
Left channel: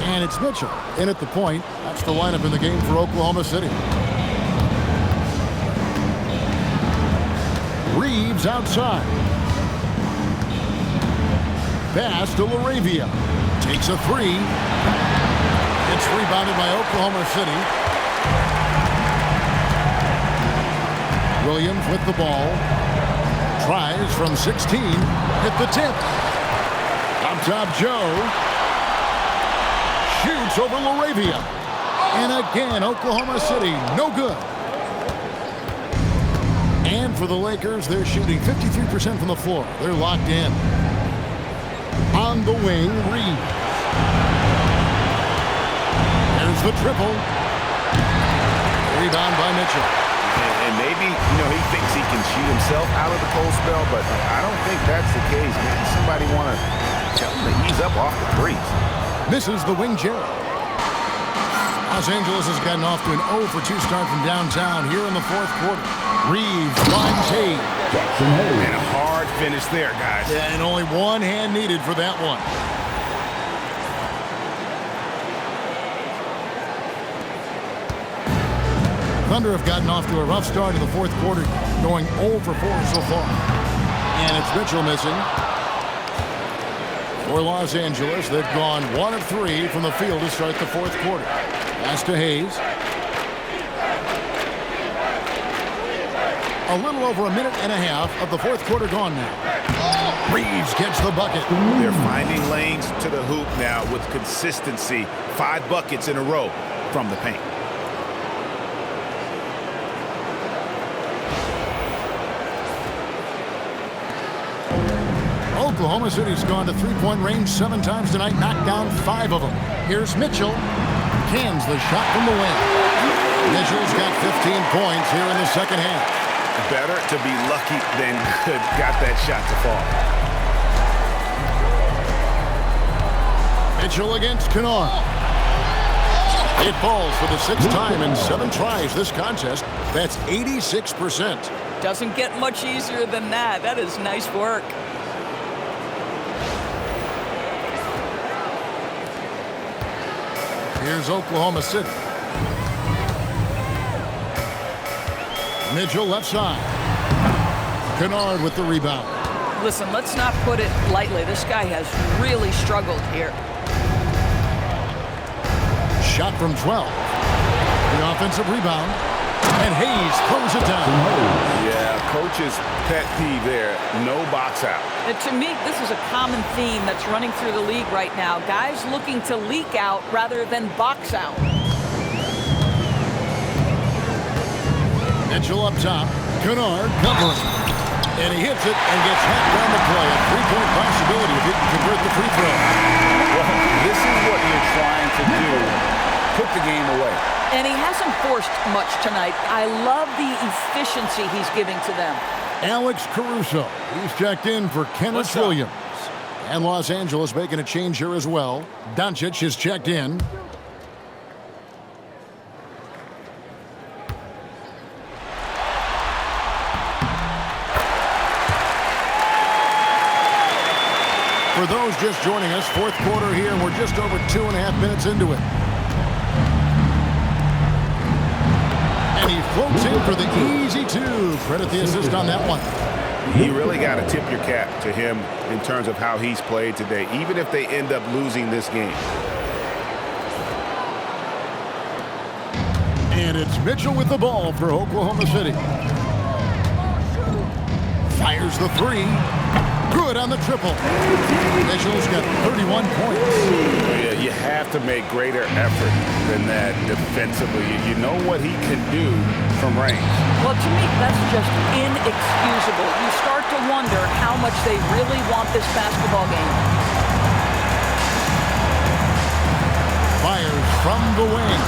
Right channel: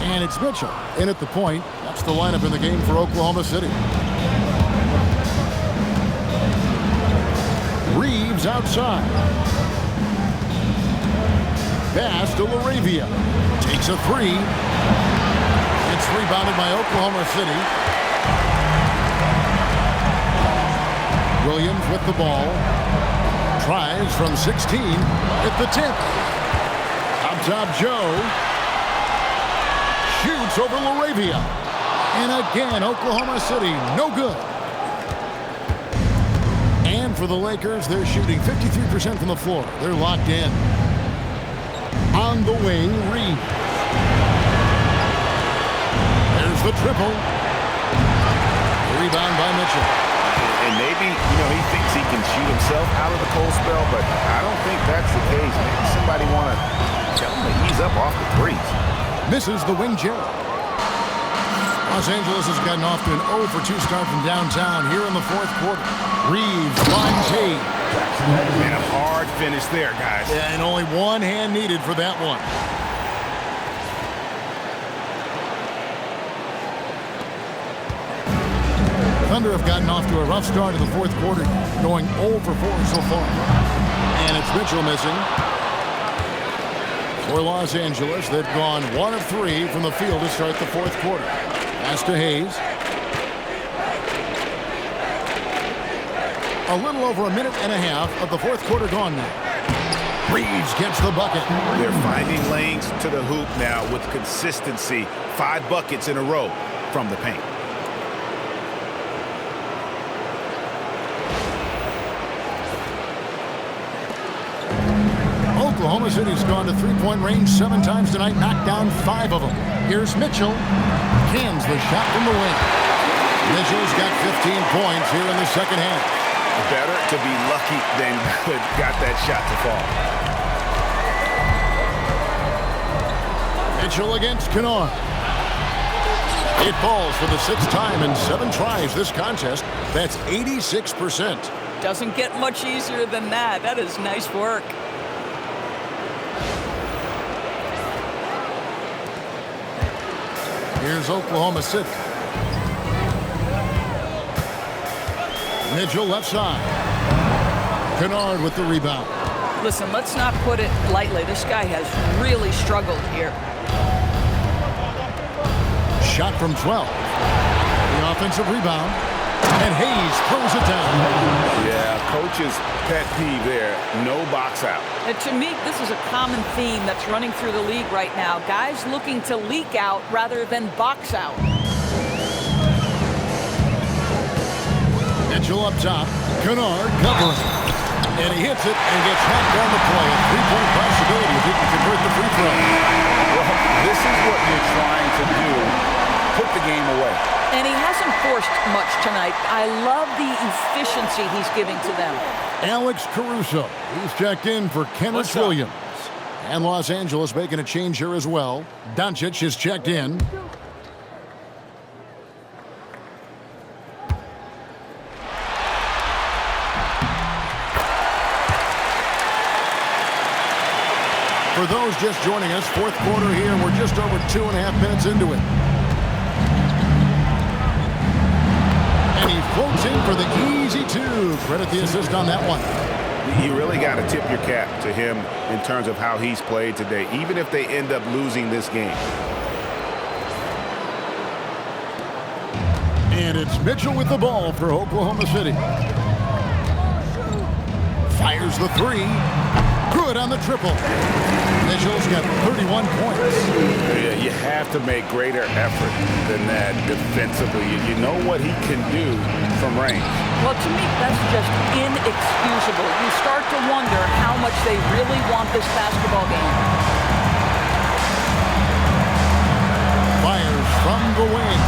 And it's Mitchell in at the point. That's the lineup in the game for Oklahoma City. Reeves outside. Pass to Laravia. Takes a 3. It's rebounded by Oklahoma City. Williams with the ball. Tries from 16 at the tip. Up top, Joe. Shoots over Laravia. And again, Oklahoma City, no good. And for the Lakers, they're shooting 53% from the floor. They're locked in. On the wing, Reeves. There's the triple. Rebound by Mitchell. And maybe, he thinks he can shoot himself out of the cold spell, but I don't think that's the case. Maybe somebody want to tell him to ease up off the threes. Misses the wing Jerry. Los Angeles has gotten off to an 0-for-2 start from downtown here in the 4th quarter. Reeves finds Hayes. And a hard finish there, guys. Yeah, and only one hand needed for that one. Thunder have gotten off to a rough start in the 4th quarter, going 0-for-4 so far. And it's Mitchell missing. For Los Angeles, they've gone 1 of 3 from the field to start the 4th quarter. Pass to Hayes. A little over a minute and a half of the 4th quarter gone now. Reeves gets the bucket. They're finding lanes to the hoop now with consistency. 5 buckets in a row from the paint. Oklahoma City's gone to three-point range 7 times tonight, knocked down 5 of them. Here's Mitchell. Cans the shot from the wing. Mitchell's got 15 points here in the 2nd half. Better to be lucky than good. Got that shot to fall. Mitchell against Kennard. It falls for the 6th time in 7 tries this contest. That's 86%. Doesn't get much easier than that. That is nice work. Here's Oklahoma City. Mitchell left side. Kennard with the rebound. Listen, let's not put it lightly. This guy has really struggled here. Shot from 12. The offensive rebound. And Hayes throws it down. Yeah, coach's pet peeve there. No box out. And to me, this is a common theme that's running through the league right now. Guys looking to leak out rather than box out. Mitchell up top. Kennard covering. And he hits it and gets hacked down the play. A 3-point possibility if he can convert the free throw. Well, this is what you're trying to do. Put the game away. And he hasn't forced much tonight. I love the efficiency he's giving to them. Alex Caruso. He's checked in for Kenneth Williams. And Los Angeles making a change here as well. Doncic is checked in. For those just joining us, 4th quarter here, and we're just over 2.5 minutes into it. And he floats in for the easy 2. Credit the assist on that one. You really got to tip your cap to him in terms of how he's played today, even if they end up losing this game. And it's Mitchell with the ball for Oklahoma City. Fires the 3. Good on the triple. Mitchell's got 31 points. Yeah, you have to make greater effort than that defensively. You know what he can do from range. Well, to me, that's just inexcusable. You start to wonder how much they really want this basketball game. Fires from the wing.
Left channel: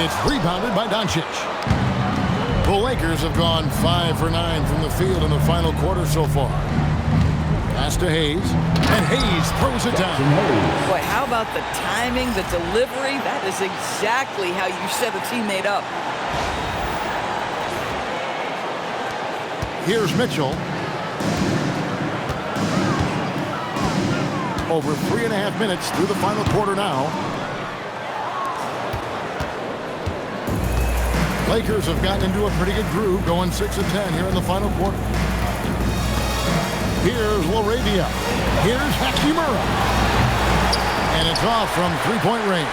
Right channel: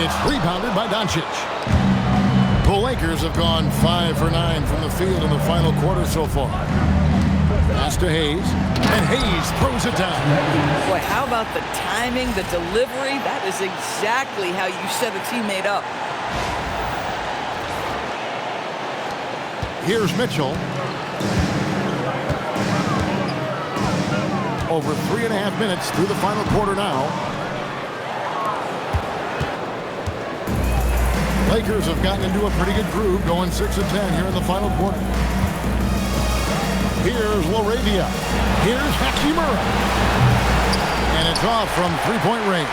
It's rebounded by Doncic. The Lakers have gone 5 for 9 from the field in the final quarter so far. Pass to Hayes, and Hayes throws it down. Boy, how about the timing, the delivery? That is exactly how you set a teammate up. Here's Mitchell. Over 3.5 minutes through the final quarter now. Lakers have gotten into a pretty good groove, going 6 of 10 here in the final quarter. Here's LaRavia. Here's Hachimura. And it's off from three-point range.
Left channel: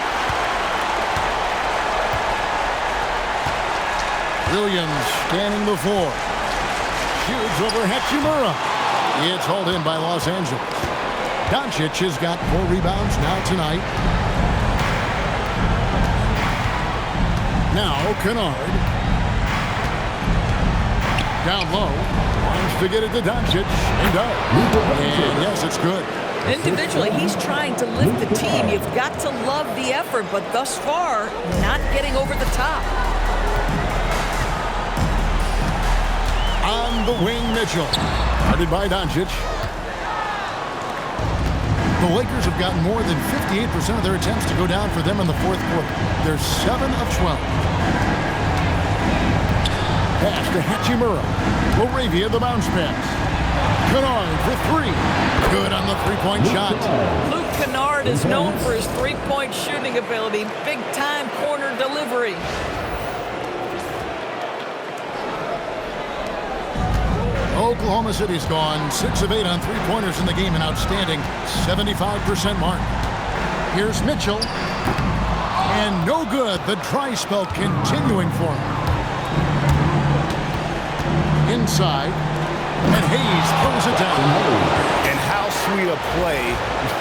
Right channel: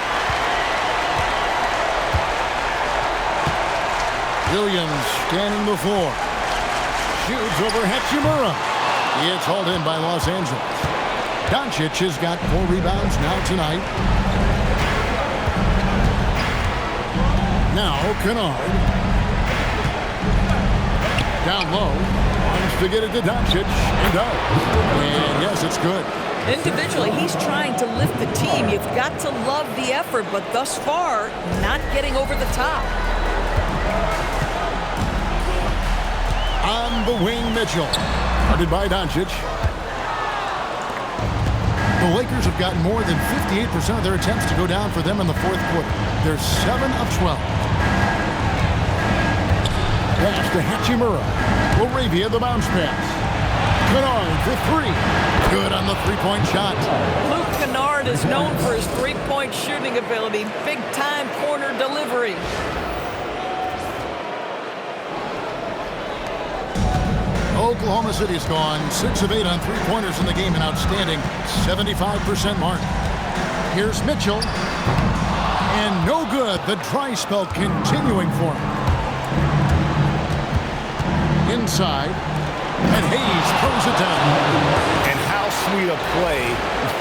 Williams scanning the floor. Shoots over Hachimura. It's hauled in by Los Angeles. Doncic has got 4 rebounds now tonight. Now Kennard. Down low. Wants to get it to Doncic. And does. And yes, it's good. Individually, he's trying to lift the team. You've got to love the effort, but thus far, not getting over the top. On the wing, Mitchell. Guarded by Doncic. The Lakers have gotten more than 58% of their attempts to go down for them in the fourth quarter. They're 7 of 12. Pass to Hachimura. LaRavia, the bounce pass. Kennard for 3. Good on the three-point shot. Luke Kennard is known for his three-point shooting ability. Big-time corner delivery. Oklahoma City's gone 6 of 8 on three-pointers in the game, an outstanding 75% mark. Here's Mitchell. And no good. The dry spell continuing for him. Inside. And Hayes throws it down. And how sweet a play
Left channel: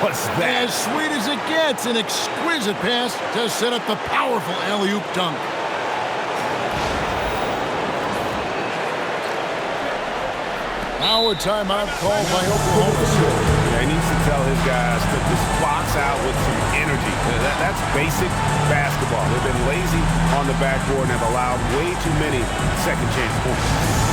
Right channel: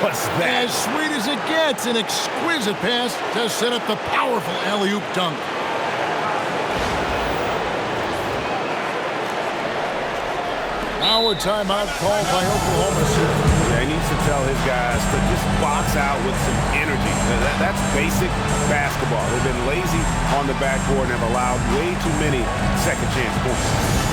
was that? As sweet as it gets. An exquisite pass to set up the powerful alley-oop dunk. Now a timeout called by Oklahoma City. Yeah, he needs to tell his guys to just box out with some energy. That's basic basketball. They've been lazy on the backboard and have allowed way too many second chance points.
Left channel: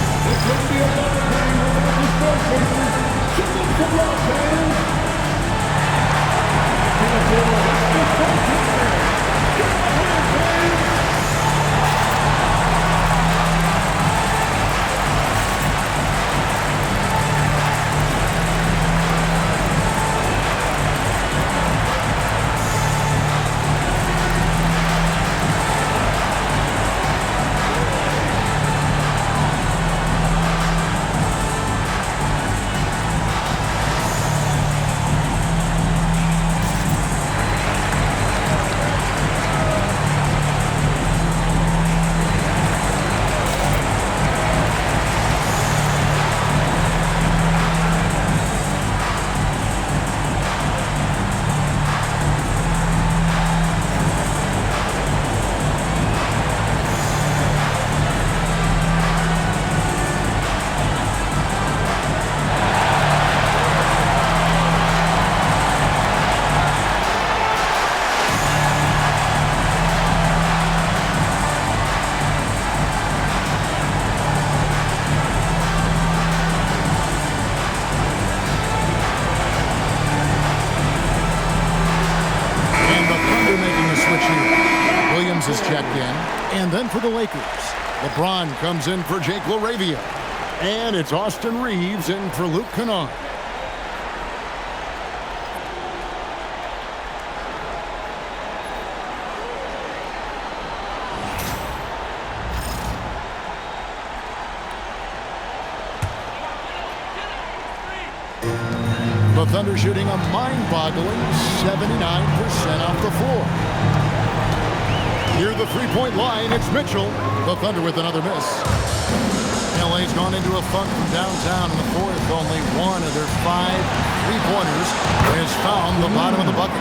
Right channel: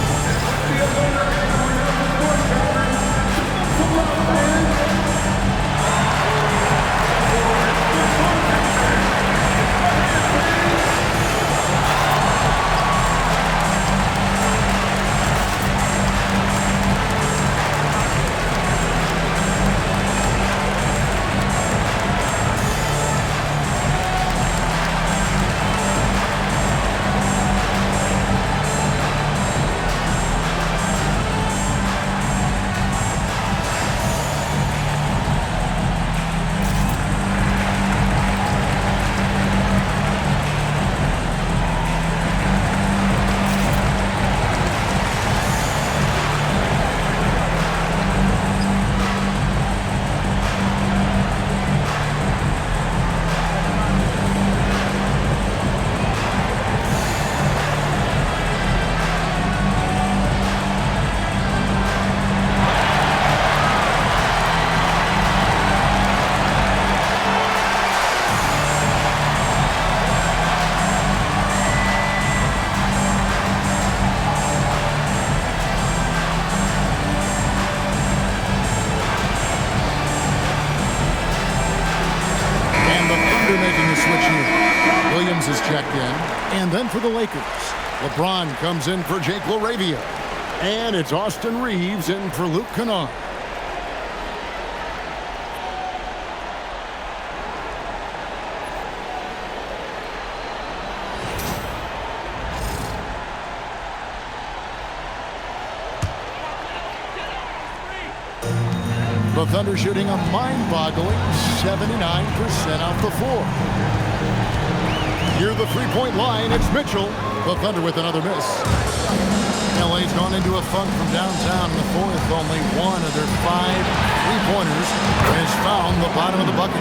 Making a switch here. Williams is checked in. And then for the Lakers, LeBron comes in for Jake LaRavia. And it's Austin Reeves in for Luke Kennard. The Thunder shooting a mind-boggling 79% off the floor. Near the three-point line, it's Mitchell. The Thunder with another miss. LA's gone into a funk from downtown in the fourth. Only one of their 5 three-pointers has found the bottom of the bucket.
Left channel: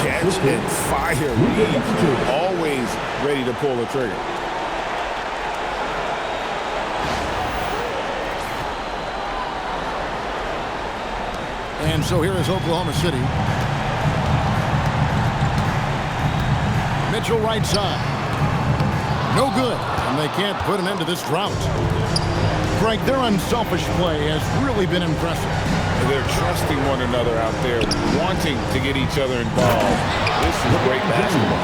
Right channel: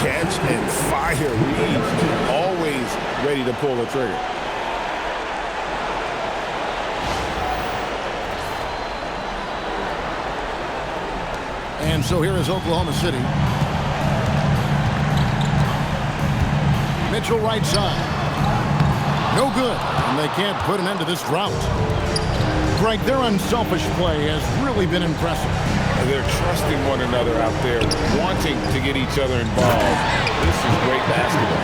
Catch and fire. Reeves always ready to pull the trigger. And so here is Oklahoma City. Mitchell right side. No good, and they can't put an end to this drought. Greg, their unselfish play has really been impressive. They're trusting one another out there, wanting to get each other involved. This is great basketball.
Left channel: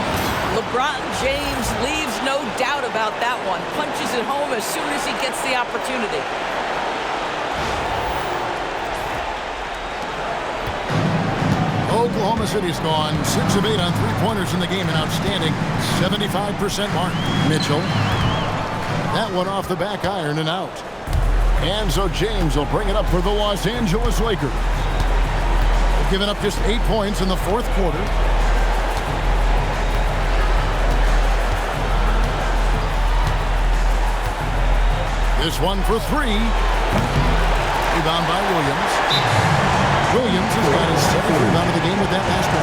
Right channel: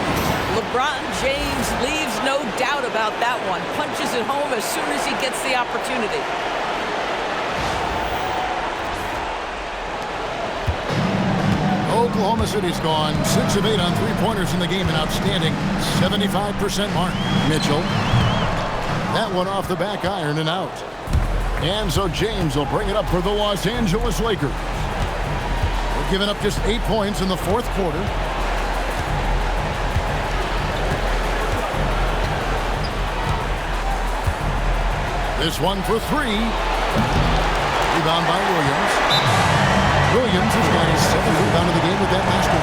LeBron James leaves no doubt about that one. Punches it home as soon as he gets the opportunity. Oklahoma City's gone 6 of 8 on three-pointers in the game, an outstanding 75% mark. Mitchell. That one off the back iron and out. And so James will bring it up for the Los Angeles Lakers. They've given up just 8 points in the fourth quarter. This one for 3. Rebound by Williams. Williams has got his 7th rebound of the game with that last one.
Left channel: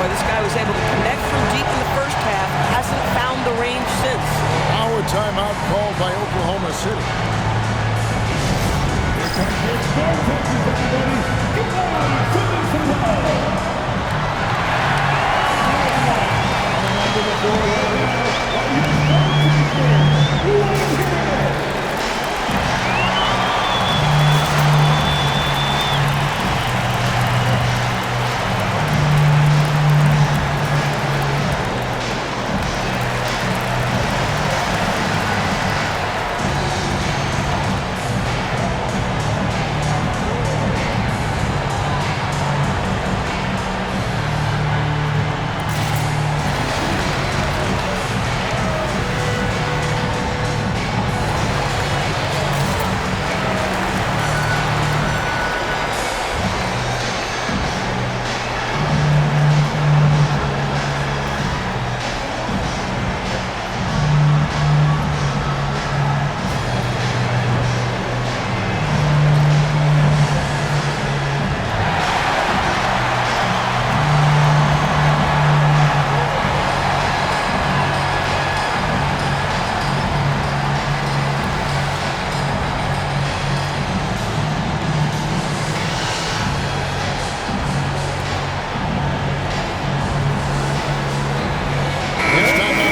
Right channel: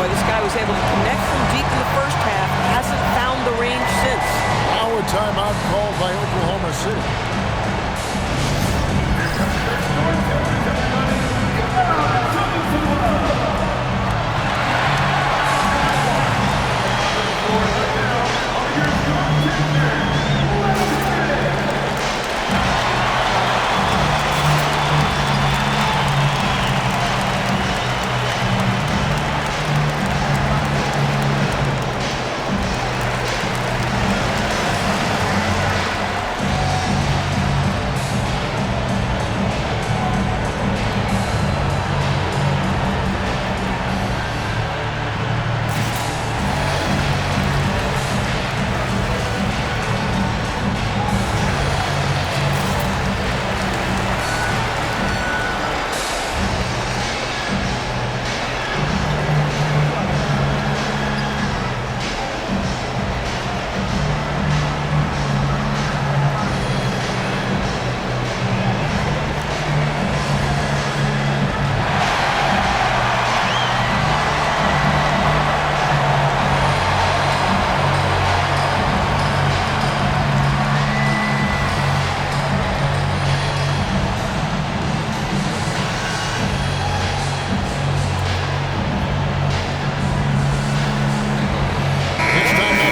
Boy, this guy was able to connect from deep in the first half. Hasn't found the range since. Now a timeout called by Oklahoma City.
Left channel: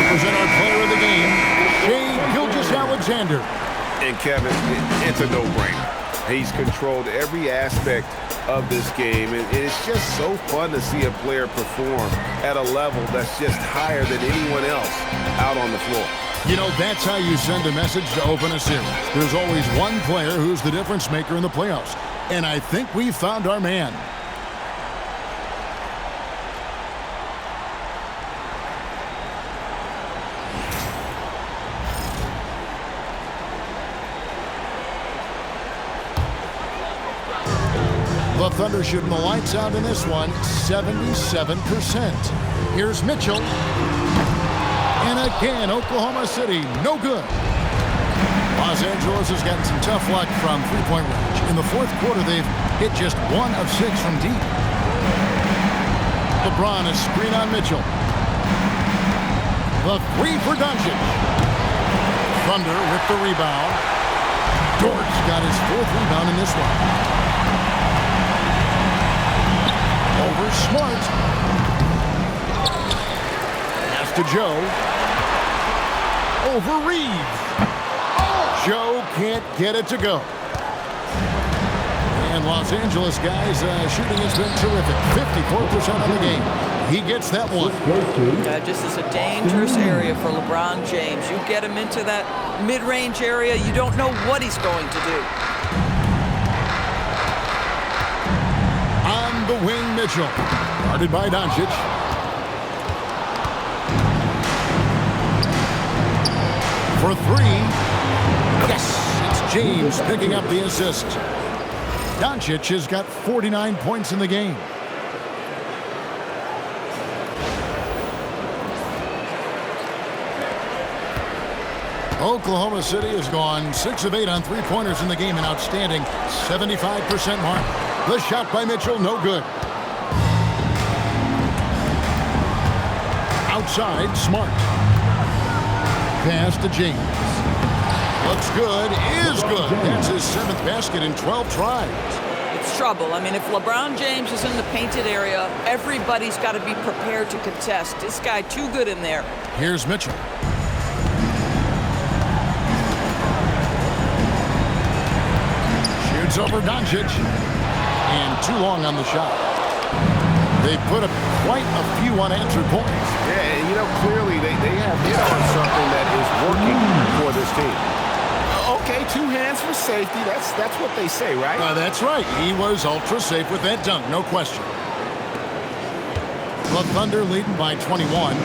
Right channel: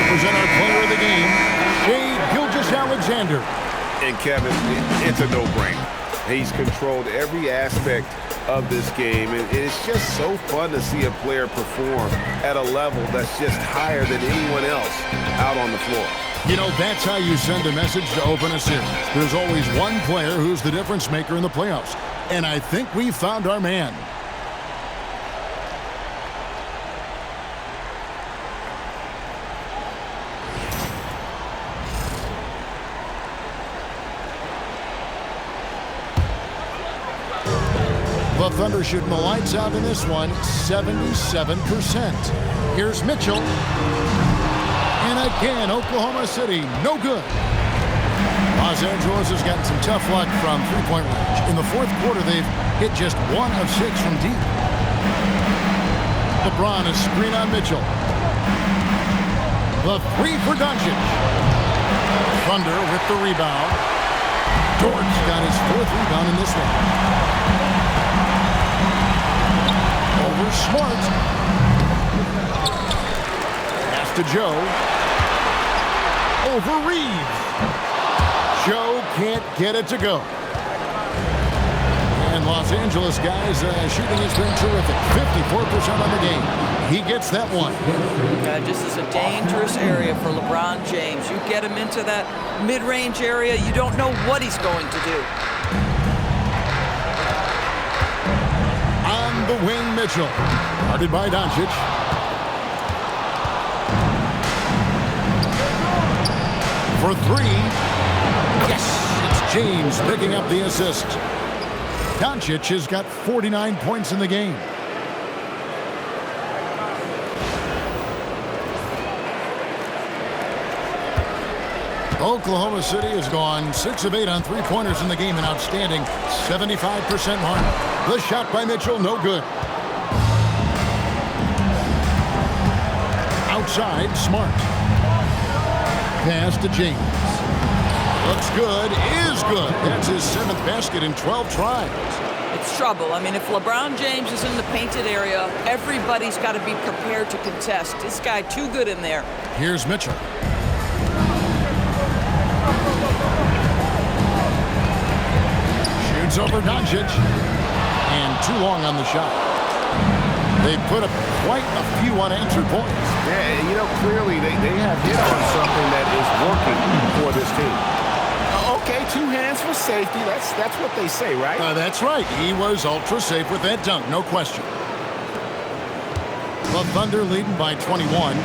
Present our player of the game, Shai Gilgeous-Alexander. And Kevin, it's a no-brainer. He's controlled every aspect of this game, and it's just so fun to see a player perform at a level that's just higher than anyone else out on the floor. You know, that's how you send a message to open a series. There's always one player who's the difference maker in the playoffs, and I think we found our man. The Thunder shooting the lights out in this one, 77%. Here's Mitchell. And again, Oklahoma City, no good. Los Angeles has gotten some tough luck from three-point range. In the fourth quarter, they've hit just 1 of 6 from deep. LeBron, a screen on Mitchell. The 3 for Doncic. Thunder with the rebound. Dort's got his 4th rebound in this one. Over Smart. Pass to Joe. Over Reeves. Joe can't get it to go. And Los Angeles guys, shooting has been terrific. 54% on the game. He gets that one. This is a dangerous area for LeBron James. You get him into that mid-range area, you don't know what he's going to do. On the wing, Mitchell. Guarded by Doncic. For 3. Yes, it's James picking up the assist. Doncic has got 49 points in the game. Oklahoma City has gone 6 of 8 on three-pointers in the game, an outstanding 75% mark. The shot by Mitchell, no good. Outside, Smart. Pass to James. Looks good, is good. That's his 7th basket in 12 tries. It's trouble. I mean, if LeBron James is in the painted area, everybody's got to be prepared to contest. This guy too good in there. Here's Mitchell. Shoots over Doncic. And too long on the shot. They put up quite a few unanswered points. Yeah, and clearly they have hit on something that is working for this team. Okay, 2 hands for safety. That's what they say, right? That's right. He was ultra safe with that dunk, no question. The Thunder leading by 21.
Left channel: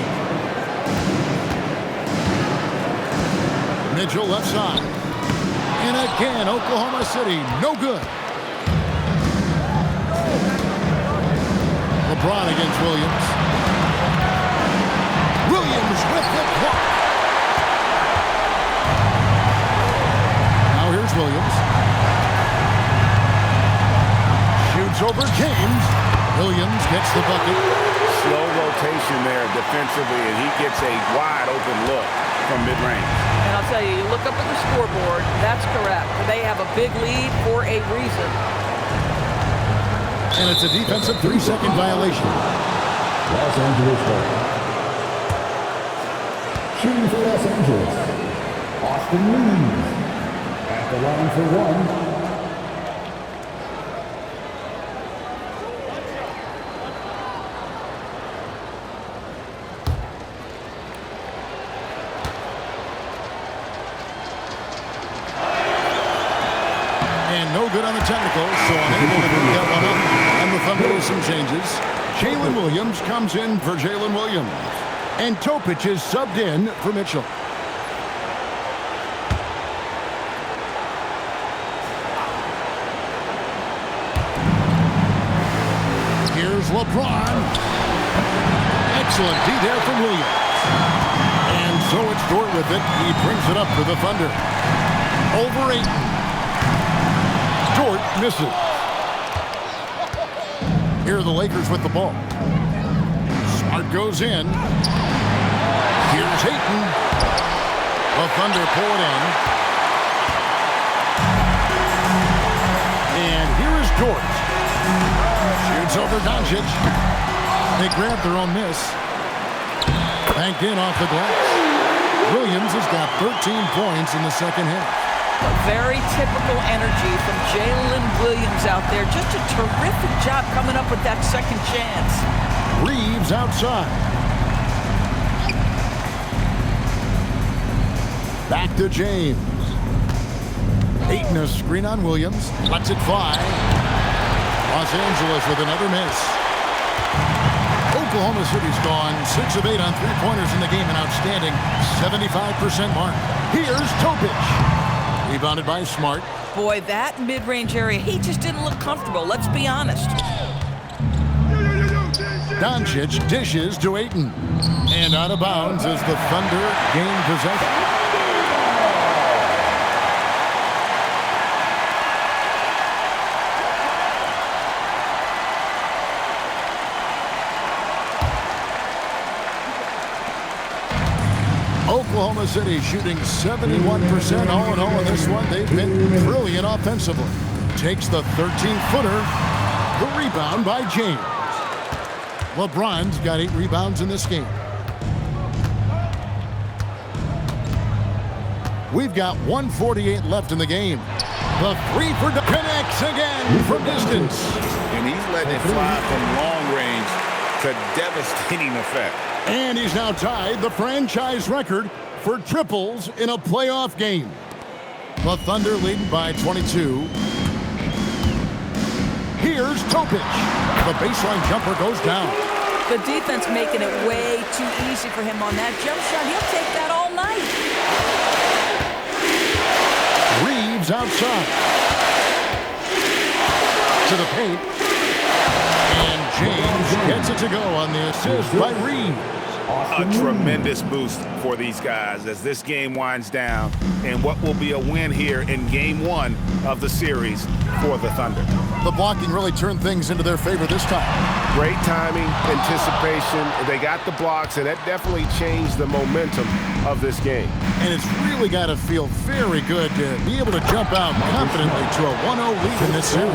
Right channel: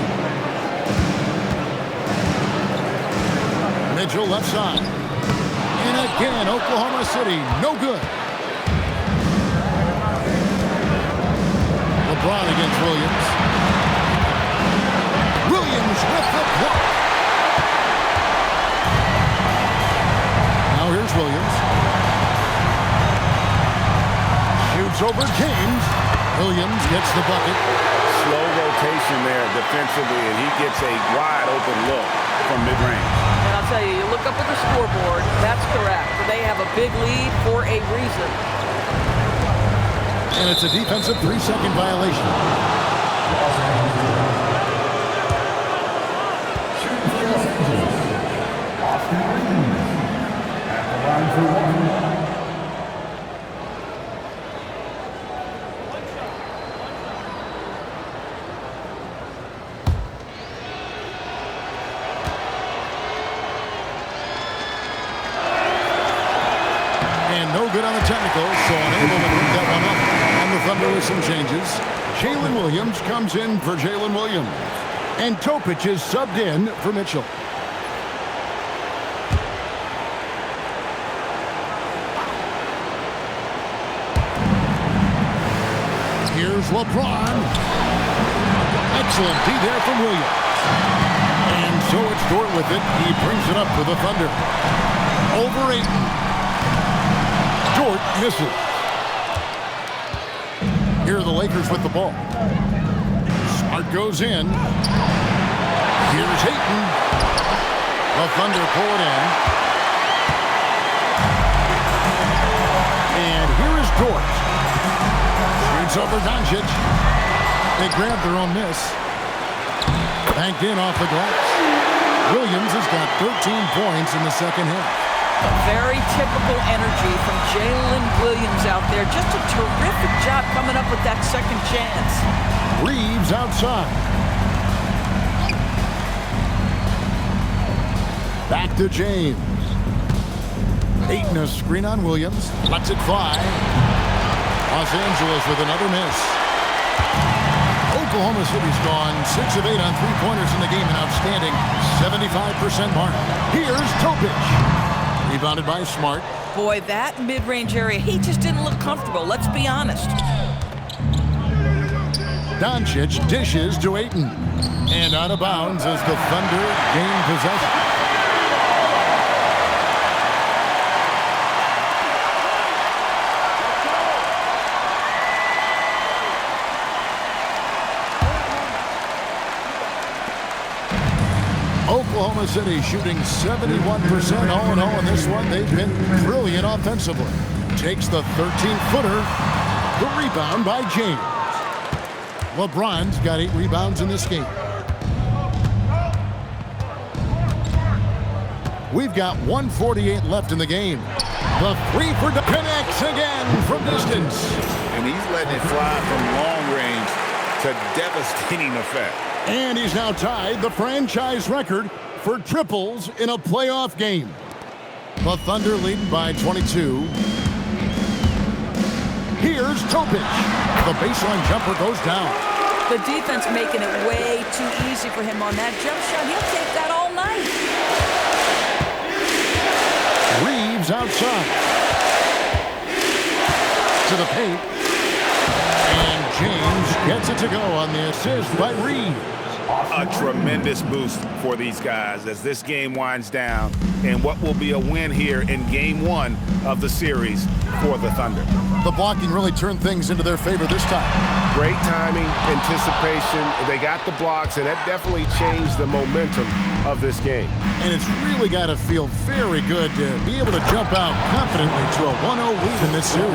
Mitchell left side. And again, Oklahoma City, no good. LeBron against Williams. Williams with the block. Now here's Williams. Shoots over James. Williams gets the bucket. Slow rotation there defensively, and he gets a wide open look from mid-range. And I'll tell you, you look up at the scoreboard, that's correct. They have a big lead for a reason. And it's a defensive 3-second violation. Los Angeles ball. Shooting for Los Angeles, Austin Reeves. At the line for 1. And no good on the technical, so unable to pick that one up. And the Thunder with some changes. Jalen Williams comes in for Jalen Williams. And Topic is subbed in for Mitchell. Here's LeBron. Excellent D there from Williams. And so it's Dort with it. He brings it up for the Thunder. Over Ayton. Dort misses. Here are the Lakers with the ball. Smart goes in. Here's Ayton. The Thunder pull it in. And here is Dort. Shoots over Doncic. They grab their own miss. Banked in off the glass. Williams has got 13 points in the second half. A very typical energy from Jalen Williams out there. Just a terrific job coming up with that second chance. Reeves outside. Back to James. Ayton a screen on Williams. Lets it fly. Los Angeles with another miss. Oklahoma City's gone 6 of 8 on three-pointers in the game. An outstanding 75% mark. Here's Topic. Rebounded by Smart. Boy, that mid-range area, he just didn't look comfortable. Let's be honest. Doncic dishes to Ayton. And out of bounds as the Thunder gain possession. Oklahoma City shooting 71% all in all in this one. They've been brilliant offensively. Takes the 13-footer. The rebound by James. LeBron's got 8 rebounds in this game. We've got 1:48 left in the game. The 3 for connects again from distance. And he's letting it fly from long range to devastating effect. And he's now tied the franchise record for triples in a playoff game. The Thunder leading by 22. Here's Topic. The baseline jumper goes down. The defense making it way too easy for him on that jump shot. He'll take that all night. Reeves outside. To the paint. And James gets it to go on the assist by Reeves. A tremendous boost for these guys as this game winds down and what will be a win here in game 1 of the series for the Thunder. The blocking really turned things into their favor this time. Great timing, anticipation. They got the blocks, and that definitely changed the momentum of this game. And it's really got to feel very good to be able to jump out confidently to a 1-0 lead in this series.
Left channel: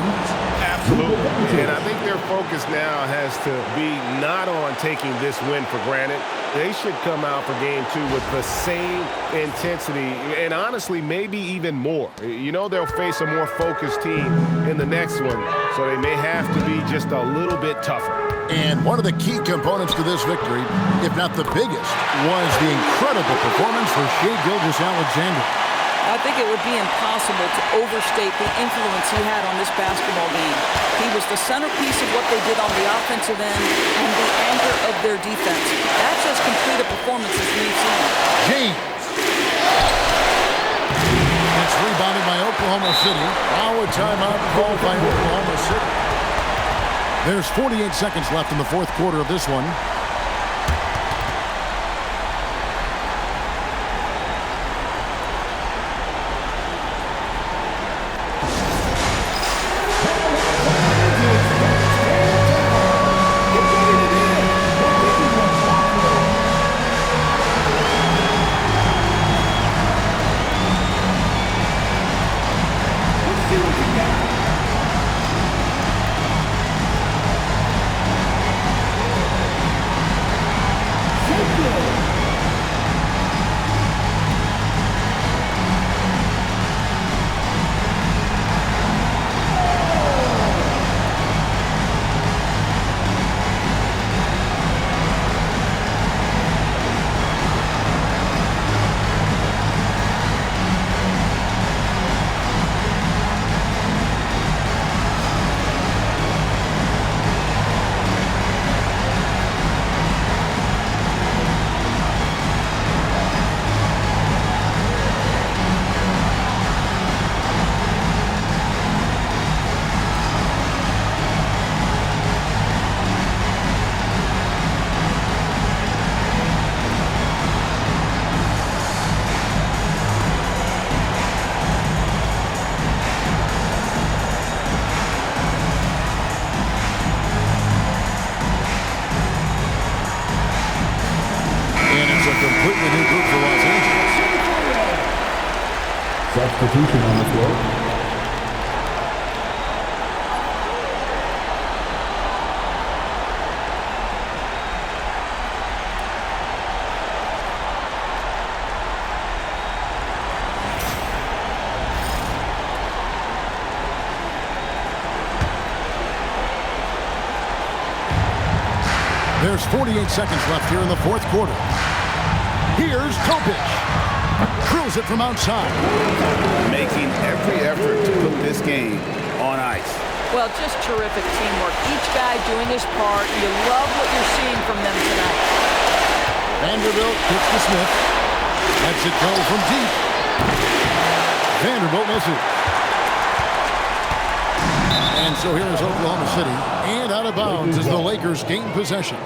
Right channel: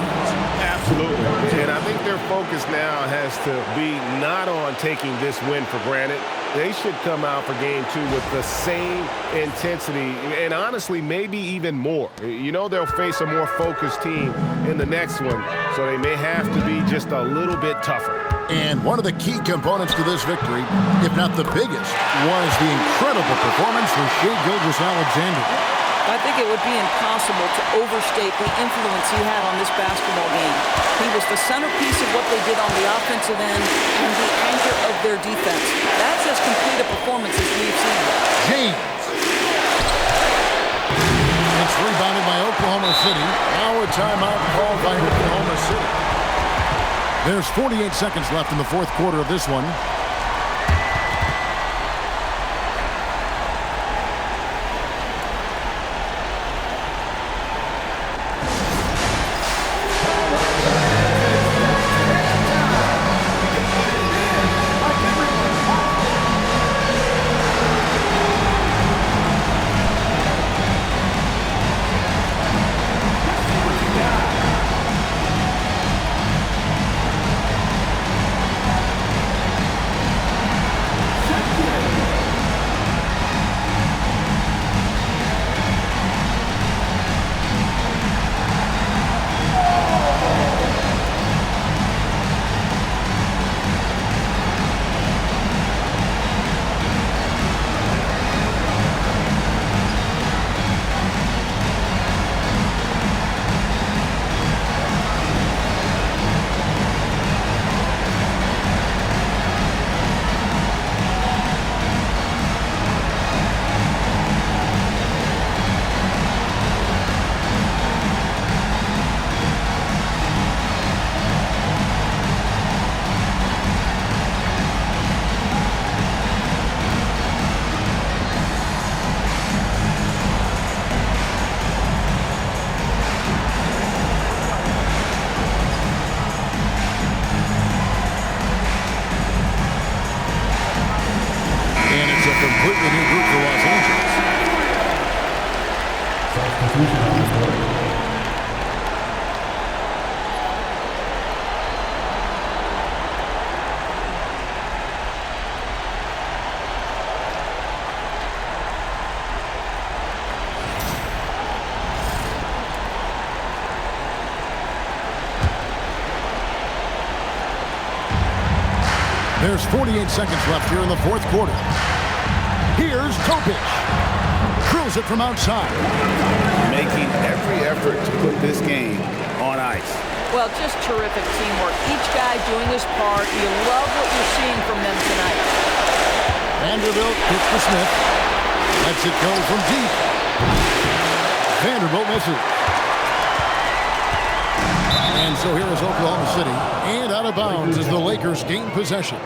Absolutely. And I think their focus now has to be not on taking this win for granted, They should come out for game 2 with the same intensity and honestly maybe even more. You know they'll face a more focused team in the next one, so they may have to be just a little bit tougher. And one of the key components to this victory, if not the biggest, was the incredible performance for Shai Gilgeous-Alexander. I think it would be impossible to overstate the influence he had on this basketball game. He was the centerpiece of what they did on the offensive end and the anchor of their defense. That's as complete a performance as we've seen. James. It's rebounded by Oklahoma City. Now a timeout called by Oklahoma City. There's 48 seconds left in the fourth quarter of this one. Completely new group for Los Angeles. Substitution on the floor. There's 48 seconds left here in the fourth quarter. Here's Topic. Drills it from outside. Making every effort to put this game on ice. Well, just terrific teamwork. Each guy doing his part. You love what you're seeing from them tonight. Vanderbilt kicks to Smith. Lets it go from deep. Vanderbilt misses. And so here is Oklahoma City. And out of bounds as the Lakers gain possession.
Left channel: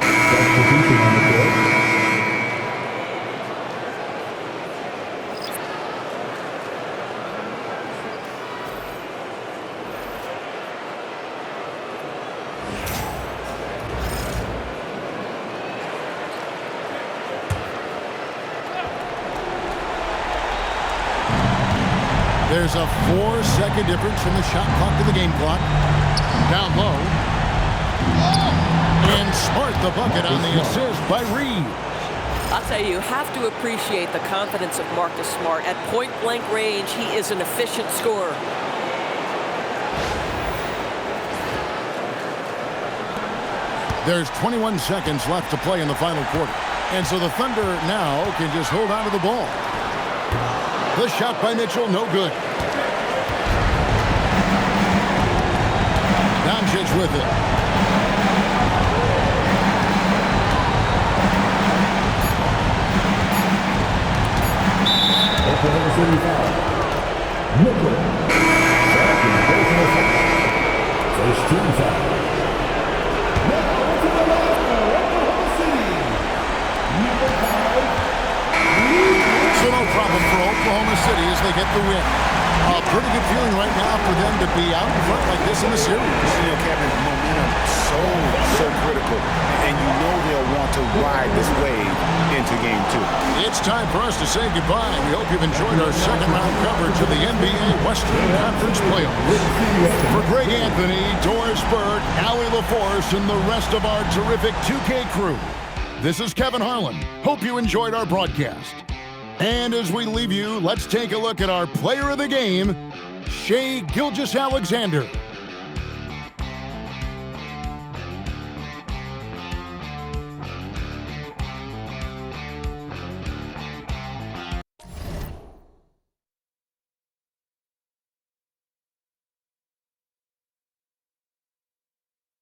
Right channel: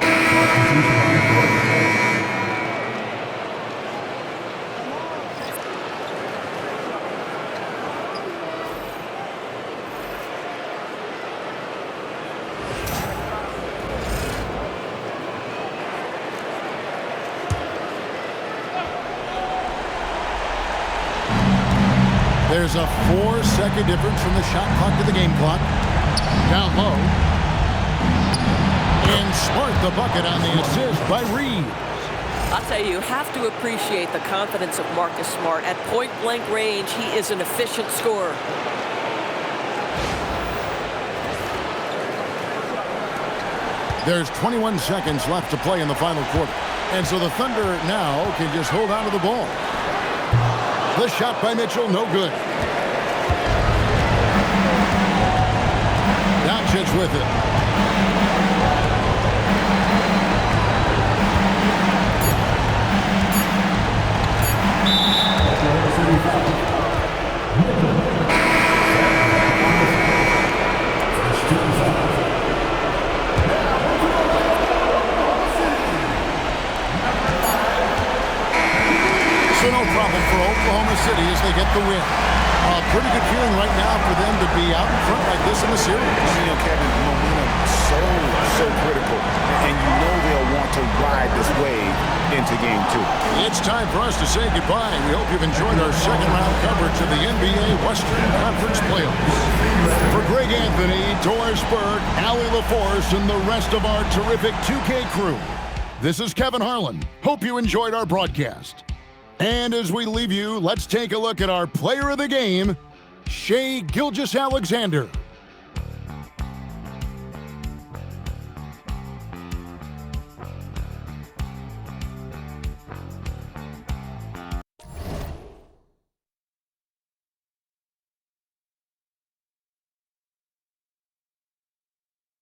There's a 4-second difference from the shot clock to the game clock. Down low. And Smart the bucket on the assist by Reeves. I'll tell you have to appreciate the confidence of Marcus Smart. At point-blank range, he is an efficient scorer. There's 21 seconds left to play in the final quarter. And so the Thunder now can just hold on to the ball. The shot by Mitchell, no good. Doncic with it. Oklahoma City foul. Mitchell. First team foul. Now to the Oklahoma City. Number 5. So no problem for Oklahoma City as they get the win. A pretty good feeling right now for them to be out in front like this in the series. You know, Kevin, momentum so critical. And you know they'll want to ride this wave into game 2. It's time for us to say goodbye. We hope you've enjoyed our second round coverage of the NBA Western Conference Playoffs. For Greg Anthony, Doris Burke, Allie LaForce, and the rest of our terrific 2K crew, This is Kevin Harlan. Hope you enjoyed our broadcast. And as we leave you, let's take a look at our player of the game, Shai Gilgeous-Alexander.